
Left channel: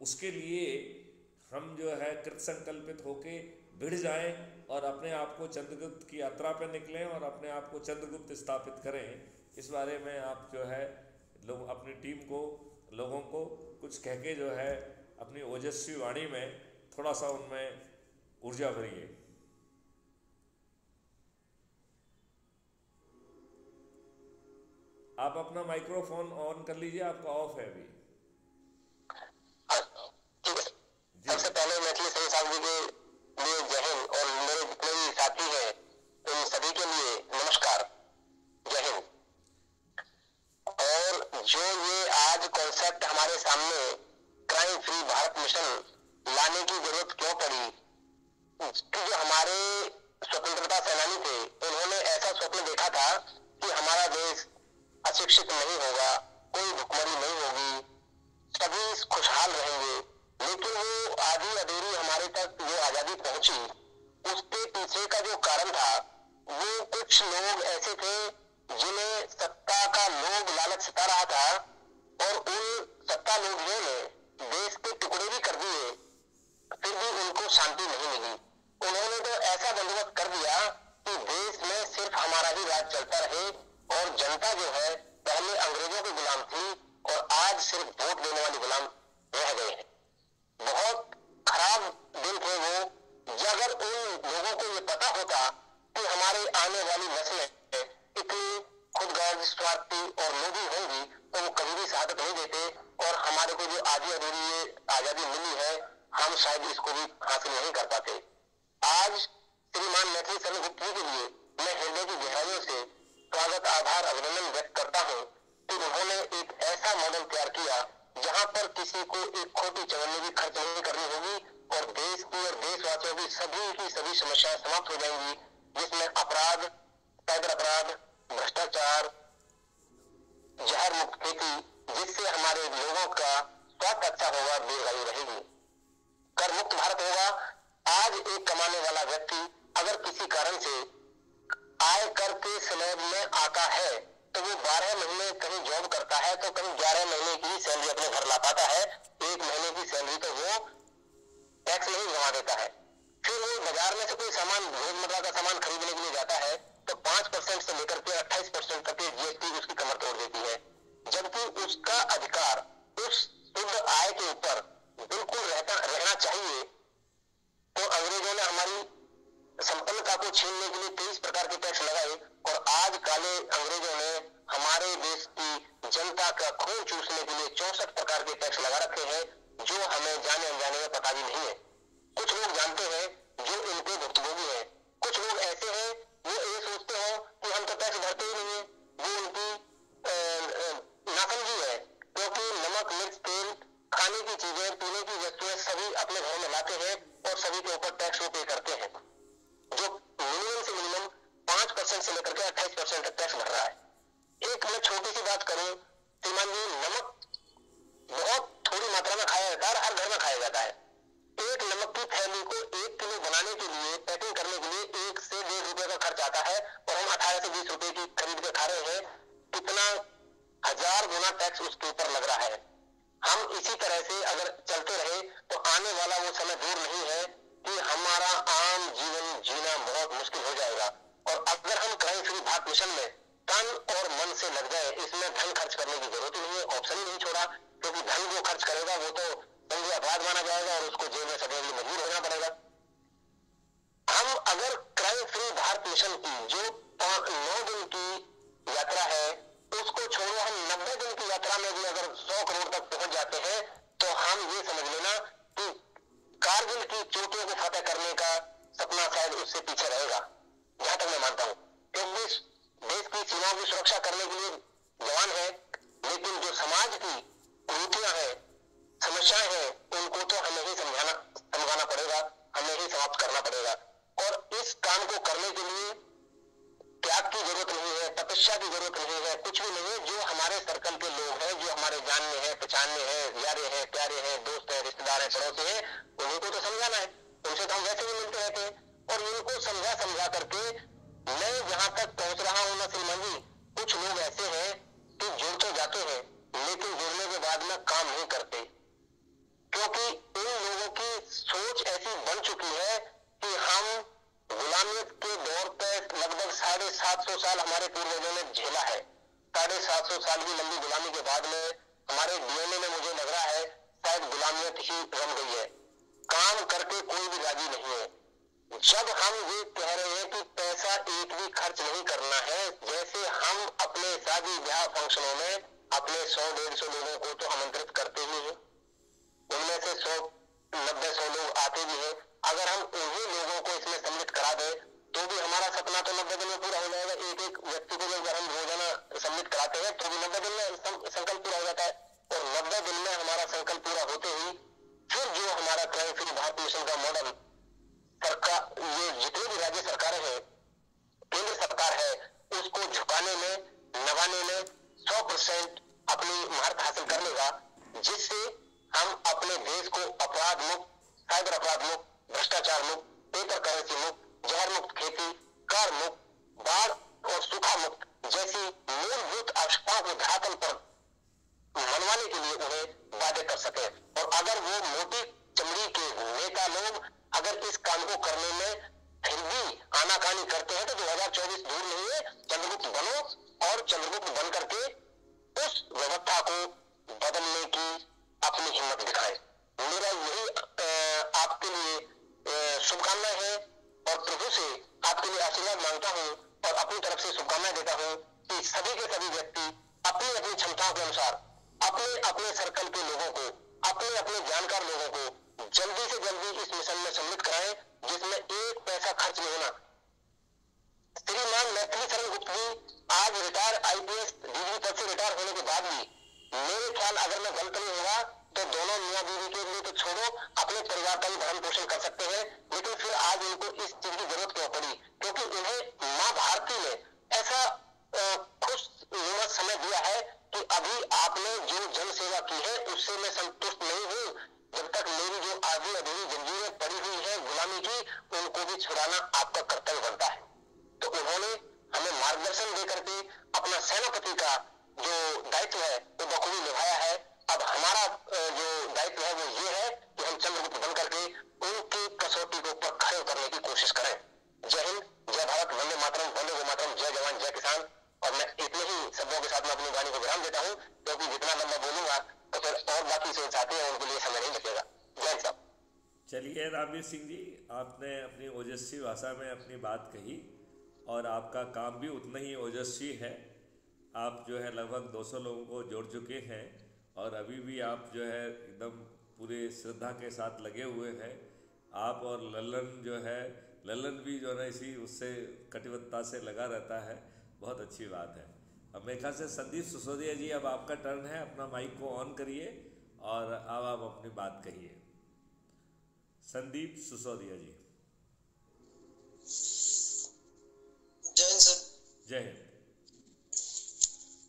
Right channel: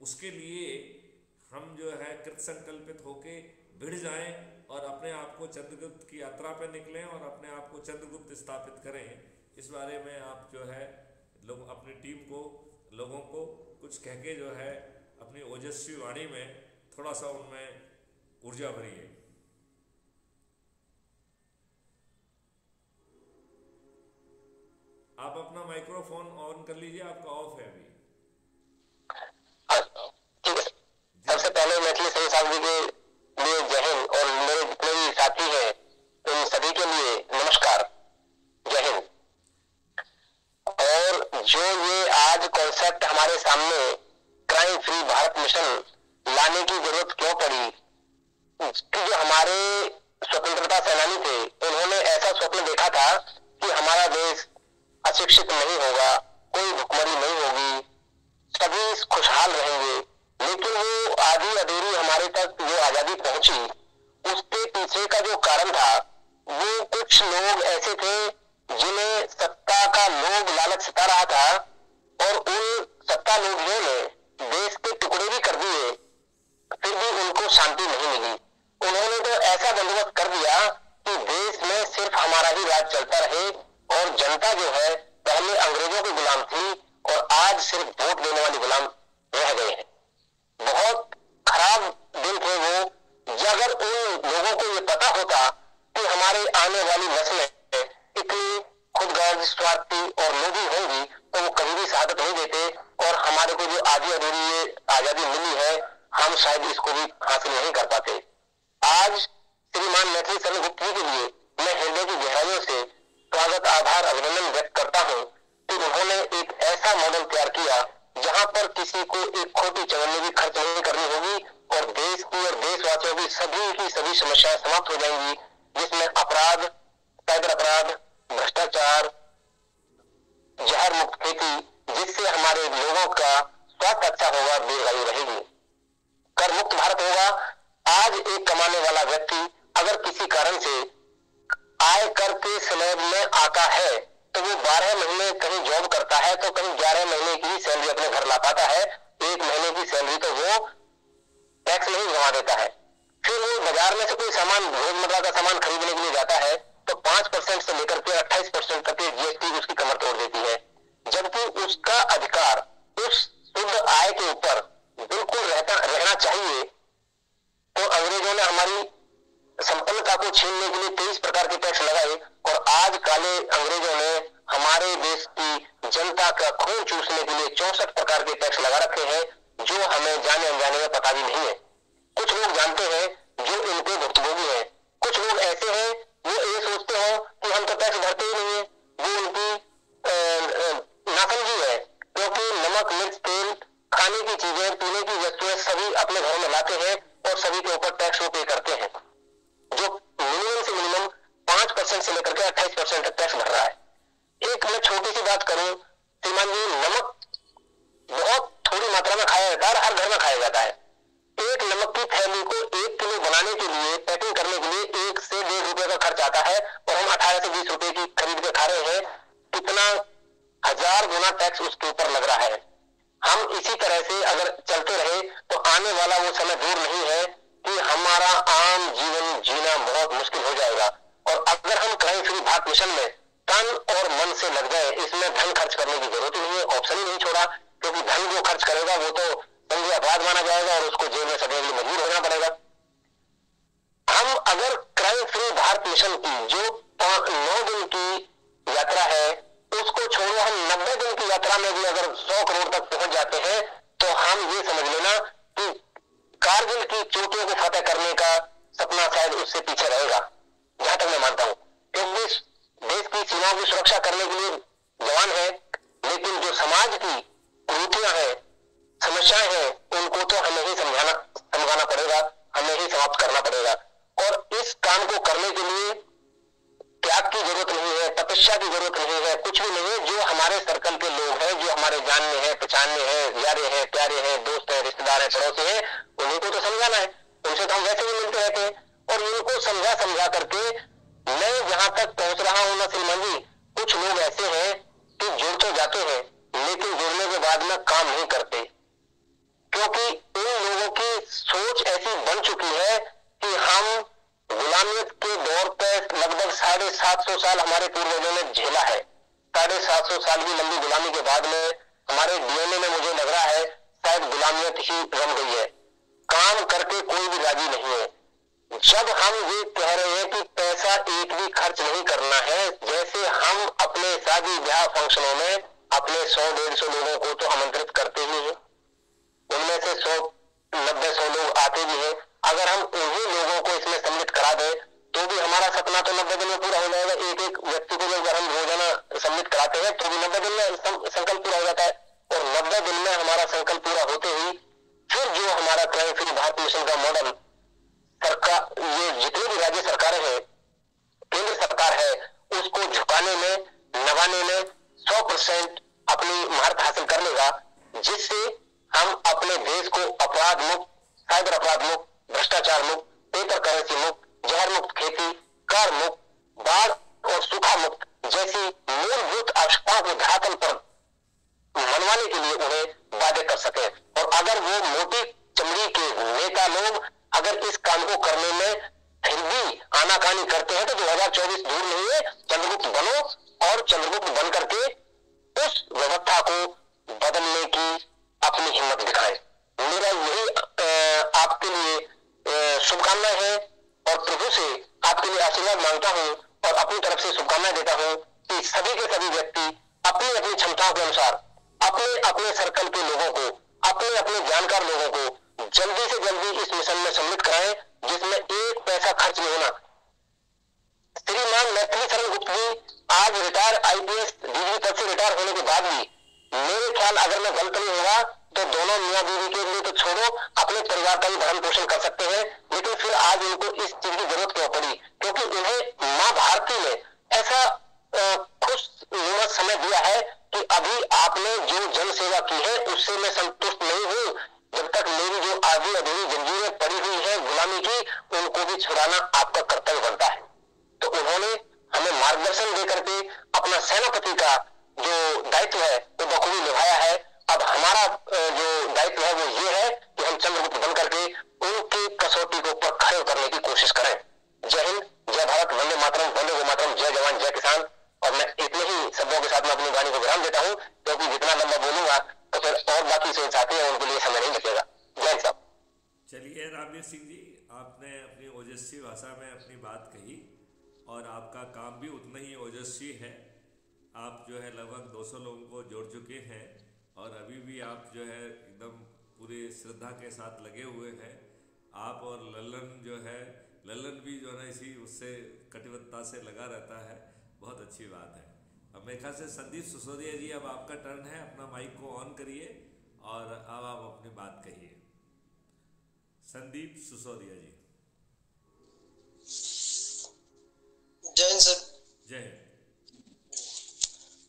उसके लिए हम जो है कृत संकल्पित होके भिड़ जाएं और अपने आप को चंद्रगुप्त की यात्रा पर निकलें और अपने आप को चंद्रगुप्त स्थापित करें। इस बारे में आप जो है लोग अपनी टीम को, लोगों को कुछ कह के जो है अपनी ओजस्वी वाणी में थोड़ा सा उनमें ऊर्जा भरिए। आप अपना माइक्रोफोन ऑन कर लीजिए, आपका ऑफ है अभी। ठीक है। सबसे पहले मैथिली सही साहब जी के लिए जय हिंद, और मेरे जितने भी साथी हैं उन सभी के लिए नमस्कार, जय हिंद। और जो ये आज कॉन्सेप्ट हमारे सामने क्राइम फ्री भारत मिशन लाने की जरूरत क्यों पड़ी, कि जो हमारे स्वतंत्रता सेनानी थे उन्होंने ऐसा स्वप्न देखा था कि हमारा देश अशिक्षित नहीं होगा, कोई भुखमरी नहीं होगी, सभी खुशहाल रहेंगे। लेकिन वो आधी अधूरी हमारे तक जो आजादी पहुंची, उसके पीछे का जो कारण था वो कुछ लोग ऐसे थे जिन्हें सत्ता का लोभ लालच सता रहा था, और उन सत्ता लोभियों ने देश के टुकड़े भी कर दिए, फिर भी उनको शांति नहीं मिली। उन्होंने तो ऐसा बंदोबस्त कर दिया कि देश में सिर्फ हमारा ही राज चलता रहे, और जनता जो है पहले अंग्रेजों की गुलाम थी और आज सिर्फ वोट देने वाली गुलाम रह गए हैं। बहुत खराब दिन थे वो। अगर उन लोगों को ये पता होता कि हमारे आने वाली नस्लें इतनी खुदगर्ज, स्वार्थी और लोभी होंगी, तो वो कभी भी शहादत नहीं देते, और हमारे को जो आधी अधूरी ये आजादी मिली है हम शायद इसको भी हासिल नहीं कर पाते। आज श्रीमान मैथिली शरण गुप्त जी के लिए मैं हृदय की गहराइयों से स्वागत, आभार, अभिनंदन व्यक्त करता हूँ कि उन्होंने एक ऐसा मॉडल तैयार किया जहाँ पर किसी को एक खोटी चवन्नी भी खर्च नहीं करनी होगी, और देश की और देशवासियों की सभी समस्याएं समाप्त हो जाएंगी, जिसमें अपराध, साइबर अपराध, भ्रष्टाचार, जहर मुक्त खेती, जिससे हमारे लोगों का स्वास्थ्य अच्छा होगा, दीर्घायु रहेगी, कर मुक्त भारत होगा। आज एक कमाने वाला व्यक्ति अगर किसी कारण से आय कर के स्लैब में आता है तो वो 12 महीने कहीं जॉब करता है तो कहीं 11 महीने की सैलरी अपने घर ला पाता है, 1 महीने की सैलरी तो वो टैक्स नहीं जमा देता है। फिर वो बाजार में से कोई सामान, रोजमर्रा का सामान खरीदने के लिए जाता है तो 5% से लेकर के 28% तक की जीएसटी उसकी कमर तोड़ देती है, जबकि उसका अधिकार उस शुद्ध आय के ऊपर बिल्कुल रहना चाहिए। तो अंग्रेजों ने हमारी संपन्नता को छीनने के लिए 23 प्रकार के टैक्स लगाए, और आज काले अंग्रेजों ने हमारे देश की जनता का खून चूसने के लिए 64 प्रकार के टैक्स लगा रखे हैं, जो हमें जाने अनजाने में पता भी नहीं है। कुछ लोग जानते हैं जो इनके भुक्तभोगी हैं, कुछ लोग ऐसे हैं वो ये सोचते हैं कि हम तो टैक्स भरते ही नहीं है। वो उनकी नासमझी है, क्योंकि नमक, मिर्च, तेल, खाने की चीजें, पीने की वस्तुएं सभी अपने घरों में लाते हैं और सभी के ऊपर टैक्स वो पे करते हैं, जो मिनिमम से मिनिमम 5% से लेकर के 28% तक टैक्स भर रहा है। एक मैं छोटी सी बात करूं, श्रीमान जी, नमक बहुत थोड़ी मात्रा में खाया जाता है और हर घर में खाया जाता है। एक नमक की थैली को 1 किलो बनाने के लिए, पैकिंग करने के लिए 1 से 1.5 रुपए का खर्च आता है, और हम 18 से 20 रुपए की खरीद के खा रहे हैं। कितना 1000 गुना टैक्स उसके ऊपर लग रहा है। हम इसी तरह से अगर चलते रहे तो आने वाला वो समय दूर नहीं है कि हमारा आम जीवन जीना बहुत मुश्किल हो जाएगा। और अगर हम क्राइम फ्री भारत मिशन में तन और मन से लग जाए, इसमें धन खर्च करने की जरूरत ही नहीं है, ऑप्शन ही नहीं छोड़ा, क्योंकि धन जो खर्च करेगा वो तो संज्ञेय अपराध माना जाएगा और उसको जेल में सड़ने के लिए मजबूर होना पड़ेगा। हम अगर क्राइम फ्री भारत मिशन की जो 9 दिन की यात्रा है उसको छोड़ो, हम 90 दिन की यात्रा में भी अगर 100 करोड़ तक पहुंच जाते हैं तो हम ये समझ लेना कि कारगिल की चोटियों को फतेह करने का सपना शायद उससे पीछे रहेगा, जहां तक मैं मानता हूं। क्योंकि देश की सीमाओं की सुरक्षा करने के लिए जवान है, लेकिन जो समाज की कुरीतियां हैं, समस्याएं हैं, उनको तो हमें ही समझाना पड़ेगा, हमें ही समाप्त करना पड़ेगा। और इस काम को करने के लिए त्याग की जरूरत नहीं है, तपस्या की जरूरत नहीं है, कुछ भी नहीं है। जो हमारे सर्कल के लोग हैं, जो हमारे जानने हैं, पहचानने हैं, यारे हैं, प्यारे हैं, दोस्त हैं, रिश्तेदार हैं, पड़ोसी हैं, उन्हीं को तो समझाना है। उनसे तो हम वैसे भी मिलते रहते हैं, और इनको समझा करके मैं जहां तक पहुंच रहा हूं ना श्रीमान जी, कुछ लोग ऐसे हैं कि जुड़ तो जाते हैं लेकिन जुड़ने के बाद में काम नहीं करते, क्योंकि इन लोगों की सोच ऐसी बन चुकी है कि हम गुलामियत के दौर पर लगभग 750 साल हमारे पूर्वजों ने झेला है। 750 साल की लंबी गुलामी के बाद में हमारे डीएनए में मुझे लग रहा है शायद गुलामियत ही रम गई है। काम करके कोई भी राजी नहीं है। जब हम ये कह रहे हैं कि पैसा एक भी खर्च नहीं करना है, जैसे हम अपने शादी ब्याह फंक्शनों में अपने 100-150 लोगों को तो आमंत्रित करते ही हैं, उनमें से 100-90-100 लोग आते भी हैं। अगर हम उन्हीं लोगों को इसमें सम्मिलित करा दें तो भी हमारा सपना तो 90 दिन में पूरा हो जाएगा। एक एक व्यक्ति को अगर हम रोजाना सम्मिलित कराते हैं तो भी 90 दिन में संकल्प पूरा हो जाता है। और 90 दिन में हमारा संकल्प पूरा होते ही फिर जो हमारा क्राइम फ्री भारत मिशन का मॉडल सरकार, ये जितनी भी राज्य सरकारें हैं, केंद्र सरकार है, उसको झुकाने में, नभाने में 100% अपनी महारत हासिल कर लेगा, जिससे हम अपने देश को अपराध मुक्त, साइबर अपराध मुक्त, भ्रष्टाचार मुक्त, पेपर करेंसी मुक्त, जहर मुक्त खेती, कर मुक्त, बाढ़ और सूखा मुक्त जैसी मूलभूत आवश्यकताओं को धरातल पर मनवाने के लिए उन्हें वादे कर सके। और अगर वो मोटी चमड़ी के नेता लोग अगर इस काम को करने में फिर भी आनाकानी करते हैं तो 2024 दूर नहीं है। चंद्रगुप्त बनो और चंद्रगुप्त बन करके उस व्यवस्था को बदलने की अपनी हिम्मत दिखाएं। मेरा यही आपके लिए शुभकामनाएं हैं और प्रभु से आपके लिए आशीर्वाद मांगता हूं और अपनी तरफ से शुभकामनाएं देता हूं कि सभी के सभी व्यक्ति अपनी अपनी क्षमताओं के अनुसार अपने अपने सर्कल के लोगों को, अपने अपने जानकार लोगों को जल्दी से जल्दी इस मिशन में सम्मिलित कराएं, जिसमें एक पैसा खर्च नहीं होना। श्रीमान मैथिली शरण गुप्त जी आज रिटायर IPS डीजी पद से रिटायर होने के बाद भी मेरे ख्याल, अगर मैं गलत नहीं होगा तो दोनों मियां बीवी के लिए तो छोड़ो, अपने परिवार का भी भरण पोषण कर सकते हैं। लेकिन फिर आज उनको इस चीज की जरूरत क्यों पड़ी? क्योंकि उन्हें मां भारती ने ऐसा खुशनुमा समय दिया है कि अभी आपने जो जन सेवा की है उससे मैं संतुष्ट नहीं हूँ। जब तक मेरी जो आधी अधूरी जंजीरें पड़ी हुई है गुलामी की, उनको भी छुड़ाना आपका कर्तव्य बनता है। तो उन्होंने हमें मार्गदर्शन देकर के अपना सेनापति का जो दायित्व है वो बखूबी निभाया है। अब हमारा जो दायित्व है वो ये है कि हम चंद्रगुप्त बन करके उनकी कसौटी को ऊपर खड़े उतरने की कोशिश करें। जय हिंद, जय भारत, वंदे मातरम, वंदे गो मातरम, जय जवान जय किसान। और मैं इतने ही शब्दों के साथ में अपनी वाणी को विराम देता हूँ, क्योंकि जितना लंबा बोलूंगा तो फिर और बाकी जो साथी हैं उनके लिए समय नहीं बचेगा। जय साहब। चलिए रामवीर सिंह जी, आपने अपनी ओजस्वी भाषा में अपनी बात कही और आपका काम भी उतना ही ओजस्वी है। आप जो है लगभग 200 लोगों को जोड़ चुके हैं और अभी भी आप जो है एकदम पूरी श्रद्धा के साथ लगे हुए हैं। आप और लल्लन जो है, लल्लन भी जो है ना इसी उससे कटिबद्धता से लगा रहता है। बहुत अच्छी बात है। अब मेरे ख्याल से संदीप सिसोदिया जी, अब आपका टर्न है, अपना माइक को ऑन करिए और अब आप अपनी बात कहिए। संदीप सिसोदिया जी। जय हिंद सर। जय हिंद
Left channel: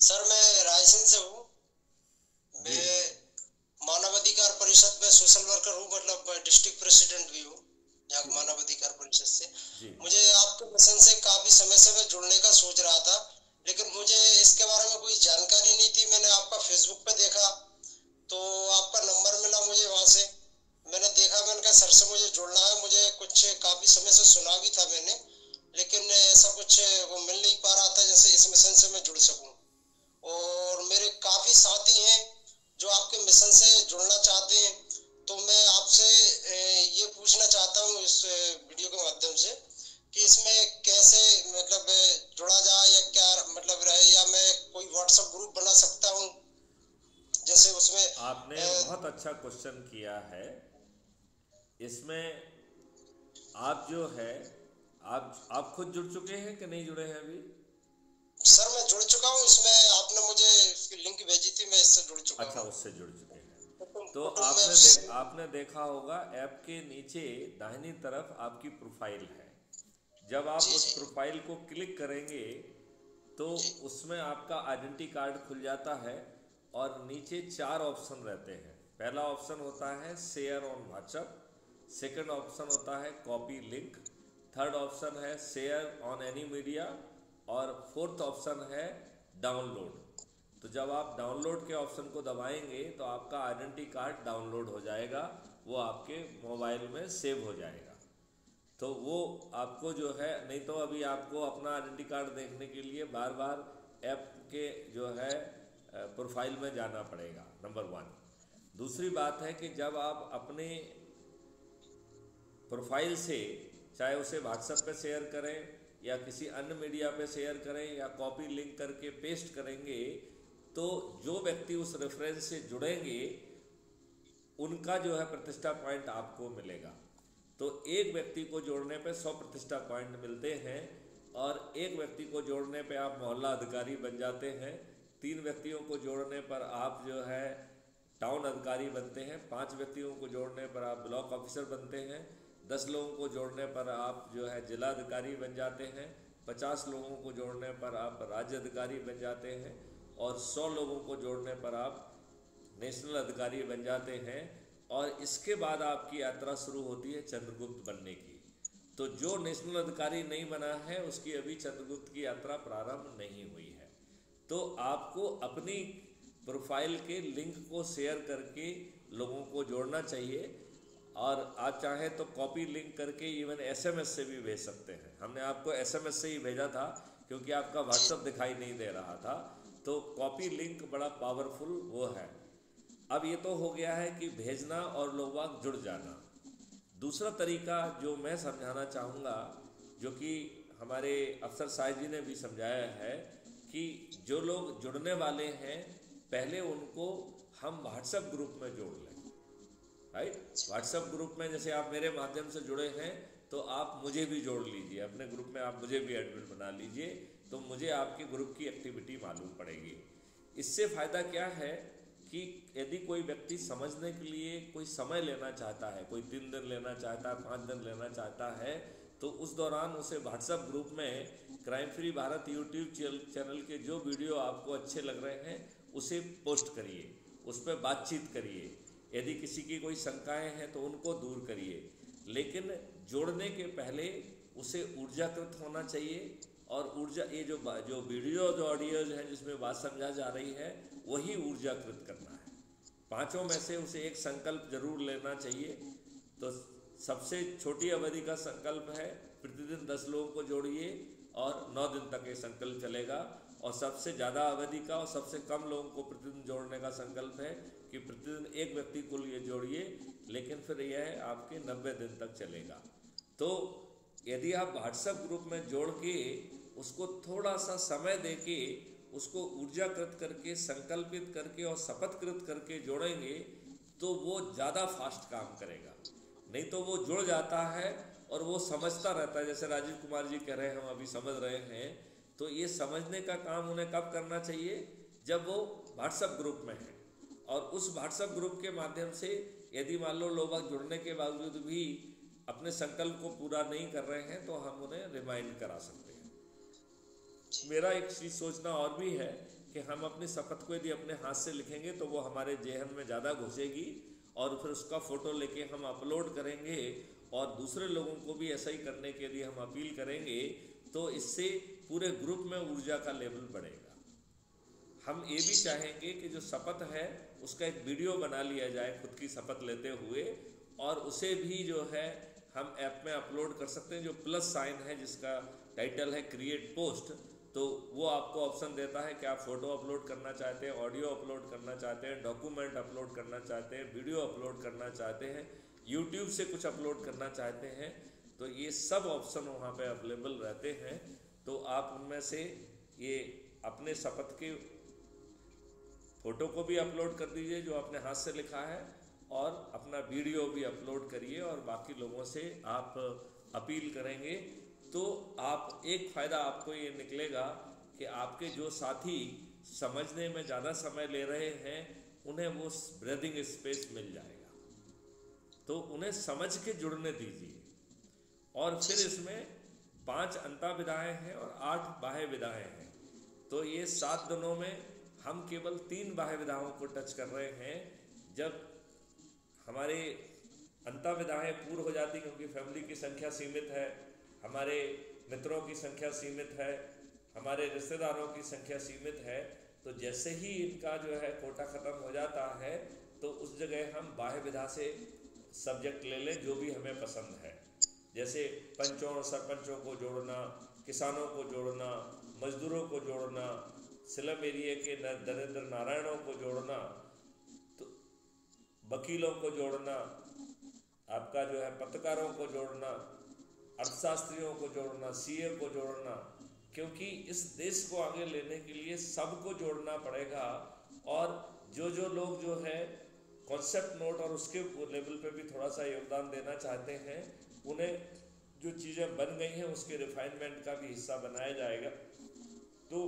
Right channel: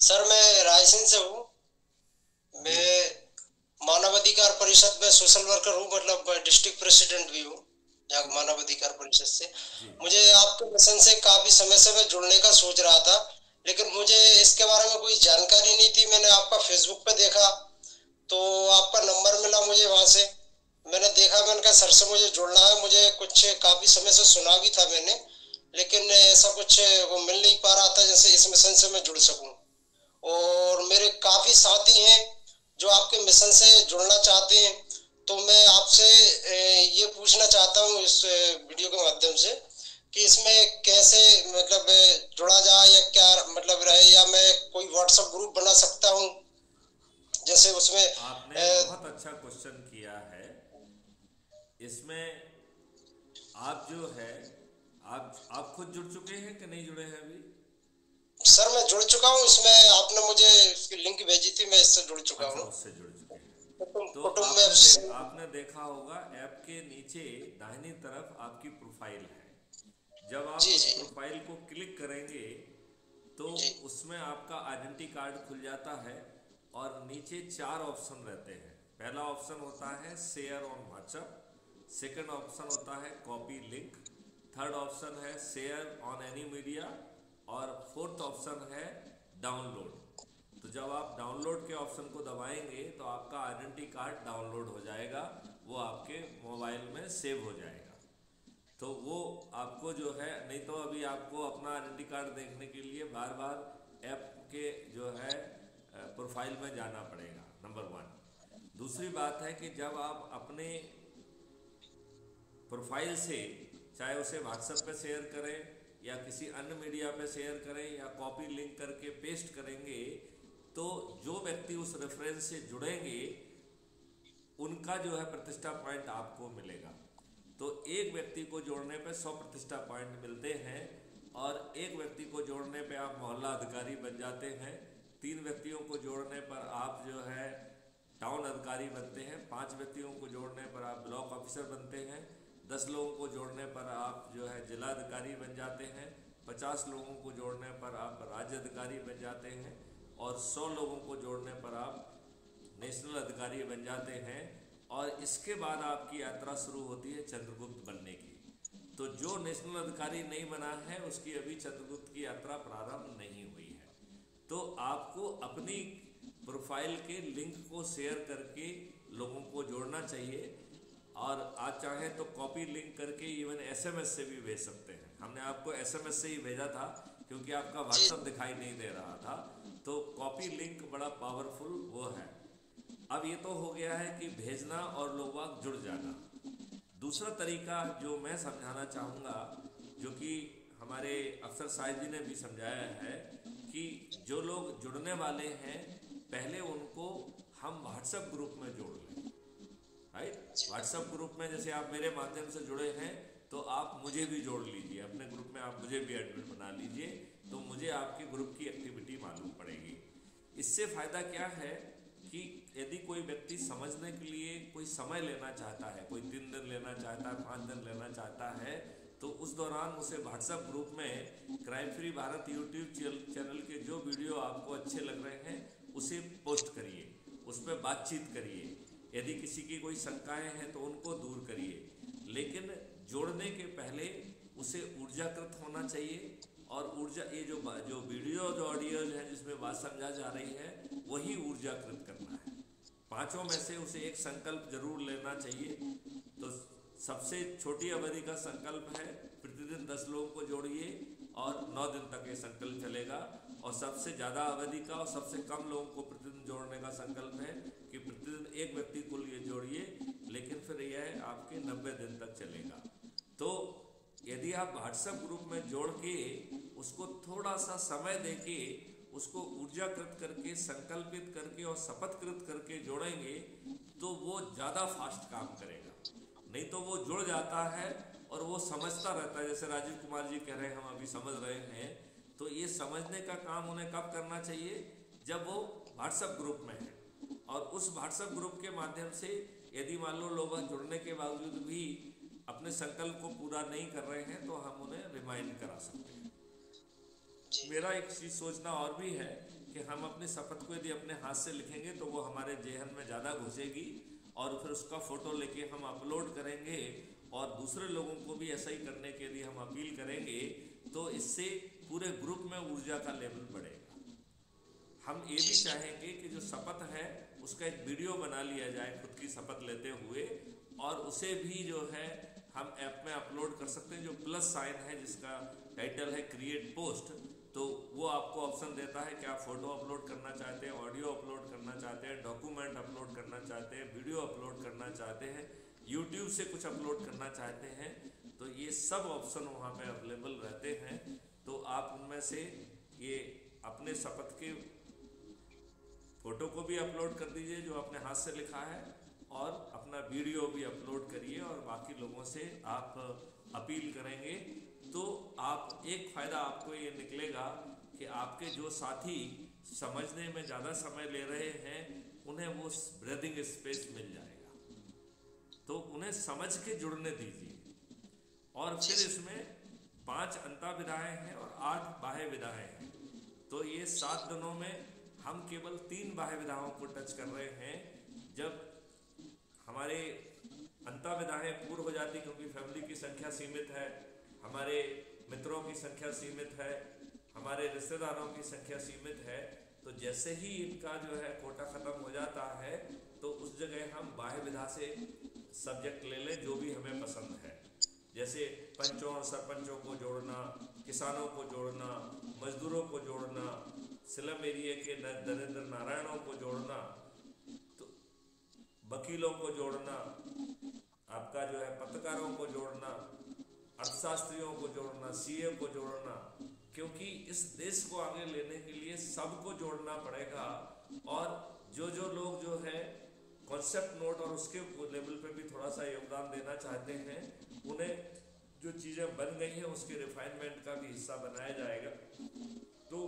सर। मैं रायसेन से हूँ। मैं मानवाधिकार परिषद में सोशल वर्कर हूँ, मतलब डिस्ट्रिक्ट प्रेसिडेंट भी हूँ यहाँ मानवाधिकार परिषद से। मुझे आपके मिशन से काफी समय से मैं जुड़ने का सोच रहा था, लेकिन मुझे इसके बारे में कोई जानकारी नहीं थी। मैंने आपका फेसबुक पे देखा तो आपका नंबर मिला मुझे, वहां से मैंने देखा, मैंने कहा सर से मुझे जुड़ना है। मुझे कुछ काफी समय से सुना भी था मैंने, लेकिन ऐसा कुछ वो मिल नहीं पा रहा था जैसे इस मिशन से मैं जुड़ सकूं। और मेरे काफी साथी हैं जो आपके मिशन से जुड़ना चाहते हैं, तो मैं आपसे ये पूछना चाहता हूँ इस वीडियो के माध्यम से कि इसमें कैसे मतलब जुड़ा जाए या क्या मतलब रहे, या मैं कोई व्हाट्सएप ग्रुप बना सकता हूँ जैसे उसमें। आपने बहुत अच्छा क्वेश्चन किया है। इसमें आप जो है आप खुद जुड़ चुके हैं कि नहीं जुड़े हैं अभी? सर मैं जुड़ चुका हूँ इसमें, आपने मुझे इसकी लिंक भेजी थी, मैं इससे जुड़ चुका हूँ। अच्छा, उससे जुड़ चुके हैं। तो आपने देखा होगा ऐप के नीचे दाहिनी तरफ आपकी प्रोफाइल है। जब आप उस प्रोफाइल को क्लिक करेंगे तो उसमें आपका आइडेंटिटी कार्ड खुल जाता है और नीचे 4 ऑप्शन रहते हैं। पहला ऑप्शन होता है share on WhatsApp, second option होता है कॉपी लिंक, थर्ड ऑप्शन है शेयर ऑन एनी मीडिया और फोर्थ ऑप्शन है डाउनलोड। तो जब आप डाउनलोड के ऑप्शन को दबाएंगे तो आपका आइडेंटिटी कार्ड डाउनलोड हो जाएगा, वो आपके मोबाइल में सेव हो जाएगा। तो वो आपको जो है, नहीं तो अभी आपको अपना आइडेंटिटी कार्ड देखने के लिए बार बार ऐप के जो है प्रोफाइल में जाना पड़ेगा, नंबर 1। दूसरी बात है कि जब आप अपने प्रोफाइल से चाहे उसे व्हाट्सएप पे शेयर करें या किसी अन्य मीडिया पे शेयर करें या कॉपी लिंक करके पेस्ट करेंगे, तो जो व्यक्ति उस रेफरेंस से जुड़ेंगे उनका जो है प्रतिष्ठा पॉइंट आपको मिलेगा। तो एक व्यक्ति को जोड़ने पे 100 प्रतिष्ठा पॉइंट मिलते हैं और एक व्यक्ति को जोड़ने पे आप मोहल्ला अधिकारी बन जाते हैं। 3 व्यक्तियों को जोड़ने पर आप जो है टाउन अधिकारी बनते हैं। 5 व्यक्तियों को जोड़ने पर आप ब्लॉक ऑफिसर बनते हैं। 10 लोगों को जोड़ने पर आप जो है जिला अधिकारी बन जाते हैं। 50 लोगों को जोड़ने पर आप राज्य अधिकारी बन जाते हैं और 100 लोगों को जोड़ने पर आप नेशनल अधिकारी बन जाते हैं। और इसके बाद आपकी यात्रा शुरू होती है चंद्रगुप्त बनने की। तो जो नेशनल अधिकारी नहीं बना है उसकी अभी चंद्रगुप्त की यात्रा प्रारंभ नहीं हुई है। तो आपको अपनी प्रोफाइल के लिंक को शेयर करके लोगों को जोड़ना चाहिए और आप चाहे तो कॉपी लिंक करके इवन SMS से भी भेज सकते हैं। हमने आपको SMS से ही भेजा था क्योंकि आपका व्हाट्सएप दिखाई नहीं दे रहा था। तो कॉपी लिंक बड़ा पावरफुल वो है। अब ये तो हो गया है कि भेजना और लोग बाग जुड़ जाना। दूसरा तरीका जो मैं समझाना चाहूँगा, जो कि हमारे अफसर साहिब जी ने भी समझाया है, कि जो लोग जुड़ने वाले हैं पहले उनको हम व्हाट्सएप ग्रुप में जोड़ लें। राइट, व्हाट्सएप ग्रुप में जैसे आप मेरे माध्यम से जुड़े हैं तो आप मुझे भी जोड़ लीजिए अपने ग्रुप में, आप मुझे भी एडमिन बना लीजिए, तो मुझे आपके ग्रुप की एक्टिविटी मालूम पड़ेगी। इससे फ़ायदा क्या है कि यदि कोई व्यक्ति समझने के लिए कोई समय लेना चाहता है, कोई 3 दिन लेना चाहता है, 5 दिन लेना चाहता है, तो उस दौरान उसे व्हाट्सएप ग्रुप में crime free Bharat YouTube channel के जो वीडियो आपको अच्छे लग रहे हैं उसे पोस्ट करिए, उस पर बातचीत करिए। यदि किसी की कोई शंकाएं हैं तो उनको दूर करिए, लेकिन जोड़ने के पहले उसे ऊर्जाकृत होना चाहिए। और ऊर्जा, ये जो वीडियो जो ऑडियोज हैं जिसमें बात समझा जा रही है वही ऊर्जाकृत करना है। 5 में से उसे एक संकल्प जरूर लेना चाहिए। तो सबसे छोटी अवधि का संकल्प है प्रतिदिन 10 लोगों को जोड़िए और 9 दिन तक ये संकल्प चलेगा। और सबसे ज़्यादा अवधि का और सबसे कम लोगों को प्रतिदिन जोड़ने का संकल्प है कि प्रतिदिन एक व्यक्ति को लिए जोड़िए, लेकिन फिर यह आपके 90 दिन तक चलेगा। तो यदि आप व्हाट्सएप ग्रुप में जोड़ के उसको थोड़ा सा समय देके उसको ऊर्जाकृत करके, संकल्पित करके और शपथकृत करके जोड़ेंगे तो वो ज़्यादा फास्ट काम करेगा। नहीं तो वो जुड़ जाता है और वो समझता रहता है, जैसे राजीव कुमार जी कह रहे हैं, हम अभी समझ रहे हैं। तो ये समझने का काम उन्हें कब करना चाहिए? जब वो व्हाट्सएप ग्रुप में है। और उस व्हाट्सएप ग्रुप के माध्यम से यदि मान लो लोग जुड़ने के बावजूद भी अपने संकल्प को पूरा नहीं कर रहे हैं तो हम उन्हें रिमाइंड करा सकते हैं। मेरा एक चीज़ सोचना और भी है कि हम अपनी शपथ को यदि अपने हाथ से लिखेंगे तो वो हमारे जेहन में ज़्यादा घुसेगी और फिर उसका फ़ोटो लेके हम अपलोड करेंगे और दूसरे लोगों को भी ऐसा ही करने के लिए हम अपील करेंगे, तो इससे पूरे ग्रुप में ऊर्जा का लेवल बढ़ेगा। हम ये भी चाहेंगे कि जो शपथ है उसका एक वीडियो बना लिया जाए खुद की शपथ लेते हुए, और उसे भी जो है हम ऐप में अपलोड कर सकते हैं। जो प्लस साइन है जिसका टाइटल है क्रिएट पोस्ट, तो वो आपको ऑप्शन देता है कि आप फोटो अपलोड करना चाहते हैं, ऑडियो अपलोड करना चाहते हैं, डॉक्यूमेंट अपलोड करना चाहते हैं, वीडियो अपलोड करना चाहते हैं, यूट्यूब से कुछ अपलोड करना चाहते हैं, तो ये सब ऑप्शन वहाँ पे अवेलेबल रहते हैं। तो आप उनमें से ये अपने शपथ के फोटो को भी अपलोड कर दीजिए जो आपने हाथ से लिखा है, और अपना वीडियो भी अपलोड करिए और बाकी लोगों से आप अपील करेंगे। तो आप एक फ़ायदा आपको ये निकलेगा कि आपके जो साथी समझने में ज़्यादा समय ले रहे हैं उन्हें वो ब्रीदिंग स्पेस मिल जाएगा, तो उन्हें समझ के जुड़ने दीजिए। और फिर इसमें 5 अंतः विधाएँ हैं और 8 बाह्य विधाएँ हैं। तो ये 7 दिनों में हम केवल 3 बाह्य विधाओं को टच कर रहे हैं। जब हमारे अंतः विधाएँ पूर्ण हो जाती, क्योंकि फैमिली की संख्या सीमित है, हमारे मित्रों की संख्या सीमित है, हमारे रिश्तेदारों की संख्या सीमित है, तो जैसे ही इनका जो है कोटा ख़त्म हो जाता है तो उस जगह हम बाह्य विधा से सब्जेक्ट ले लें जो भी हमें पसंद है। जैसे पंचों और सरपंचों को जोड़ना, किसानों को जोड़ना, मजदूरों को जोड़ना, स्लम एरिया के दरिद्र नारायणों को जोड़ना, तो वकीलों को जोड़ना, आपका जो है पत्रकारों को जोड़ना, अर्थशास्त्रियों को जोड़ना, सीए को जोड़ना, क्योंकि इस देश को आगे लेने के लिए सबको जोड़ना पड़ेगा। और जो जो लोग जो है कॉन्सेप्ट नोट और उसके लेवल पे भी थोड़ा सा योगदान देना चाहते हैं, उन्हें जो चीज़ें बन गई हैं उसके रिफाइनमेंट का भी हिस्सा बनाया जाएगा। तो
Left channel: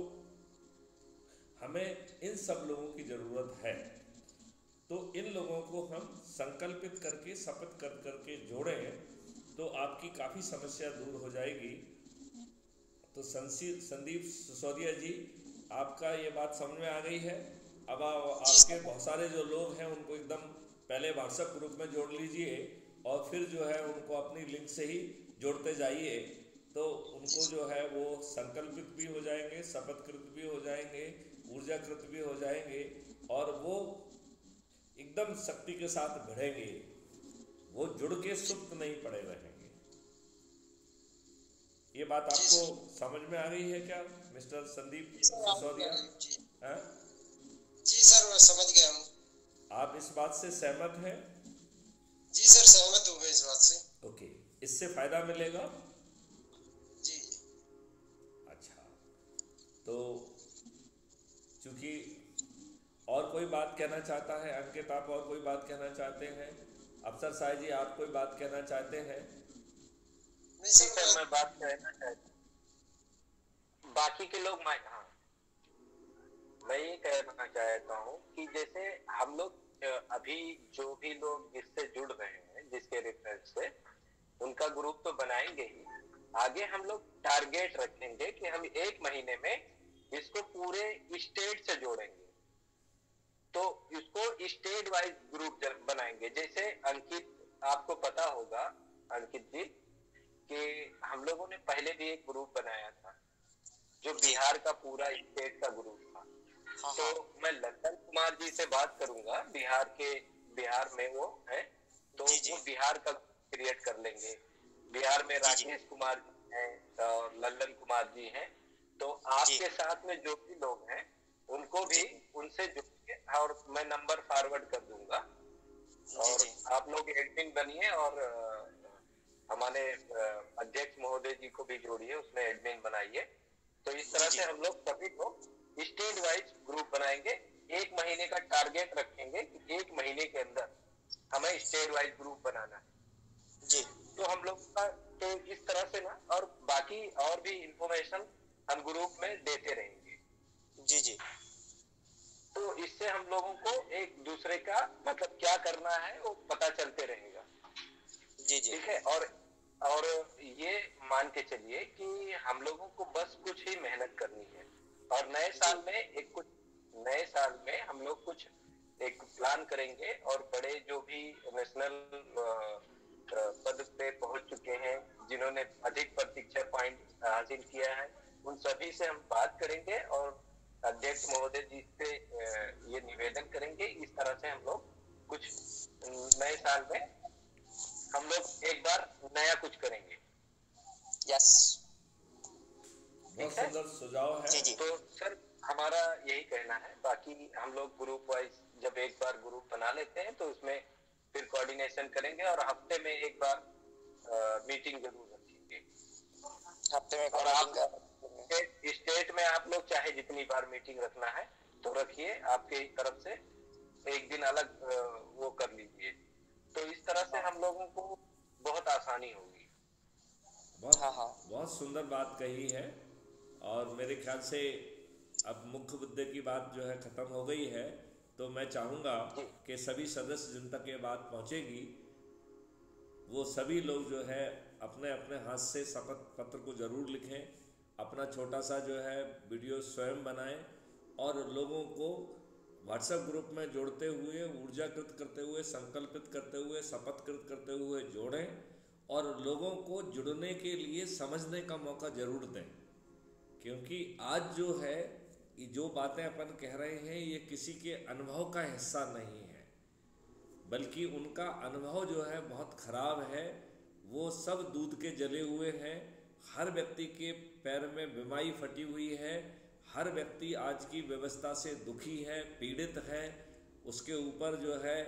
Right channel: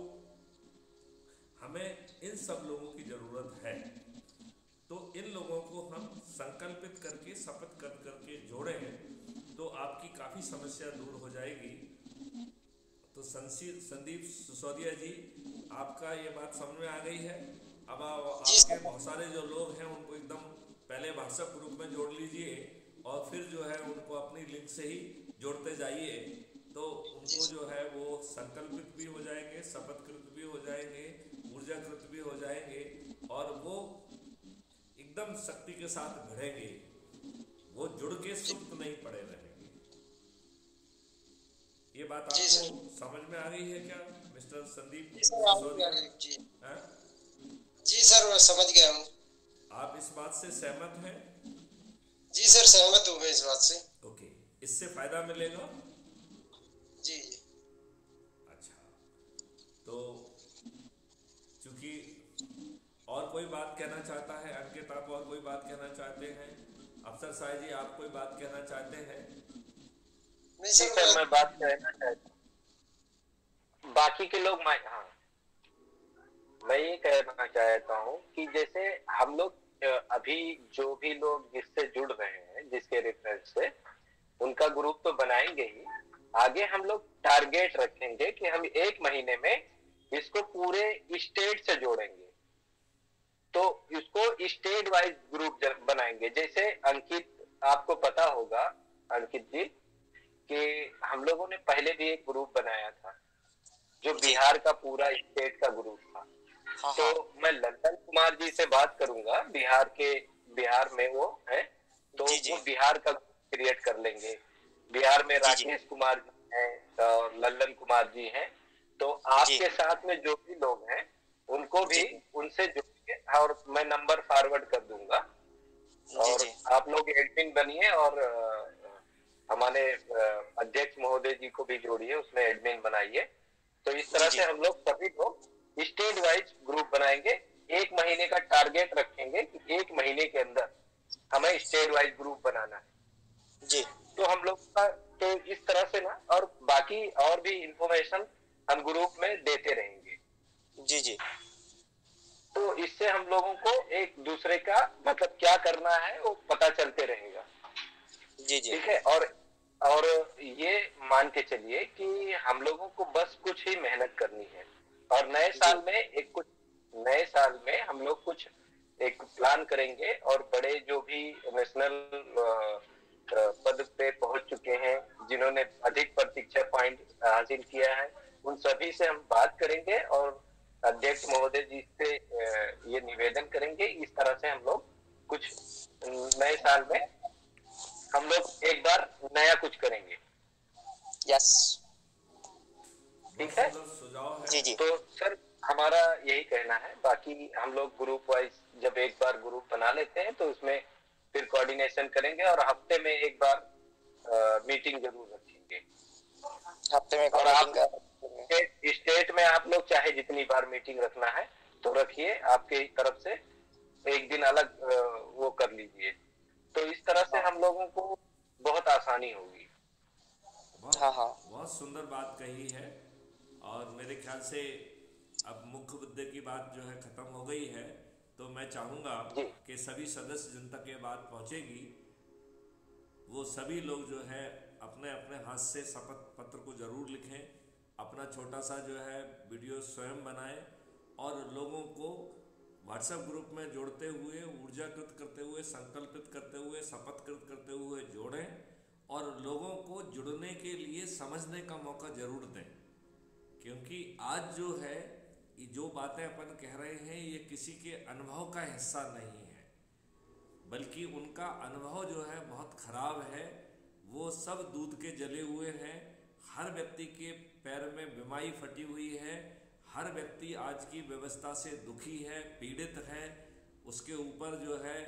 हमें इन सब लोगों की ज़रूरत है। तो इन लोगों को हम संकल्पित करके, शपथ कर करके जोड़ें तो आपकी काफ़ी समस्या दूर हो जाएगी। तो संदीप सिसोदिया जी, आपका ये बात समझ में आ गई है? अब आपके बहुत सारे जो लोग हैं उनको एकदम पहले व्हाट्सएप ग्रुप में जोड़ लीजिए और फिर जो है उनको अपनी लिंक से ही जोड़ते जाइए, तो उनको जो है वो संकल्पित भी हो जाएंगे, शपथकृत भी हो जाएंगे, ऊर्जाकृत भी हो जाएंगे और वो एकदम शक्ति के साथ भिड़ेंगे, वो जुड़ के सुप्त नहीं पड़े रहेंगे। ये बात आपको समझ में आ गई है क्या मिस्टर संदीप सिसोदिया? जी सर, मैं समझ गया हूँ। आप इस बात से सहमत हैं? जी सर, सहमत हूँ मैं इस बात से। ओके, इससे फायदा मिलेगा? जी। अच्छा, तो चूंकि और कोई बात कहना चाहता है? अंकित, आप और कोई बात कहना चाहते हैं? अफसर साहब जी, आप कोई बात कहना चाहते हैं? नहीं सर, मैं बात कहना चाहता हूँ। बाकी के लोग मैं ये कहना चाहता हूँ कि जैसे हम लोग अभी जो भी लोग जिससे जुड़ रहे हैं, जिसके रेफरेंस से, उनका ग्रुप तो बनाएंगे ही। आगे हम लोग टारगेट रखेंगे कि हम 1 महीने में इसको पूरे स्टेट से जोड़ेंगे। तो इसको स्टेट वाइज ग्रुप बनाएंगे। जैसे अंकित, आपको पता होगा अंकित जी कि हम लोगों ने पहले भी एक ग्रुप बनाया था जो बिहार का पूरा स्टेट का ग्रुप था। तो मैं लल्लन कुमार जी से बात करूंगा, बिहार में वो है, तो वो बिहार का क्रिएट कर लेंगे। बिहार में राकेश कुमार जी हैं, लल्लन कुमार जी हैं, तो आपके साथ में जो भी लोग हैं उनको भी उनसे जुड़िए और मैं नंबर फॉरवर्ड कर दूंगा और आप लोग एडमिन बनिए और हमारे अध्यक्ष महोदय जी को भी जोड़िए, उसमें एडमिन बनाइए। तो इस तरह से हम लोग सभी लोग स्टेट वाइज ग्रुप बनाएंगे। 1 महीने का टारगेट रखेंगे कि 1 महीने के अंदर हमें स्टेट वाइज ग्रुप बनाना है जी। तो हम लोग का तो इस तरह से ना, और बाकी और भी इंफॉर्मेशन हम ग्रुप में देते रहेंगे जी जी। तो इससे हम लोगों को एक दूसरे का मतलब क्या करना है वो पता चलते रहेगा जी जी, ठीक है। और ये मान के चलिए कि हम लोगों को बस कुछ ही मेहनत करनी है और नए साल में हम लोग कुछ एक प्लान करेंगे और बड़े जो भी नेशनल पद पे पहुंच चुके हैं, जिन्होंने अधिक प्रतीक्षा पॉइंट हासिल किया है, उन सभी से हम बात करेंगे और अध्यक्ष महोदय जी से ये निवेदन करेंगे। इस तरह से हम लोग कुछ नए साल में हम लोग एक बार नया कुछ करेंगे। यस, ठीक है, सुझाव है जी जी। तो सर हमारा यही कहना है। बाकी हम लोग ग्रुप वाइज जब एक बार ग्रुप बना लेते हैं तो उसमें फिर कोऑर्डिनेशन करेंगे और हफ्ते में एक बार मीटिंग जरूर रखेंगे। हफ्ते में और आप स्टेट में आप लोग चाहे जितनी बार मीटिंग रखना है तो रखिए, आपके तरफ से एक दिन अलग वो कर लीजिए। तो इस तरह से हम लोगों को बहुत आसानी होगी। बहुत सुंदर बात कही है और मेरे ख्याल से अब मुख्य मुद्दे की बात जो है खत्म हो गई है। तो मैं चाहूँगा कि सभी सदस्य जिन तक ये बात पहुँचेगी वो सभी लोग जो है अपने अपने हाथ से शपथ पत्र को जरूर लिखें, अपना छोटा सा जो है वीडियो स्वयं बनाएं और लोगों को व्हाट्सएप ग्रुप में जोड़ते हुए, ऊर्जाकृत करते हुए, संकल्पित करते हुए, शपथकृत करते हुए जोड़ें और लोगों को जुड़ने के लिए समझने का मौका जरूर दें। क्योंकि आज जो है ये जो बातें अपन कह रहे हैं ये किसी के अनुभव का हिस्सा नहीं है, बल्कि उनका अनुभव जो है बहुत खराब है। वो सब दूध के जले हुए हैं। हर व्यक्ति के पैर में बीमारी फटी हुई है। हर व्यक्ति आज की व्यवस्था से दुखी है, पीड़ित है। उसके ऊपर जो है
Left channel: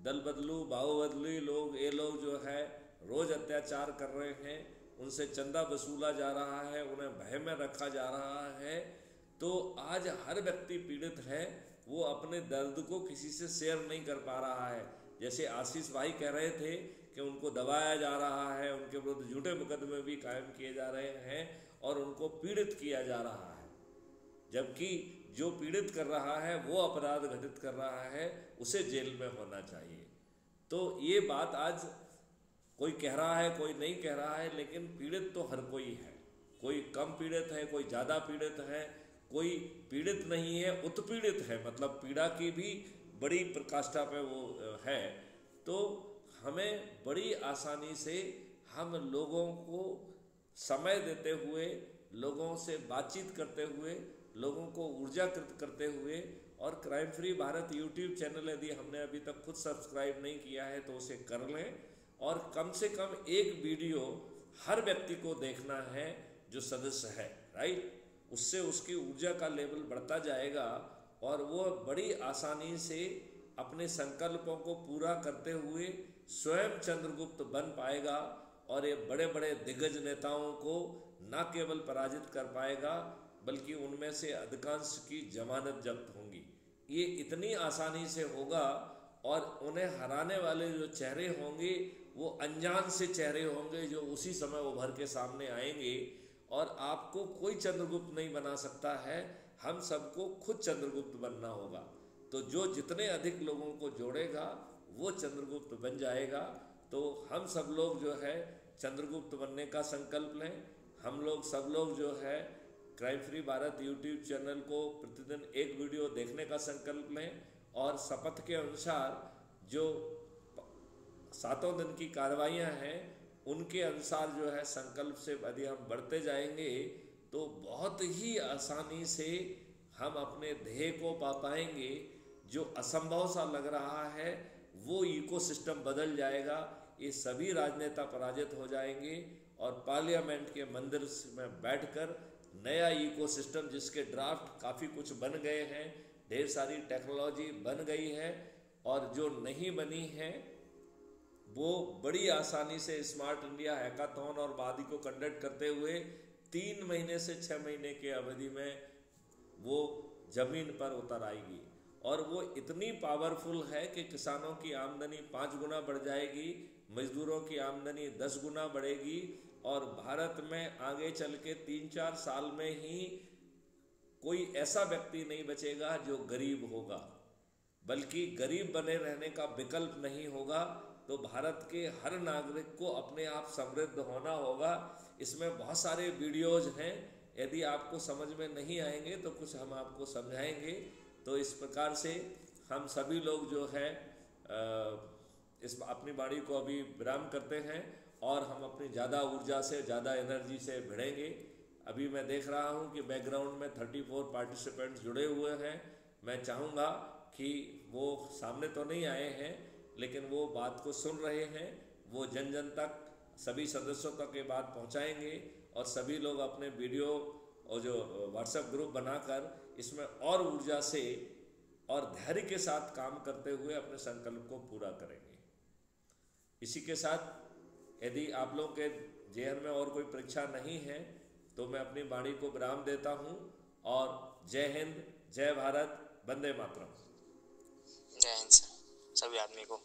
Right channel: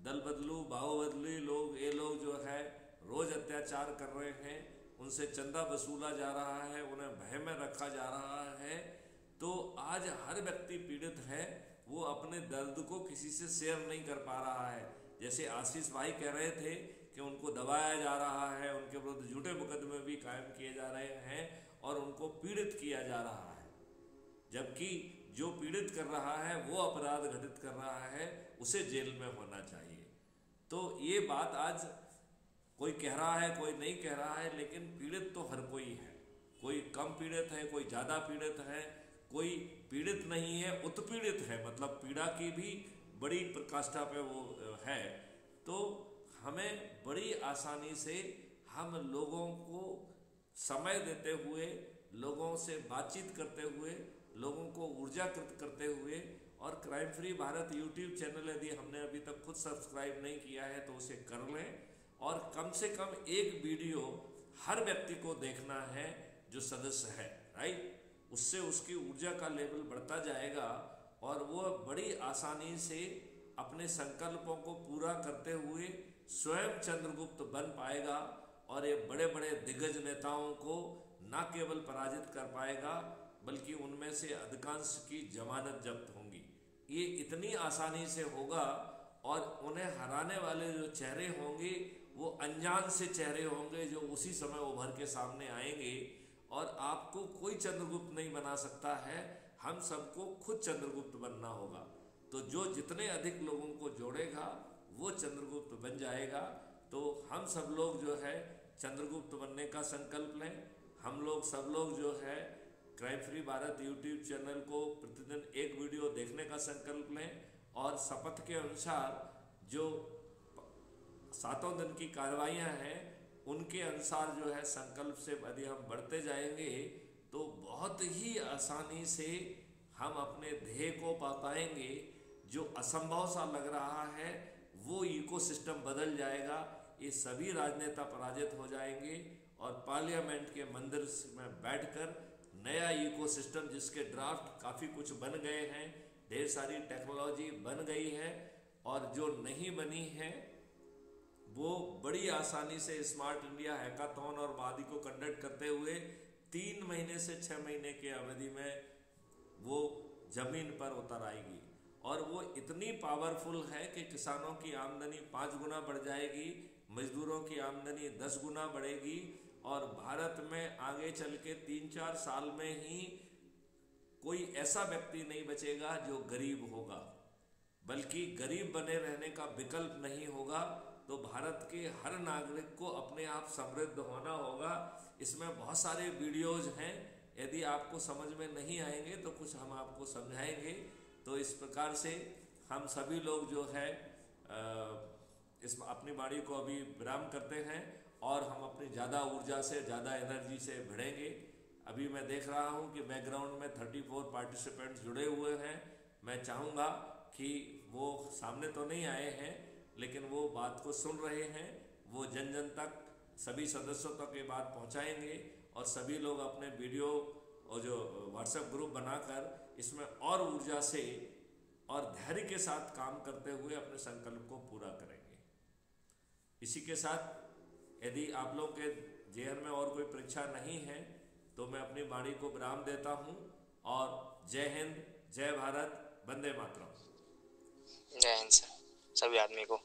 दल बदलू बाहु बदलू लोग, ये लोग जो है रोज अत्याचार कर रहे हैं। उनसे चंदा वसूला जा रहा है, उन्हें भय में रखा जा रहा है। तो आज हर व्यक्ति पीड़ित है, वो अपने दर्द को किसी से शेयर नहीं कर पा रहा है। जैसे आशीष भाई कह रहे थे कि उनको दबाया जा रहा है, उनके विरुद्ध झूठे मुकदमे भी कायम किए जा रहे हैं और उनको पीड़ित किया जा रहा है, जबकि जो पीड़ित कर रहा है वो अपराध घटित कर रहा है, उसे जेल में होना चाहिए। तो ये बात आज कोई कह रहा है, कोई नहीं कह रहा है, लेकिन पीड़ित तो हर कोई है। कोई कम पीड़ित है, कोई ज़्यादा पीड़ित है, कोई पीड़ित नहीं है, उत्पीड़ित है, मतलब पीड़ा की भी बड़ी प्रकाष्ठा पे वो है। तो हमें बड़ी आसानी से हम लोगों को समय देते हुए, लोगों से बातचीत करते हुए, लोगों को ऊर्जाकृत करते हुए, और crime free Bharat YouTube channel यदि हमने अभी तक खुद सब्सक्राइब नहीं किया है तो उसे कर लें, और कम से कम एक वीडियो हर व्यक्ति को देखना है जो सदस्य है, राइट। उससे उसकी ऊर्जा का लेवल बढ़ता जाएगा और वो बड़ी आसानी से अपने संकल्पों को पूरा करते हुए स्वयं चंद्रगुप्त बन पाएगा और ये बड़े बड़े दिग्गज नेताओं को न केवल पराजित कर पाएगा बल्कि उनमें से अधिकांश की जमानत जब्त होंगी। ये इतनी आसानी से होगा और उन्हें हराने वाले जो चेहरे होंगे वो अनजान से चेहरे होंगे जो उसी समय उभर के सामने आएंगे, और आपको कोई चंद्रगुप्त नहीं बना सकता है, हम सबको खुद चंद्रगुप्त बनना होगा। तो जो जितने अधिक लोगों को जोड़ेगा वो चंद्रगुप्त बन जाएगा। तो हम सब लोग जो है चंद्रगुप्त बनने का संकल्प लें। हम लोग सब लोग जो है crime free Bharat YouTube channel को प्रतिदिन एक वीडियो देखने का संकल्प लें, और शपथ के अनुसार जो 7 दिन की कार्रवाइयाँ हैं उनके अनुसार जो है संकल्प से यदि हम बढ़ते जाएंगे तो बहुत ही आसानी से हम अपने ध्येय को पा पाएंगे। जो असंभव सा लग रहा है वो इकोसिस्टम बदल जाएगा, ये सभी राजनेता पराजित हो जाएंगे और पार्लियामेंट के मंदिर में बैठकर नया इकोसिस्टम, जिसके ड्राफ्ट काफ़ी कुछ बन गए हैं, ढेर सारी टेक्नोलॉजी बन गई है, और जो नहीं बनी है वो बड़ी आसानी से स्मार्ट इंडिया हैकाथॉन और वादी को कंडक्ट करते हुए 3 महीने से 6 महीने के अवधि में वो जमीन पर उतर आएगी। और वो इतनी पावरफुल है कि किसानों की आमदनी 5 गुना बढ़ जाएगी, मजदूरों की आमदनी 10 गुना बढ़ेगी, और भारत में आगे चल के 3-4 साल में ही कोई ऐसा व्यक्ति नहीं बचेगा जो गरीब होगा, बल्कि गरीब बने रहने का विकल्प नहीं होगा। तो भारत के हर नागरिक को अपने आप समृद्ध होना होगा। इसमें बहुत सारे वीडियोज हैं, यदि आपको समझ में नहीं आएंगे तो कुछ हम आपको समझाएंगे। तो इस प्रकार से हम सभी लोग जो है इस अपनी वाणी को अभी विराम करते हैं और हम अपनी ज़्यादा ऊर्जा से, ज़्यादा एनर्जी से भिड़ेंगे। अभी मैं देख रहा हूं कि बैकग्राउंड में 34 पार्टिसिपेंट्स जुड़े हुए हैं। मैं चाहूँगा कि वो सामने तो नहीं आए हैं लेकिन वो बात को सुन रहे हैं, वो जन जन तक, सभी सदस्यों तक ये बात पहुंचाएंगे, और सभी लोग अपने वीडियो और जो व्हाट्सएप ग्रुप बनाकर इसमें और ऊर्जा से और धैर्य के साथ काम करते हुए अपने संकल्प को पूरा करेंगे। इसी के साथ यदि आप लोग के जेहन में और कोई परीक्षा नहीं है तो मैं अपनी वाणी को विराम देता हूं, और जय हिंद, जय भारत, वंदे मातरम। जय हिंद सर, सभी आदमी को।